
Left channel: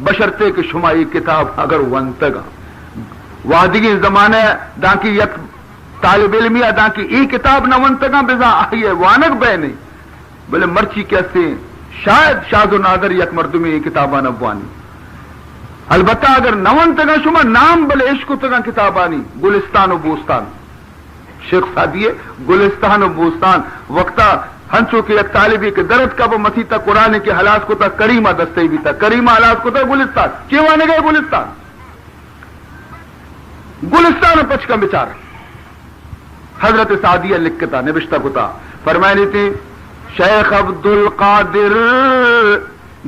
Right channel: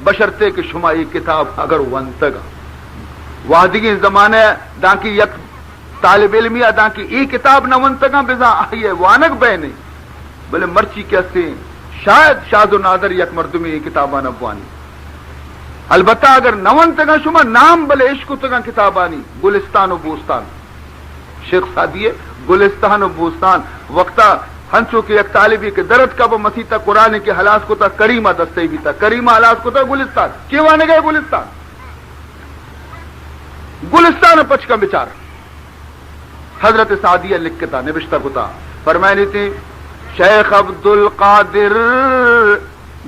بشرتے کہ شما یہ کتاب اگر ونتگا وادگی زمانے دانکی یک طالب علمی دانکی ای کتاب نہ ونتگا بزا آئیے وانک بے نہیں بلے مرچی کیسے شاید شاذ و نادر یک مردمی یہ کتابہ نبوانی البتہ اگر نونتگا شما نام بلے عشق تگا کتابانی گلستان و بوستان شیخ سادیے گلستان و بوستان وقتا ہنچو کے ایک طالبی کے درد کا وہ مسیح قرآن کے حلاس کو تھا کریمہ دستے بھی تھا کریمہ حلاس کو تھا گلستان کیوں آنے گئے گلستان پچ کا بچار حضرت سعدیہ لکھتا نبشتہ کو تھا فرمائنی تھی شیخ عبد القادر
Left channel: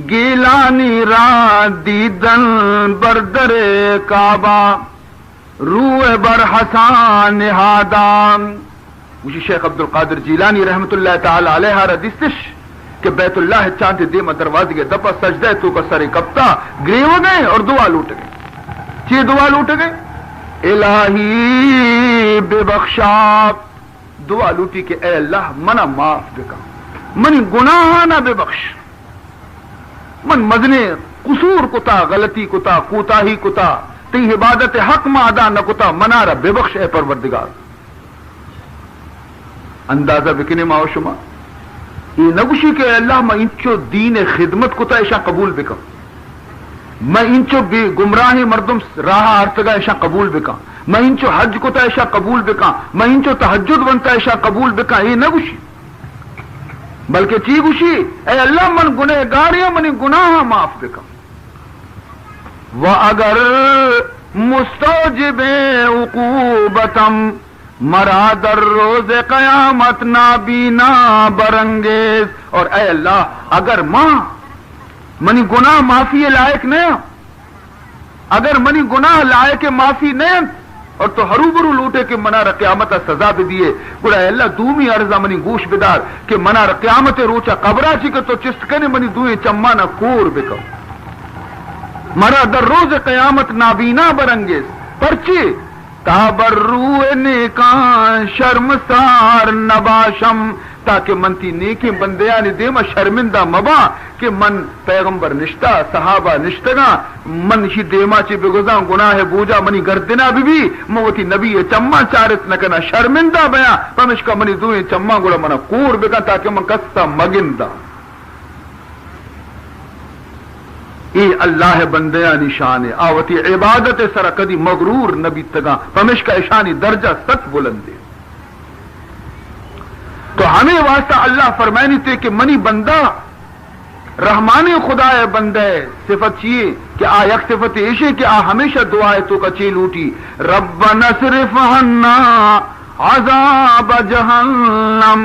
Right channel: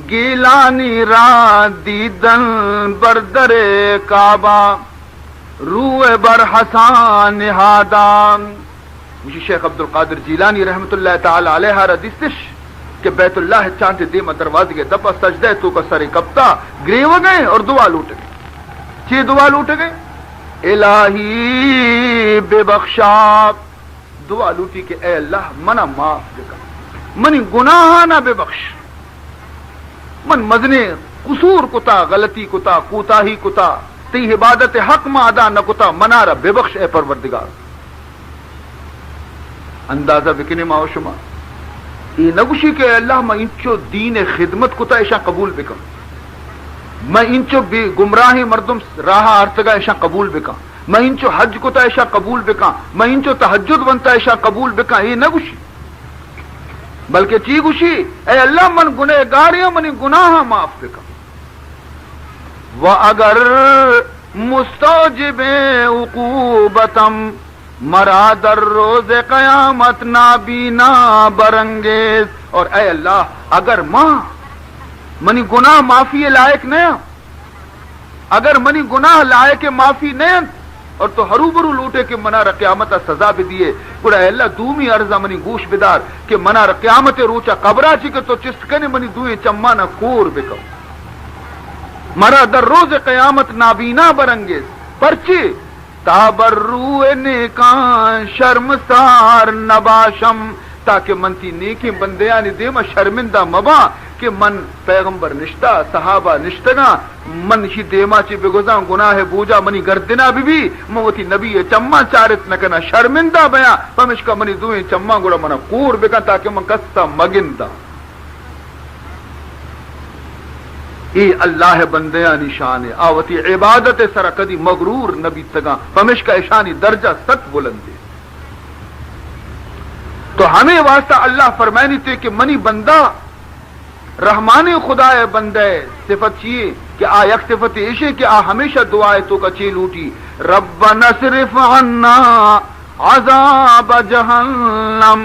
گیلانی را دیدن بردر کعبہ روح بر حسان نہادام مجھے شیخ عبد القادر جیلانی رحمت اللہ تعالی علیہ ردیستش کہ بیت اللہ چاند دیم دروازے کے دپا سجدہ تو کا سر کپتا گریو گئے اور دعا لوٹ گئے چی دعا لوٹ گئے الہی بے بخشاب دعا لوٹی کہ اے اللہ منا معاف دکا منی گناہ نہ بے بخش من مزنے قصور کتا غلطی کتا کوتاہی کتا تی عبادت حق ما ادا نہ کتا منارا بے بخش اے پروردگار اندازہ بکنے ما شما یہ نگوشی کہ اللہ میں انچو دین خدمت کتا ایشا قبول بکم میں انچو گمراہی مردم راہ ارتگا ایشا قبول بکم میں انچو حج کو تا ایشا قبول بکا، میں انچو تہجد ونتا ایشا قبول بکا، یہ نہ گوشی بلکہ چی گوشی اے اللہ من گنہگاریاں منی گناہ معاف بکا. وَأَگَرْ مستوجب عقوبتم مرا در روز قیامت نابینا برنگیز. اور اے اللہ اگر ماں منی گناہ معافی لائق نہیں، اگر منی گناہ لائق معافی نہیں اور تو ہروبرو لوٹے کہ منار قیامت سزا بھی دیے گڑا اے اللہ دومی عرضہ منی گوش بدار کہ منار قیامت روچا قبرہ چی کہ تو چستکنے منی دوئے چمانا کور بکو مرا در روز قیامت نابینا برنگیز. پرچی کابر روئے نیکان شرمسار نباشم تاکہ منتی نیکی بندیانی دیما شرمندہ مبا کہ من پیغمبر نشتہ صحابہ نشتنا من شی دیما چی بگزاں گناہ بوجا منی گردنا بھی موتی نبی چما چارت نکنا شرمندہ بیاں پمشکا منی دوئے چما گوڑا منا کور بکا تاکہ من کستا مگندہ. ای اللہ بندیانی شان آوتی عبادت سر کدی مغرور نبی تگا پمش کا اشانی درجہ ست بلندے. تو ہمیں واسطہ اللہ فرمائنی تھے کہ منی بندہ رحمان خدا بندے صفت چیئے کہ آ یک صفت ایشے کہ آ ہمیشہ دعائے تو کا چیل اٹھی ربنا اصرف عنا عذاب جہنم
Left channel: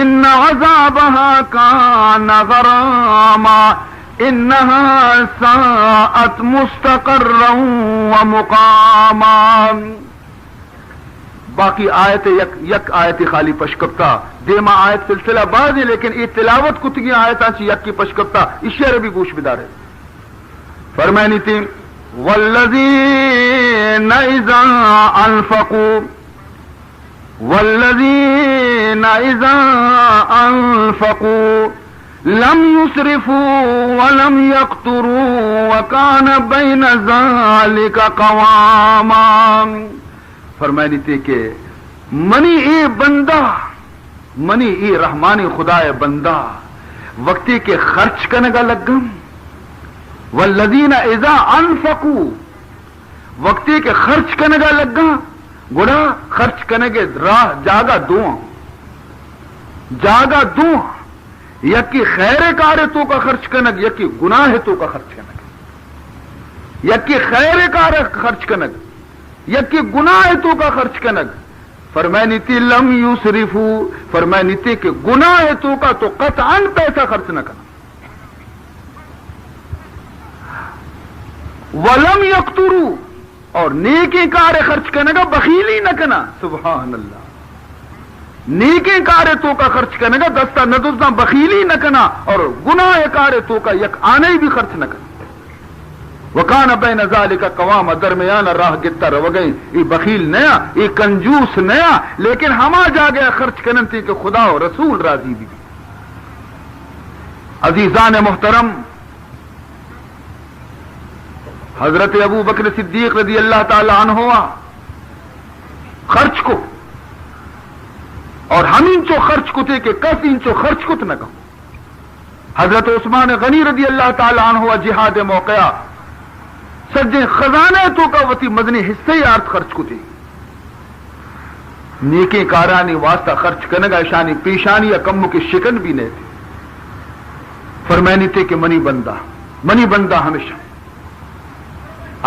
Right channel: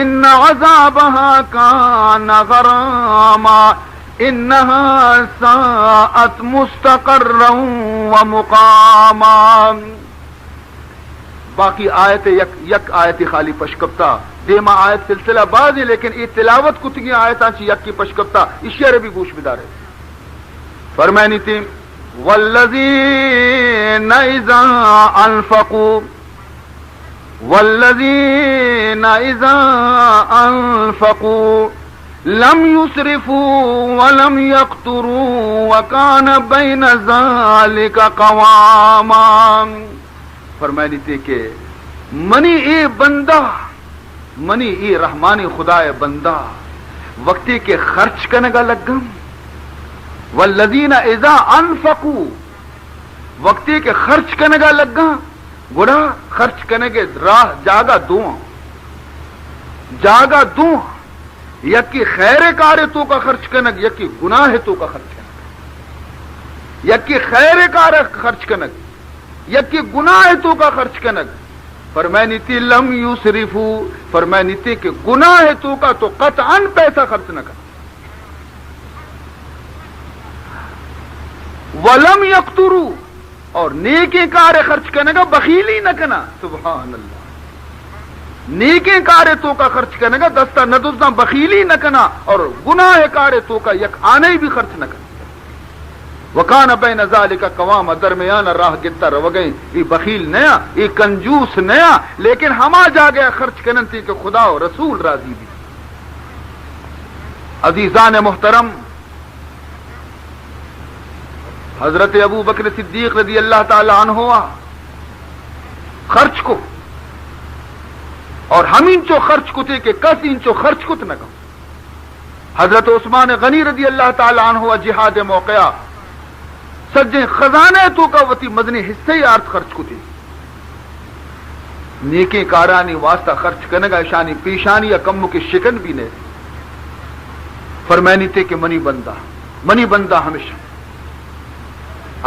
ان عذابها کان غراما انها ساءت مستقرا ومقاما. باقی آیت یک آیت خالی پشکپتا دیما آیت سلسلہ بعض ہے لیکن یہ تلاوت کتگی آیتاں چی یک کی پشکپتا اشیاء بھی گوش بدار ہے. فرمائنی تھی والذین اذا انفقوا والذین اذا انفقوا لم يسرفوا ولم يقتروا وكان بين ذلك قواما. فرمائنی تھی کہ منی اے بندہ منی اے رحمانی خدا بندہ وقتی کے خرچ کرنے کا لگم والذین اذا انفقوا وقتی کے خرچ کرنے کا لگا گڑا خرچ کرنے کے راہ جاگا دوں یکی خیر کار تو کا خرچ کنگ یکی گناہ تو کا خرچ کنگ یکی خیر کار خرچ کنگ یکی گناہ تو کا خرچ کنگ. فرمائنی تھی لم یسرفو فرمائنی تھی کہ گناہ تو کا تو قطعاً پیسہ خرچ نہ کرنا ولم یقترو اور نیکی کار خرچ کرنے کا بخیلی نہ کرنا. سبحان اللہ. نیکی کارے تو کا خرچ کرنے کا دستہ نہ دستہ بخیلی نہ کرنا اور گناہ کارے تو کا یک آنے بھی خرچ نہ کرنا. وکان بین ذالک قوام درمیان راہ گتا رو گئی. یہ بخیل نیا یہ کنجوس نیا لیکن ہما جا گیا خرچ کرنے تھی کہ خدا و رسول راضی بھی. عزیزان محترم حضرت ابو بکر صدیق رضی اللہ تعالی عنہ خرچ کو اور ہم انچو خرچ کو تھے کہ کس انچو خرچ کت نہ کہوں. حضرت عثمان غنی رضی اللہ تعالی عنہ جہاد موقعہ سجے خزانہ تو کا وتی مدنی حصے یارت خرچ کو تھے. نیکی کارانی واسطہ خرچ کرنے کا شانی پیشانی یا کموں کی شکن بھی نہیں. فرمائنی تھے کہ منی بندہ ہمیشہ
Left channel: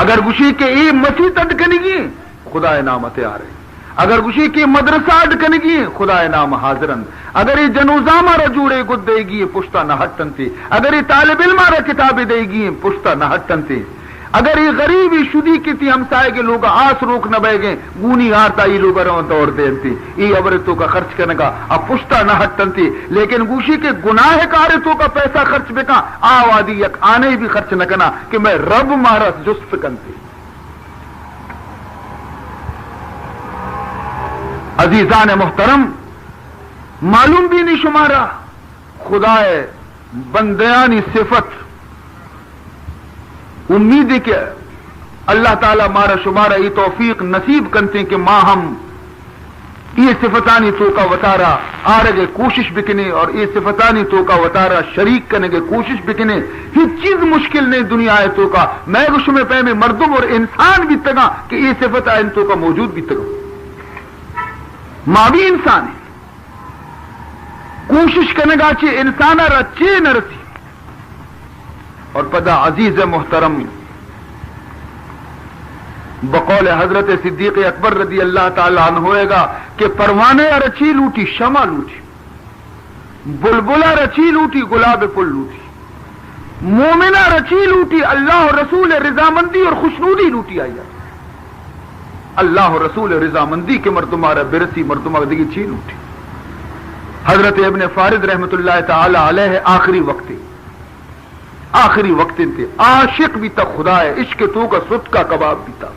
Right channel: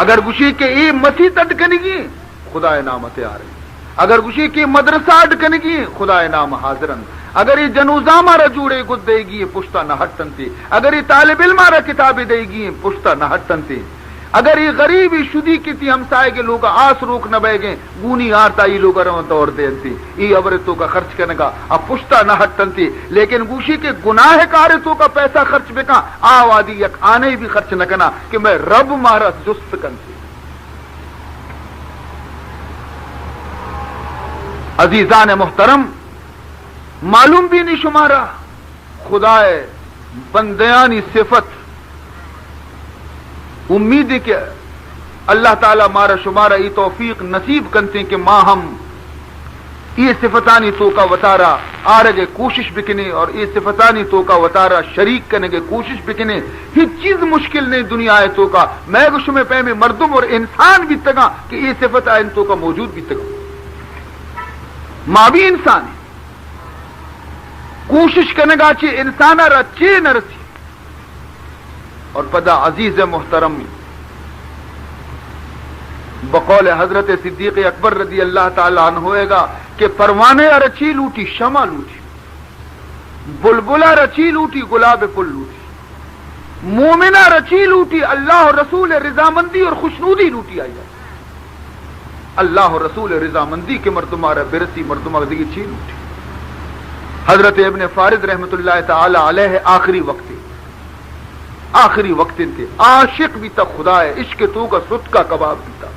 اگر گشی کے ای مسیح اٹکنگی خدا نامت آ رہے اگر گشی کی مدرسہ اٹکنگی خدا نام حاضرن اگر یہ جنوزہ مارا جوڑے گد دے گی پشتہ نہ ہٹن تھی اگر یہ طالب علم مارا کتابیں دے گی پشتہ نہ ہٹن تھی اگر یہ غریبی شدی کی تھی ہمسائے کے لوگ آس روک نہ بہ گئے گونی ہارتا یہ لوگ دوڑ دے تھی یہ عورتوں کا خرچ کرنے کا اب پشتہ نہ ہٹن تھی لیکن گوشی کے گناہ کارتوں کا پیسہ خرچ بکا آوادی یک آنے بھی خرچ نہ کرنا کہ میں رب مارا جست کن تھی. عزیزان محترم معلوم بھی نہیں شمارا خدا بندیانی صفت امید ہے کہ اللہ تعالی مارا شمارا یہ توفیق نصیب کرتے ہیں کہ ماں ہم یہ صفتانی تو کا وطارہ آرگے کوشش بکنے اور یہ صفتانی تو کا وطارہ شریک کرنے کے کوشش بکنے ہی چیز مشکل نہیں دنیا ہے تو کا میں گوش میں پہ میں مردم اور انسان بھی تگا کہ یہ صفت ہے ان تو کا موجود بھی تگا ماں بھی انسان کوشش کرنے گا چی انسان رچے نہ رسی اور پدا عزیز محترم بقول حضرت صدیق اکبر رضی اللہ تعالی عنہ ہوئے گا کہ پروانے رچی لوٹی شمع لوٹی بلبلا رچی لوٹی گلاب پل لوٹی مومنہ رچی لوٹی اللہ اور رسول رضامندی اور خوشنودی لوٹی آئی اللہ اور رسول رضامندی کے مردمارا برسی مردمارا دیگی چی لوٹی حضرت ابن فارد رحمت اللہ تعالی علیہ آخری وقت تھے عاشق بھی تک خدا ہے عشق تو کا سٹ کا کباب بھی تھا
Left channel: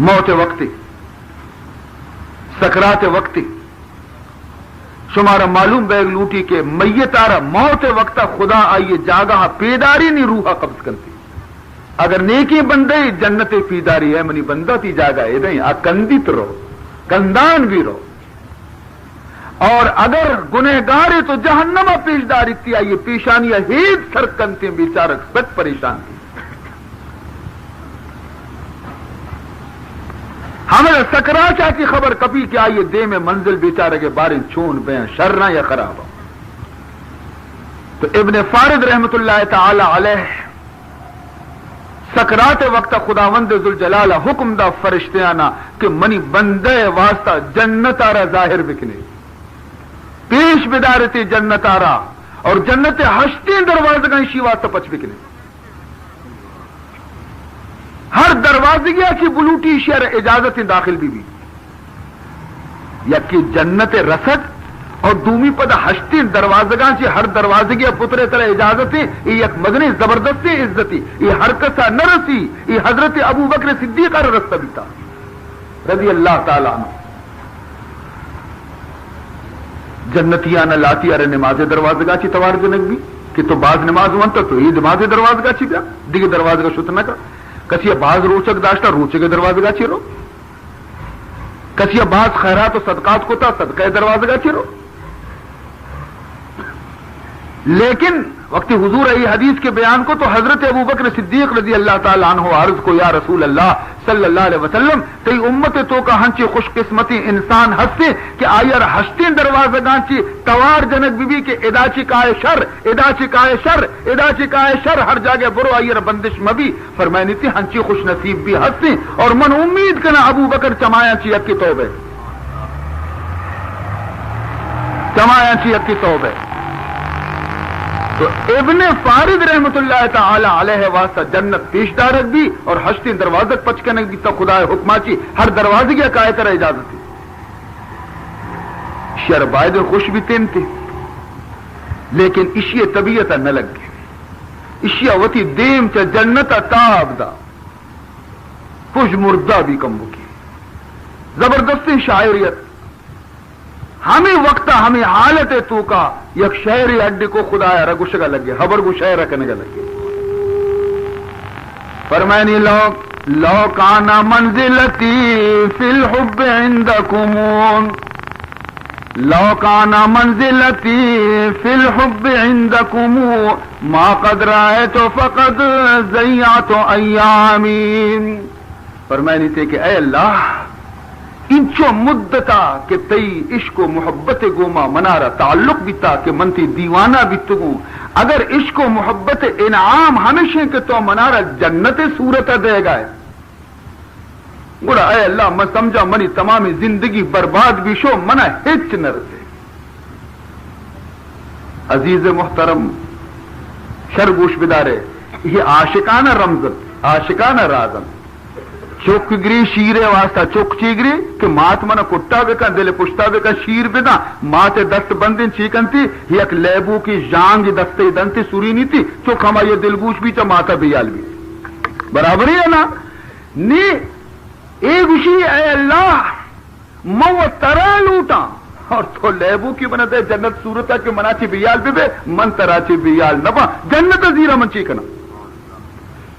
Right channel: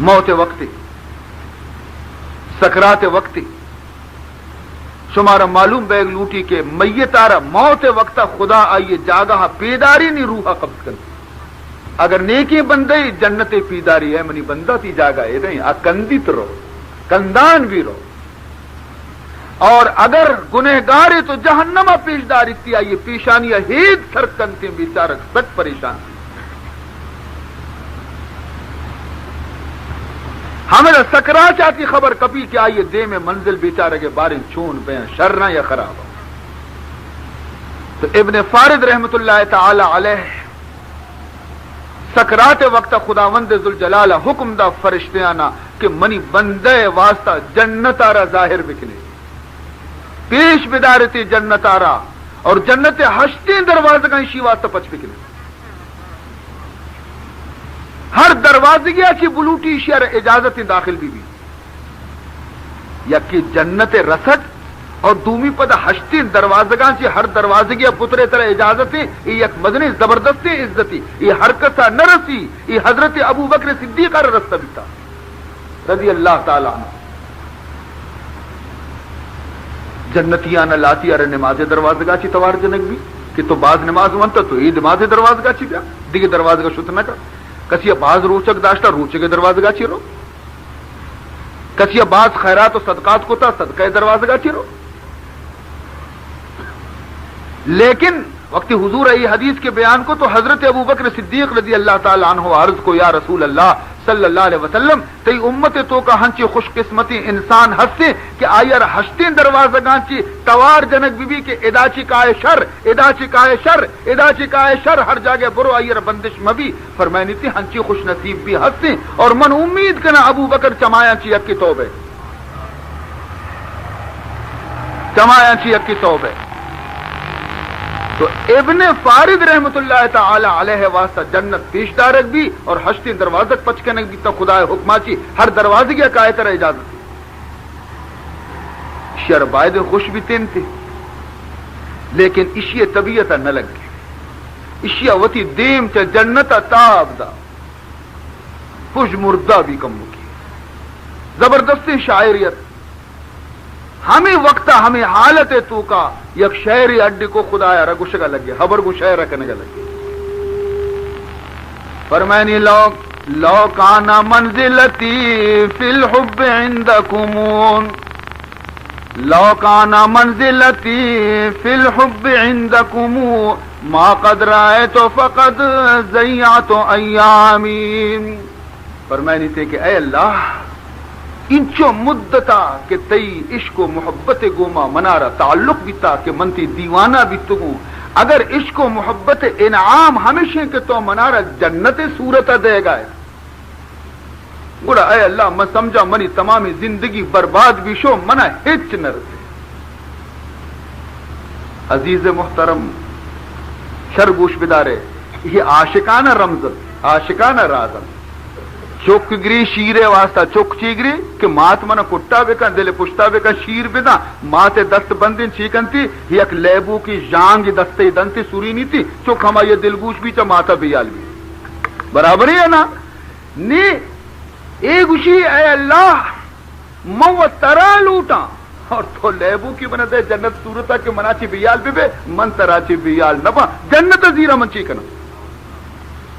موت وقت سکرات وقت شمارا معلوم بیگ لوٹی کہ میت آرا موت وقت خدا آئیے جاگہ پیداری نہیں روحا قبض کرتی اگر نیکی بندے جنت پیداری ہے منی بندہ تھی جاگہ ہے نہیں کندیت رہو کندان بھی رہو اور اگر گنہگار تو جہنمہ پیشدار اتیا یہ پیشانیاں ہیت سرک کنتے بیچارک سچ پریشان تھی ہمیں سکرا چاہتی خبر کبھی کیا یہ دے میں منزل بیچارے کے بارے چون بین شرنا یا خراب تو ابن فارد رحمت اللہ تعالی علیہ سکرات وقت خداوند ذوالجلالہ حکم دا فرشتیانا کہ منی بندے واسطہ جنت آرا ظاہر بکنے پیش بدارتی جنت آرا اور جنت ہشتے دروازے کا شیوا تپچ بکنے ہر دروازے کی ایسی بلوٹی شہر اجازت داخل بھی یا کہ جنت رسد اور دومی پدا ہشتے دروازگاں چی ہر دروازے کی پترے طرح اجازتیں یہ ایک مدنی زبردست عزتی یہ ہر کسا نہ رسی یہ حضرت ابو بکر صدیق کا رستہ بھی تھا رضی اللہ تعالیٰ عنہ جنتیاں نہ لاتی ارے نماز دروازگاہ چی توار جنگ بھی کہ تو بعض نماز وانتا تو یہ نماز دروازگاہ چی بیا دیگه دروازگاہ شتر نہ کر کسی بعض روچک داشتا روچک دروازگاہ چی رو کسی بعض خیرات و صدقات کو تا صدقہ دروازگاہ چی رو لیکن وقت حضور ای حدیث کے بیان کو تو حضرت ابو بکر صدیق رضی اللہ تعالیٰ عنہ عرض کو یا رسول اللہ صلی اللہ علیہ وسلم کئی امت تو کا ہنچی خوش قسمتی انسان ہستے کہ آئیر ہستے دروازگاں چی توار جنک بی بی کے ادا چکائے شر ہر جگہ برو آئیر بندش مبی فرمائنی تھی ہنچی خوش نصیب بھی ہستے اور من امید کنا ابو بکر چمایا چی اکی توبہ تو ابن فارد رحمت اللہ تعالی علیہ واسطہ جنت پیشدارک بھی اور ہشتی دروازک پچکنک بھی تو خدا حکمہ چی ہر دروازے کی قائد طرح اجازت تھی شربائد خوش بھی تین تھی لیکن اشیاء طبیعت نہ لگ اشیاء وتی دیم چا جنت تاب دا خوش مردہ بھی کم بکی زبردستی شاعریت ہمیں وقت ہمیں حالت تو کا یک شہری اڈی کو خدایا رگوش کا لگے خبر کو شہر رکھنے کا لگے فرمائنی لو کانا منزلتی فی الحب عندکم لو کانا منزلتی فی الحب عندکم ما قد رأیت فقد ضیعت ایامی فرمائنی تے کہ اے اللہ انچو مدتا کہ تئی عشق و محبت گوما منارا تعلق بیتا کہ منتی دیوانہ بیتگو اگر عشق و محبت انعام ہمیشہ کہ تو منارا جنت صورت دے گا بولا اے اللہ میں سمجھا منی تمامی زندگی برباد بھی شو منا ہچ نہ رسے عزیز محترم شرگوش بدارے یہ عاشقانہ رمزن عاشقانہ رازن چوکگری شیرے واسطہ چوک چیگری کہ مات منا کٹا بکا دل پشتا بکا شیر بدا مات دست بندن چیکن تھی یک لیبو کی جانگ دستے دنتی سوری نہیں تھی چوک ہما یہ دلگوش بھی چا ماتا بیال بھی برابر ہی ہے نا نی ایک اسی اے اللہ مو ترا لوٹا اور تو لیبو کی بنا دے جنت صورتا کہ منا چی بیال دے من ترا چی بیال نبا جنت زیرہ من چیکنا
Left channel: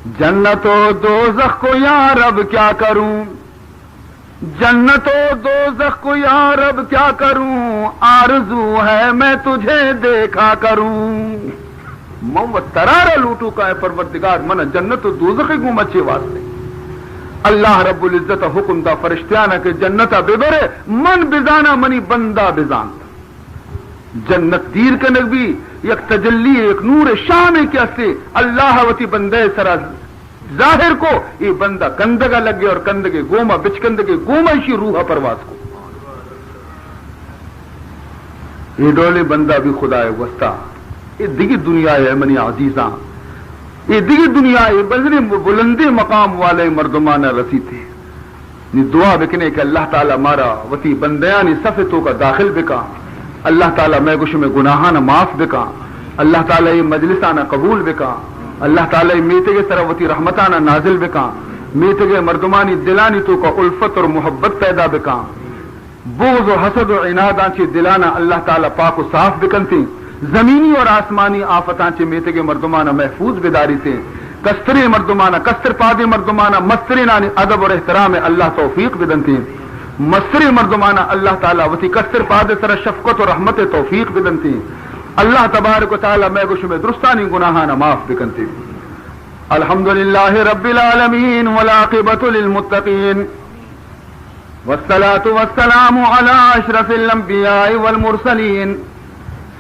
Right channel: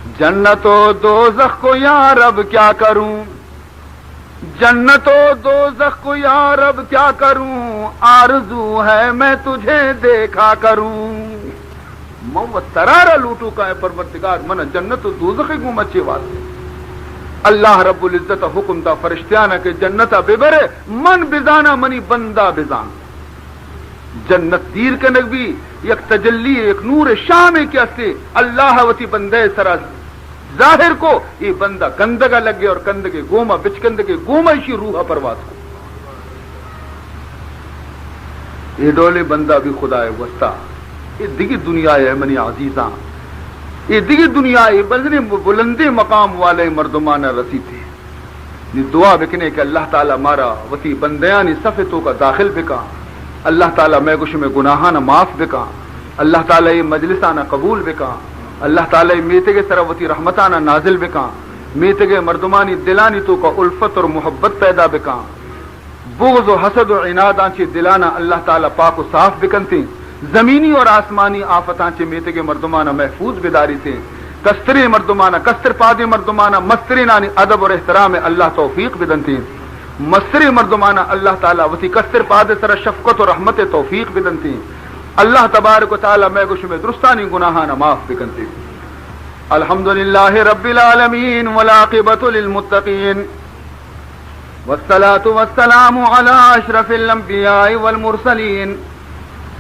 جنت و دوزخ کو یا رب کیا کروں جنت و دوزخ کو یا رب کیا کروں، آرزو ہے میں تجھے دیکھا کروں. مو ترارا لوٹو کا ہے پروردگار من جنت و دوزخ کو مچے واسطے. اللہ رب العزت حکم دا فرشتیانا کہ جنتا ببرے من بزانا منی بندہ بزان. جنت دیر کے نبی یک تجلی ایک نور شام کیا سے اللہ وتی بندے سرا ظاہر کو یہ بندہ کندگا لگے اور کندگے گوما بچ کندگے گوما اسی روح پرواز کو. یہ ڈولے بندہ بھی خدا ہے وسطا. یہ دیگر دنیا ہے منی عزیزاں، یہ دیگر دنیا ہے بلکہ بلندی مقام والے مردمان رسی تھے. یہ دعا بکنے کہ اللہ تعالیٰ مارا وتی بندیانی صفتوں کا داخل بکا. اللہ تعالیٰ میں گوش میں گناہانہ معاف بکا. اللہ تعالیٰ یہ مجلسانہ قبول بکا. اللہ تعالیٰ میتے کے سروتی رحمتانہ نازل بکا. میتے کے مردمانی دلانی تو کا الفت اور محبت پیدا بکا. بغض و حسد و عناد آنچی دلانا اللہ تعالیٰ پاک و صاف بکنتی. زمینی اور آسمانی آفتاں چے میتے کے مردمانہ محفوظ بداری سے. کستری مردمانہ کستر پادی مردمانہ مستری نانی ادب اور احترام اللہ توفیق بدنتی. مستری مردمانہ اللہ تعالیٰ وسی کستر پاد سر شفقت و رحمت توفیق بدنتی. اللہ تبارک و تعالیٰ میں گوش میں درستانی گناہانہ معاف بکنتی. الحمدللہ رب العالمین والعاقبۃ للمتقین والصلاة والسلام علی اشرف الانبیاء والمرسلین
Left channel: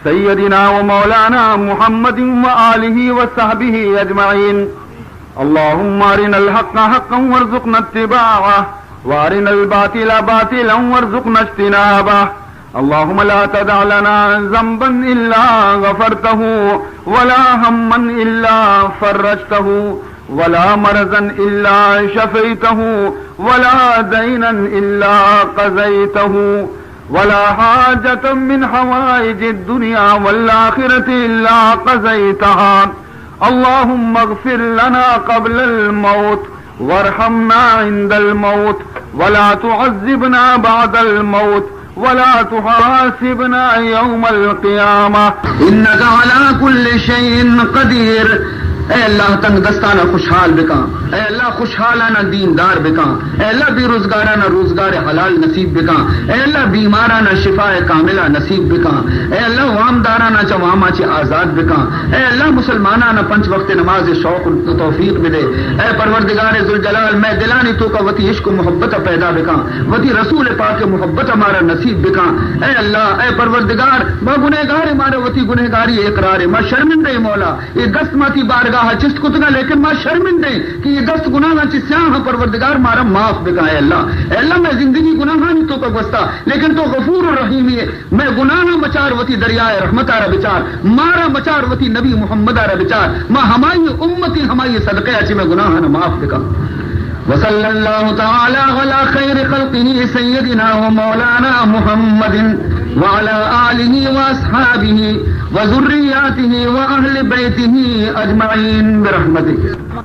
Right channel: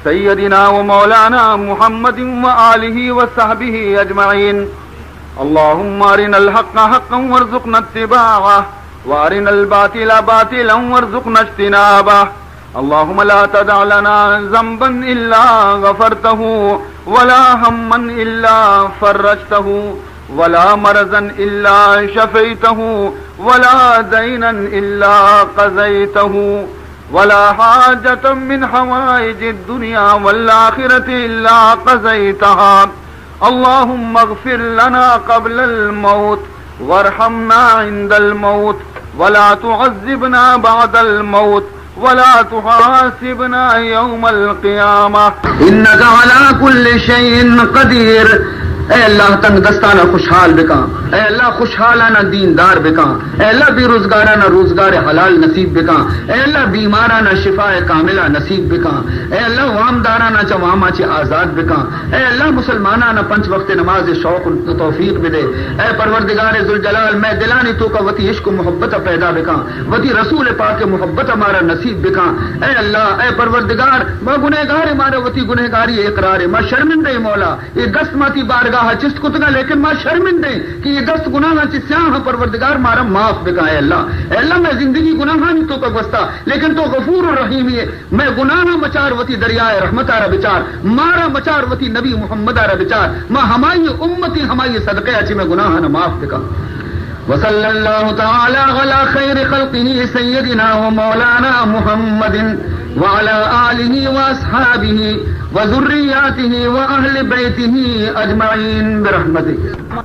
سیدنا و مولانا محمد وآلہ وصحبہ اجمعین. اللہم ارنا الحق حقا وارزقنا اتباعہ وارنا الباطل باطلا وارزقنا اجتنابہ. اللهم لا تدع لنا ذنبا إلا غفرته ولا هما إلا فرجته ولا مرضا إلا شفيته ولا دينا إلا قضيته ولا حاجة من حوائج الدنيا والآخرة إلا قضيتها. اللهم اغفر لنا قبل الموت وارحمنا عند الموت ولا تعذبنا بعد الموت ولا تحاسبنا يوم القيامة إنك على كل شيء قدير. اے اللہ تنگ دستانہ خوشحال بکا. اے اللہ خوشحالانہ دیندار بکا. اے اللہ بے روزگارانہ روزگار حلال نصیب بکا. اے اللہ بیمارانہ شفاء کاملہ نصیب بکا. اے اللہ وامدارانہ چواما چ آزاد بکا. اے اللہ مسلمانانہ پنچ وقت نماز شوق توفیق بدے. اے پروردگار ذوالجلال میں دلانی تو کا وتی عشق و محبت پیدا بکا. وتی رسول پاک محبت ہمارا نصیب بکا. اے اللہ اے پروردگار میں گنہگار ہمارے وتی گنہگاری اقرار میں شرمندہ مولا یہ دست ماتی بارگاہ چست کتنا لیکن ماں شرمندے کہ یہ 10 گناہ سیاح پروردگار مارا معاف بکا. ہے اللہ اے اللہ میں زندگی گناہ نہیں تو بستا لیکن تو غفور الرحیم ہے. میں گناہ مچار وتی دریائے رحمت آرہ بچار مارا مچار وتی نبی محمد آرہ بچار ماں ہماری امتی ہماری صدقے اچھی میں گناہ نہ معاف بکا. وصلی اللہ تعالی علی خیر خلقہ سیدنا و مولانا محمد وعلى آلہ واصحابہ وذریاتہ واہل بیتہ اجمعین برحمتک.